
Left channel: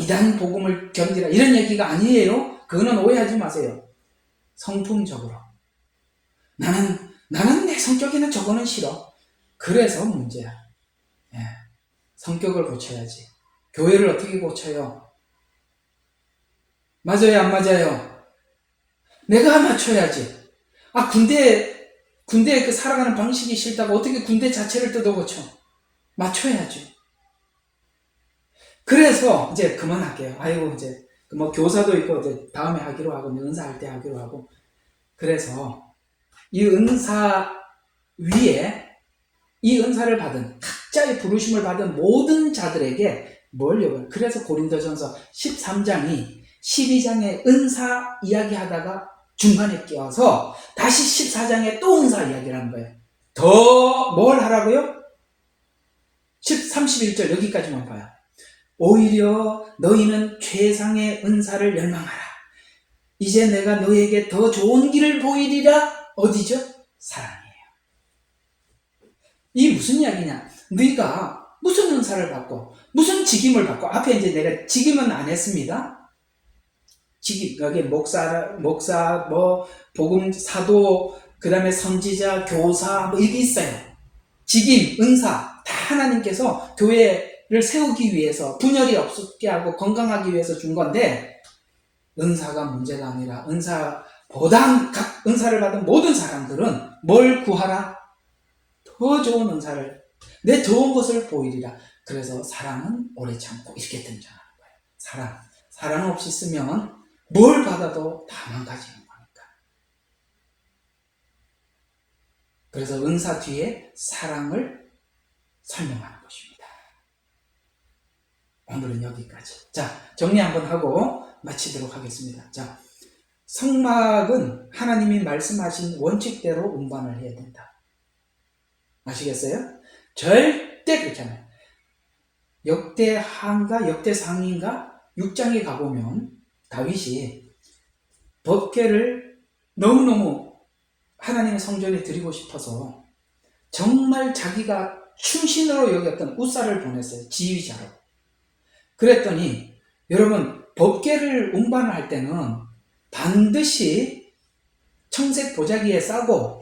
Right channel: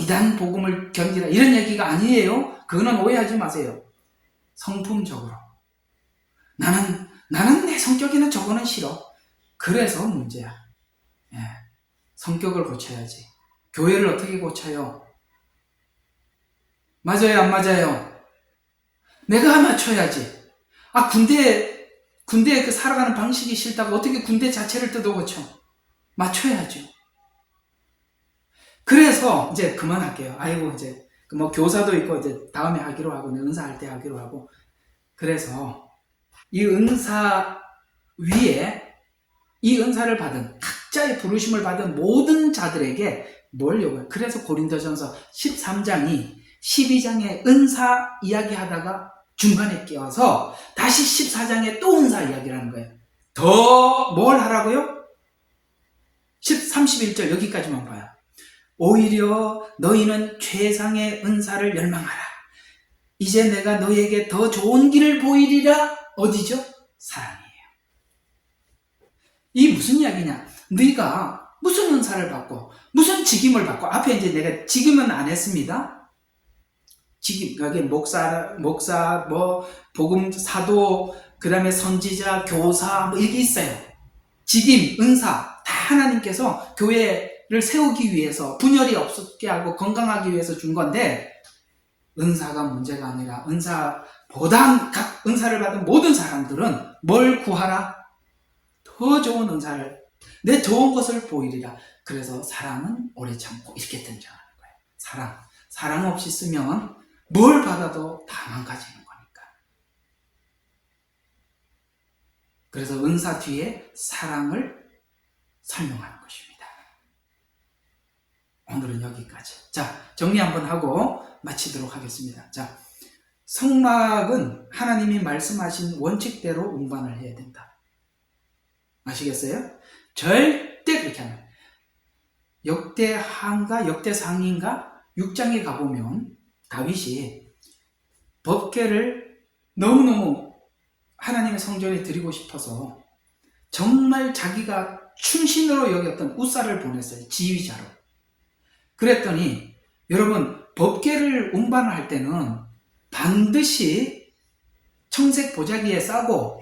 이단 복음을 견디라 이런 얘기가 아니에요. 그거는 오해하지 마세요. 성품적으로 나는 내 성격에는 저거는 싫어. 그래서 문제야. 예. 성격을 고쳐야지. 교회를 어떻게 고쳐요? 맞아요, 안 맞아요? 내가 맞춰야지. 군대에 살아가는 방식이 싫다고 어떻게 군대 자체를 뜯어 고쳐? 맞춰야죠. 그래서 이제 그만할게요. 이제 교사도 있고 이제 다음에 하기로 하고, 은사할 때 하기로 하고. 그래서 이 은사 위에 이 은사를 받은 각자의 부르심을 받은 모든 자들에게 뭘 요구해요? 그래서 고린도전서 13장이 12장의 은사 이야기하다가 중간에 끼어서 다시 14장에 또 은사 이야기를 하는 거예요. 더 뭘 하라고요? 31절 여기까지만 봐요. 오히려 너희는 최상의 은사를 열망하라. 이제 내가 너희에게 더 좋은 길을 보이리라. 어디죠? 사랑이에요. 이 무슨 이야기냐? 네가 무슨 은사를 받고 무슨 직임을 받고, 앞에 이제 내가 직임은 안 했습니다. 직임, 여기 목사, 복음 사도, 그 다음에 선지자, 교사, 이게 있어요. 직임, 은사, 다 하나님께서 교회를 세우기 위해서, 분열이 없게 하고 건강하기 위해서 준 건데, 은사가 문제가 아니라 각 은사를 받은 모든 사람들은 뭘 구하라? 더 좋은 은사를, 내 좋은 것을 보이리라. 그래서 사랑은 오래 참고 이렇게 등장하는 거예요. 사랑 없이 쓰면 뭘 받아도 다 망가지는 거니까. 그래서 은사 뒤에 사랑을 설명하는 것입니다. 오늘은 여기까지. 자, 정리 한번 하고 마치도록 하겠습니다. 자, 성막은 하나님이 말씀하신 원칙대로 운반을 해야 된다. 아시겠어요? 절대 그렇게 안 해요. 역대하인가 역대상인가 6장에 가보면 다윗이 법궤를 너무너무 하나님의 성전에 드리고 싶어서 정말 자기가 충신으로 여겼던 우사를 보냈어요. 지휘자로. 그랬더니 여러분, 법궤를 운반을 할 때는 반드시 청색 보자기에 싸고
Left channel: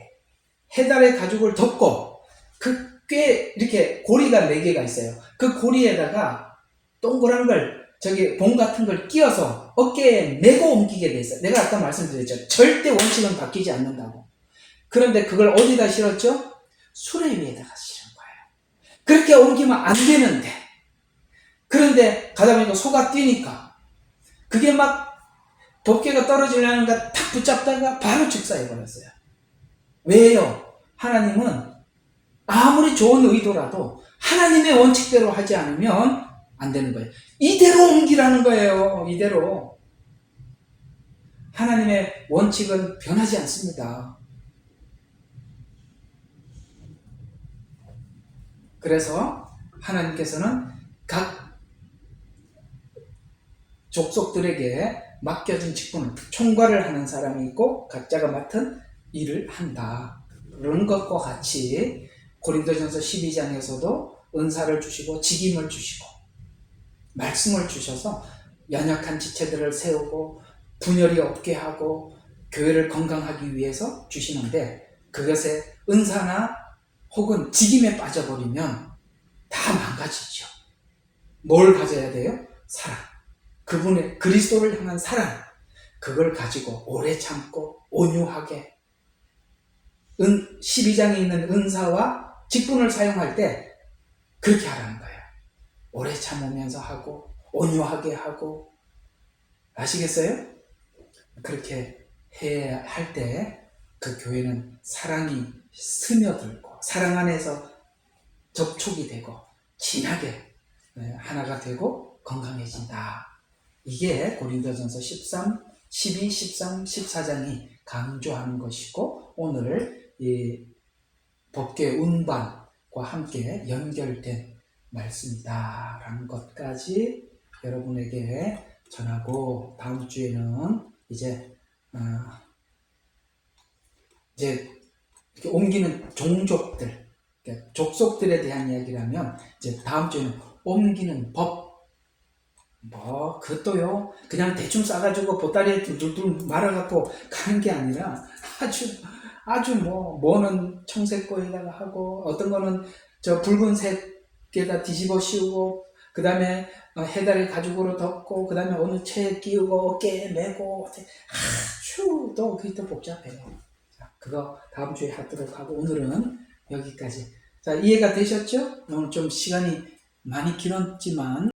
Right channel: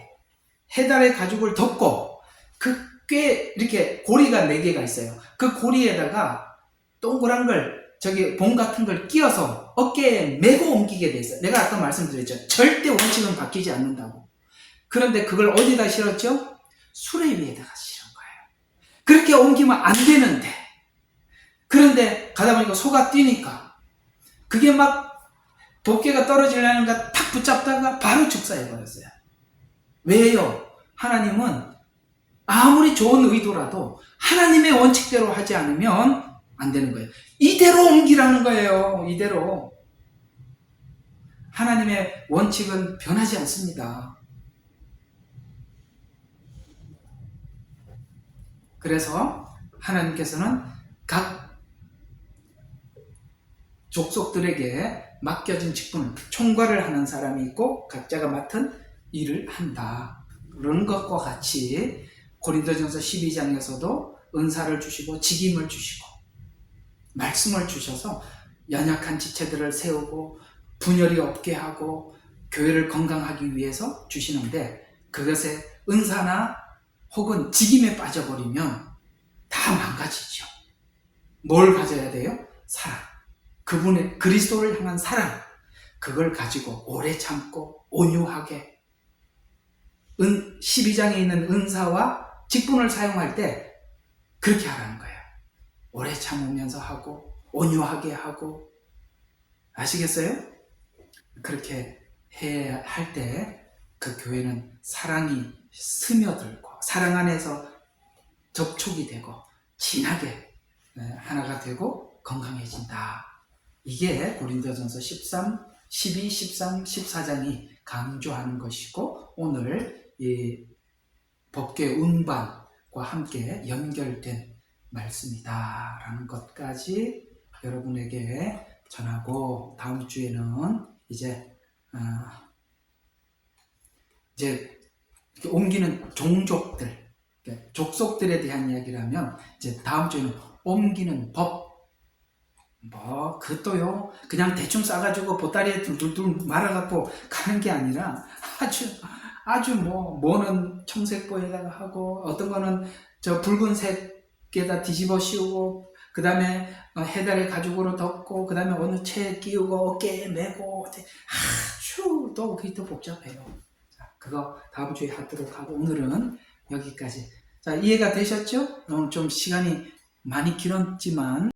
해달의 가죽을 덮고 그 꽤 이렇게 고리가 4개가 있어요. 그 고리에다가 동그란 걸 저기 봉 같은 걸 끼워서 어깨에 메고 옮기게 돼 있어요. 내가 아까 말씀드렸죠. 절대 원칙은 바뀌지 않는다고. 그런데 그걸 어디다 실었죠? 수레 위에다가 실은 거예요. 그렇게 옮기면 안 되는데, 그런데 가다 보니까 소가 뛰니까 그게 막 법궤가 떨어지려는가 탁 붙잡다가 바로 축사해버렸어요. 왜요? 하나님은 아무리 좋은 의도라도 하나님의 원칙대로 하지 않으면 안 되는 거예요. 이대로 옮기라는 거예요. 이대로. 하나님의 원칙은 변하지 않습니다. 그래서 하나님께서는 각 족속들에게 맡겨진 직분, 총괄을 하는 사람이 있고 각자가 맡은 일을 한다. 그런 것과 같이 고린도전서 12장에서도 은사를 주시고 직임을 주시고 말씀을 주셔서 연약한 지체들을 세우고 분열이 없게 하고 교회를 건강하기 위해서 주시는데, 그것에 은사나 혹은 직임에 빠져버리면 다 망가지죠. 뭘 가져야 돼요? 사랑. 그분의 그리스도를 향한 사랑. 그걸 가지고 오래 참고 온유하게 12장에 있는 은사와 직분을 사용할 때 그렇게 하라는 거예요. 오래 참으면서 하고 온유하게 하고. 아시겠어요? 그렇게 해야 할 때 그 교회는 사랑이 스며들고 사랑 안에서 접촉이 되고 진하게 하나가 되고 건강해진다. 이게 고린도전서 13, 12, 13, 14장이 강조하는 것이고, 오늘 이 법궤 운반과 함께 연결된 말씀이다 라는 것까지 여러분에게 전하고, 다음 주에는 이제 이렇게 옮기는 종족들, 족속들에 대한 이야기라면, 이제 다음 주에는 옮기는 법. 뭐 그것도요 그냥 대충 싸가지고 보따리에 둘둘둘 말아갖고 가는 게 아니라 아주 뭐는 청색보에다가 하고, 어떤 거는 저 붉은색에다 뒤집어 씌우고, 그 다음에 해달의 가죽으로 덮고, 그 다음에 어느 채에 끼우고 어깨에 메고, 아주 또 그게 또 복잡해요. 자, 그거 다음 주에 하도록 하고, 오늘은 여기까지. 자, 이해가 되셨죠? 오늘 좀 시간이 많이 길었지만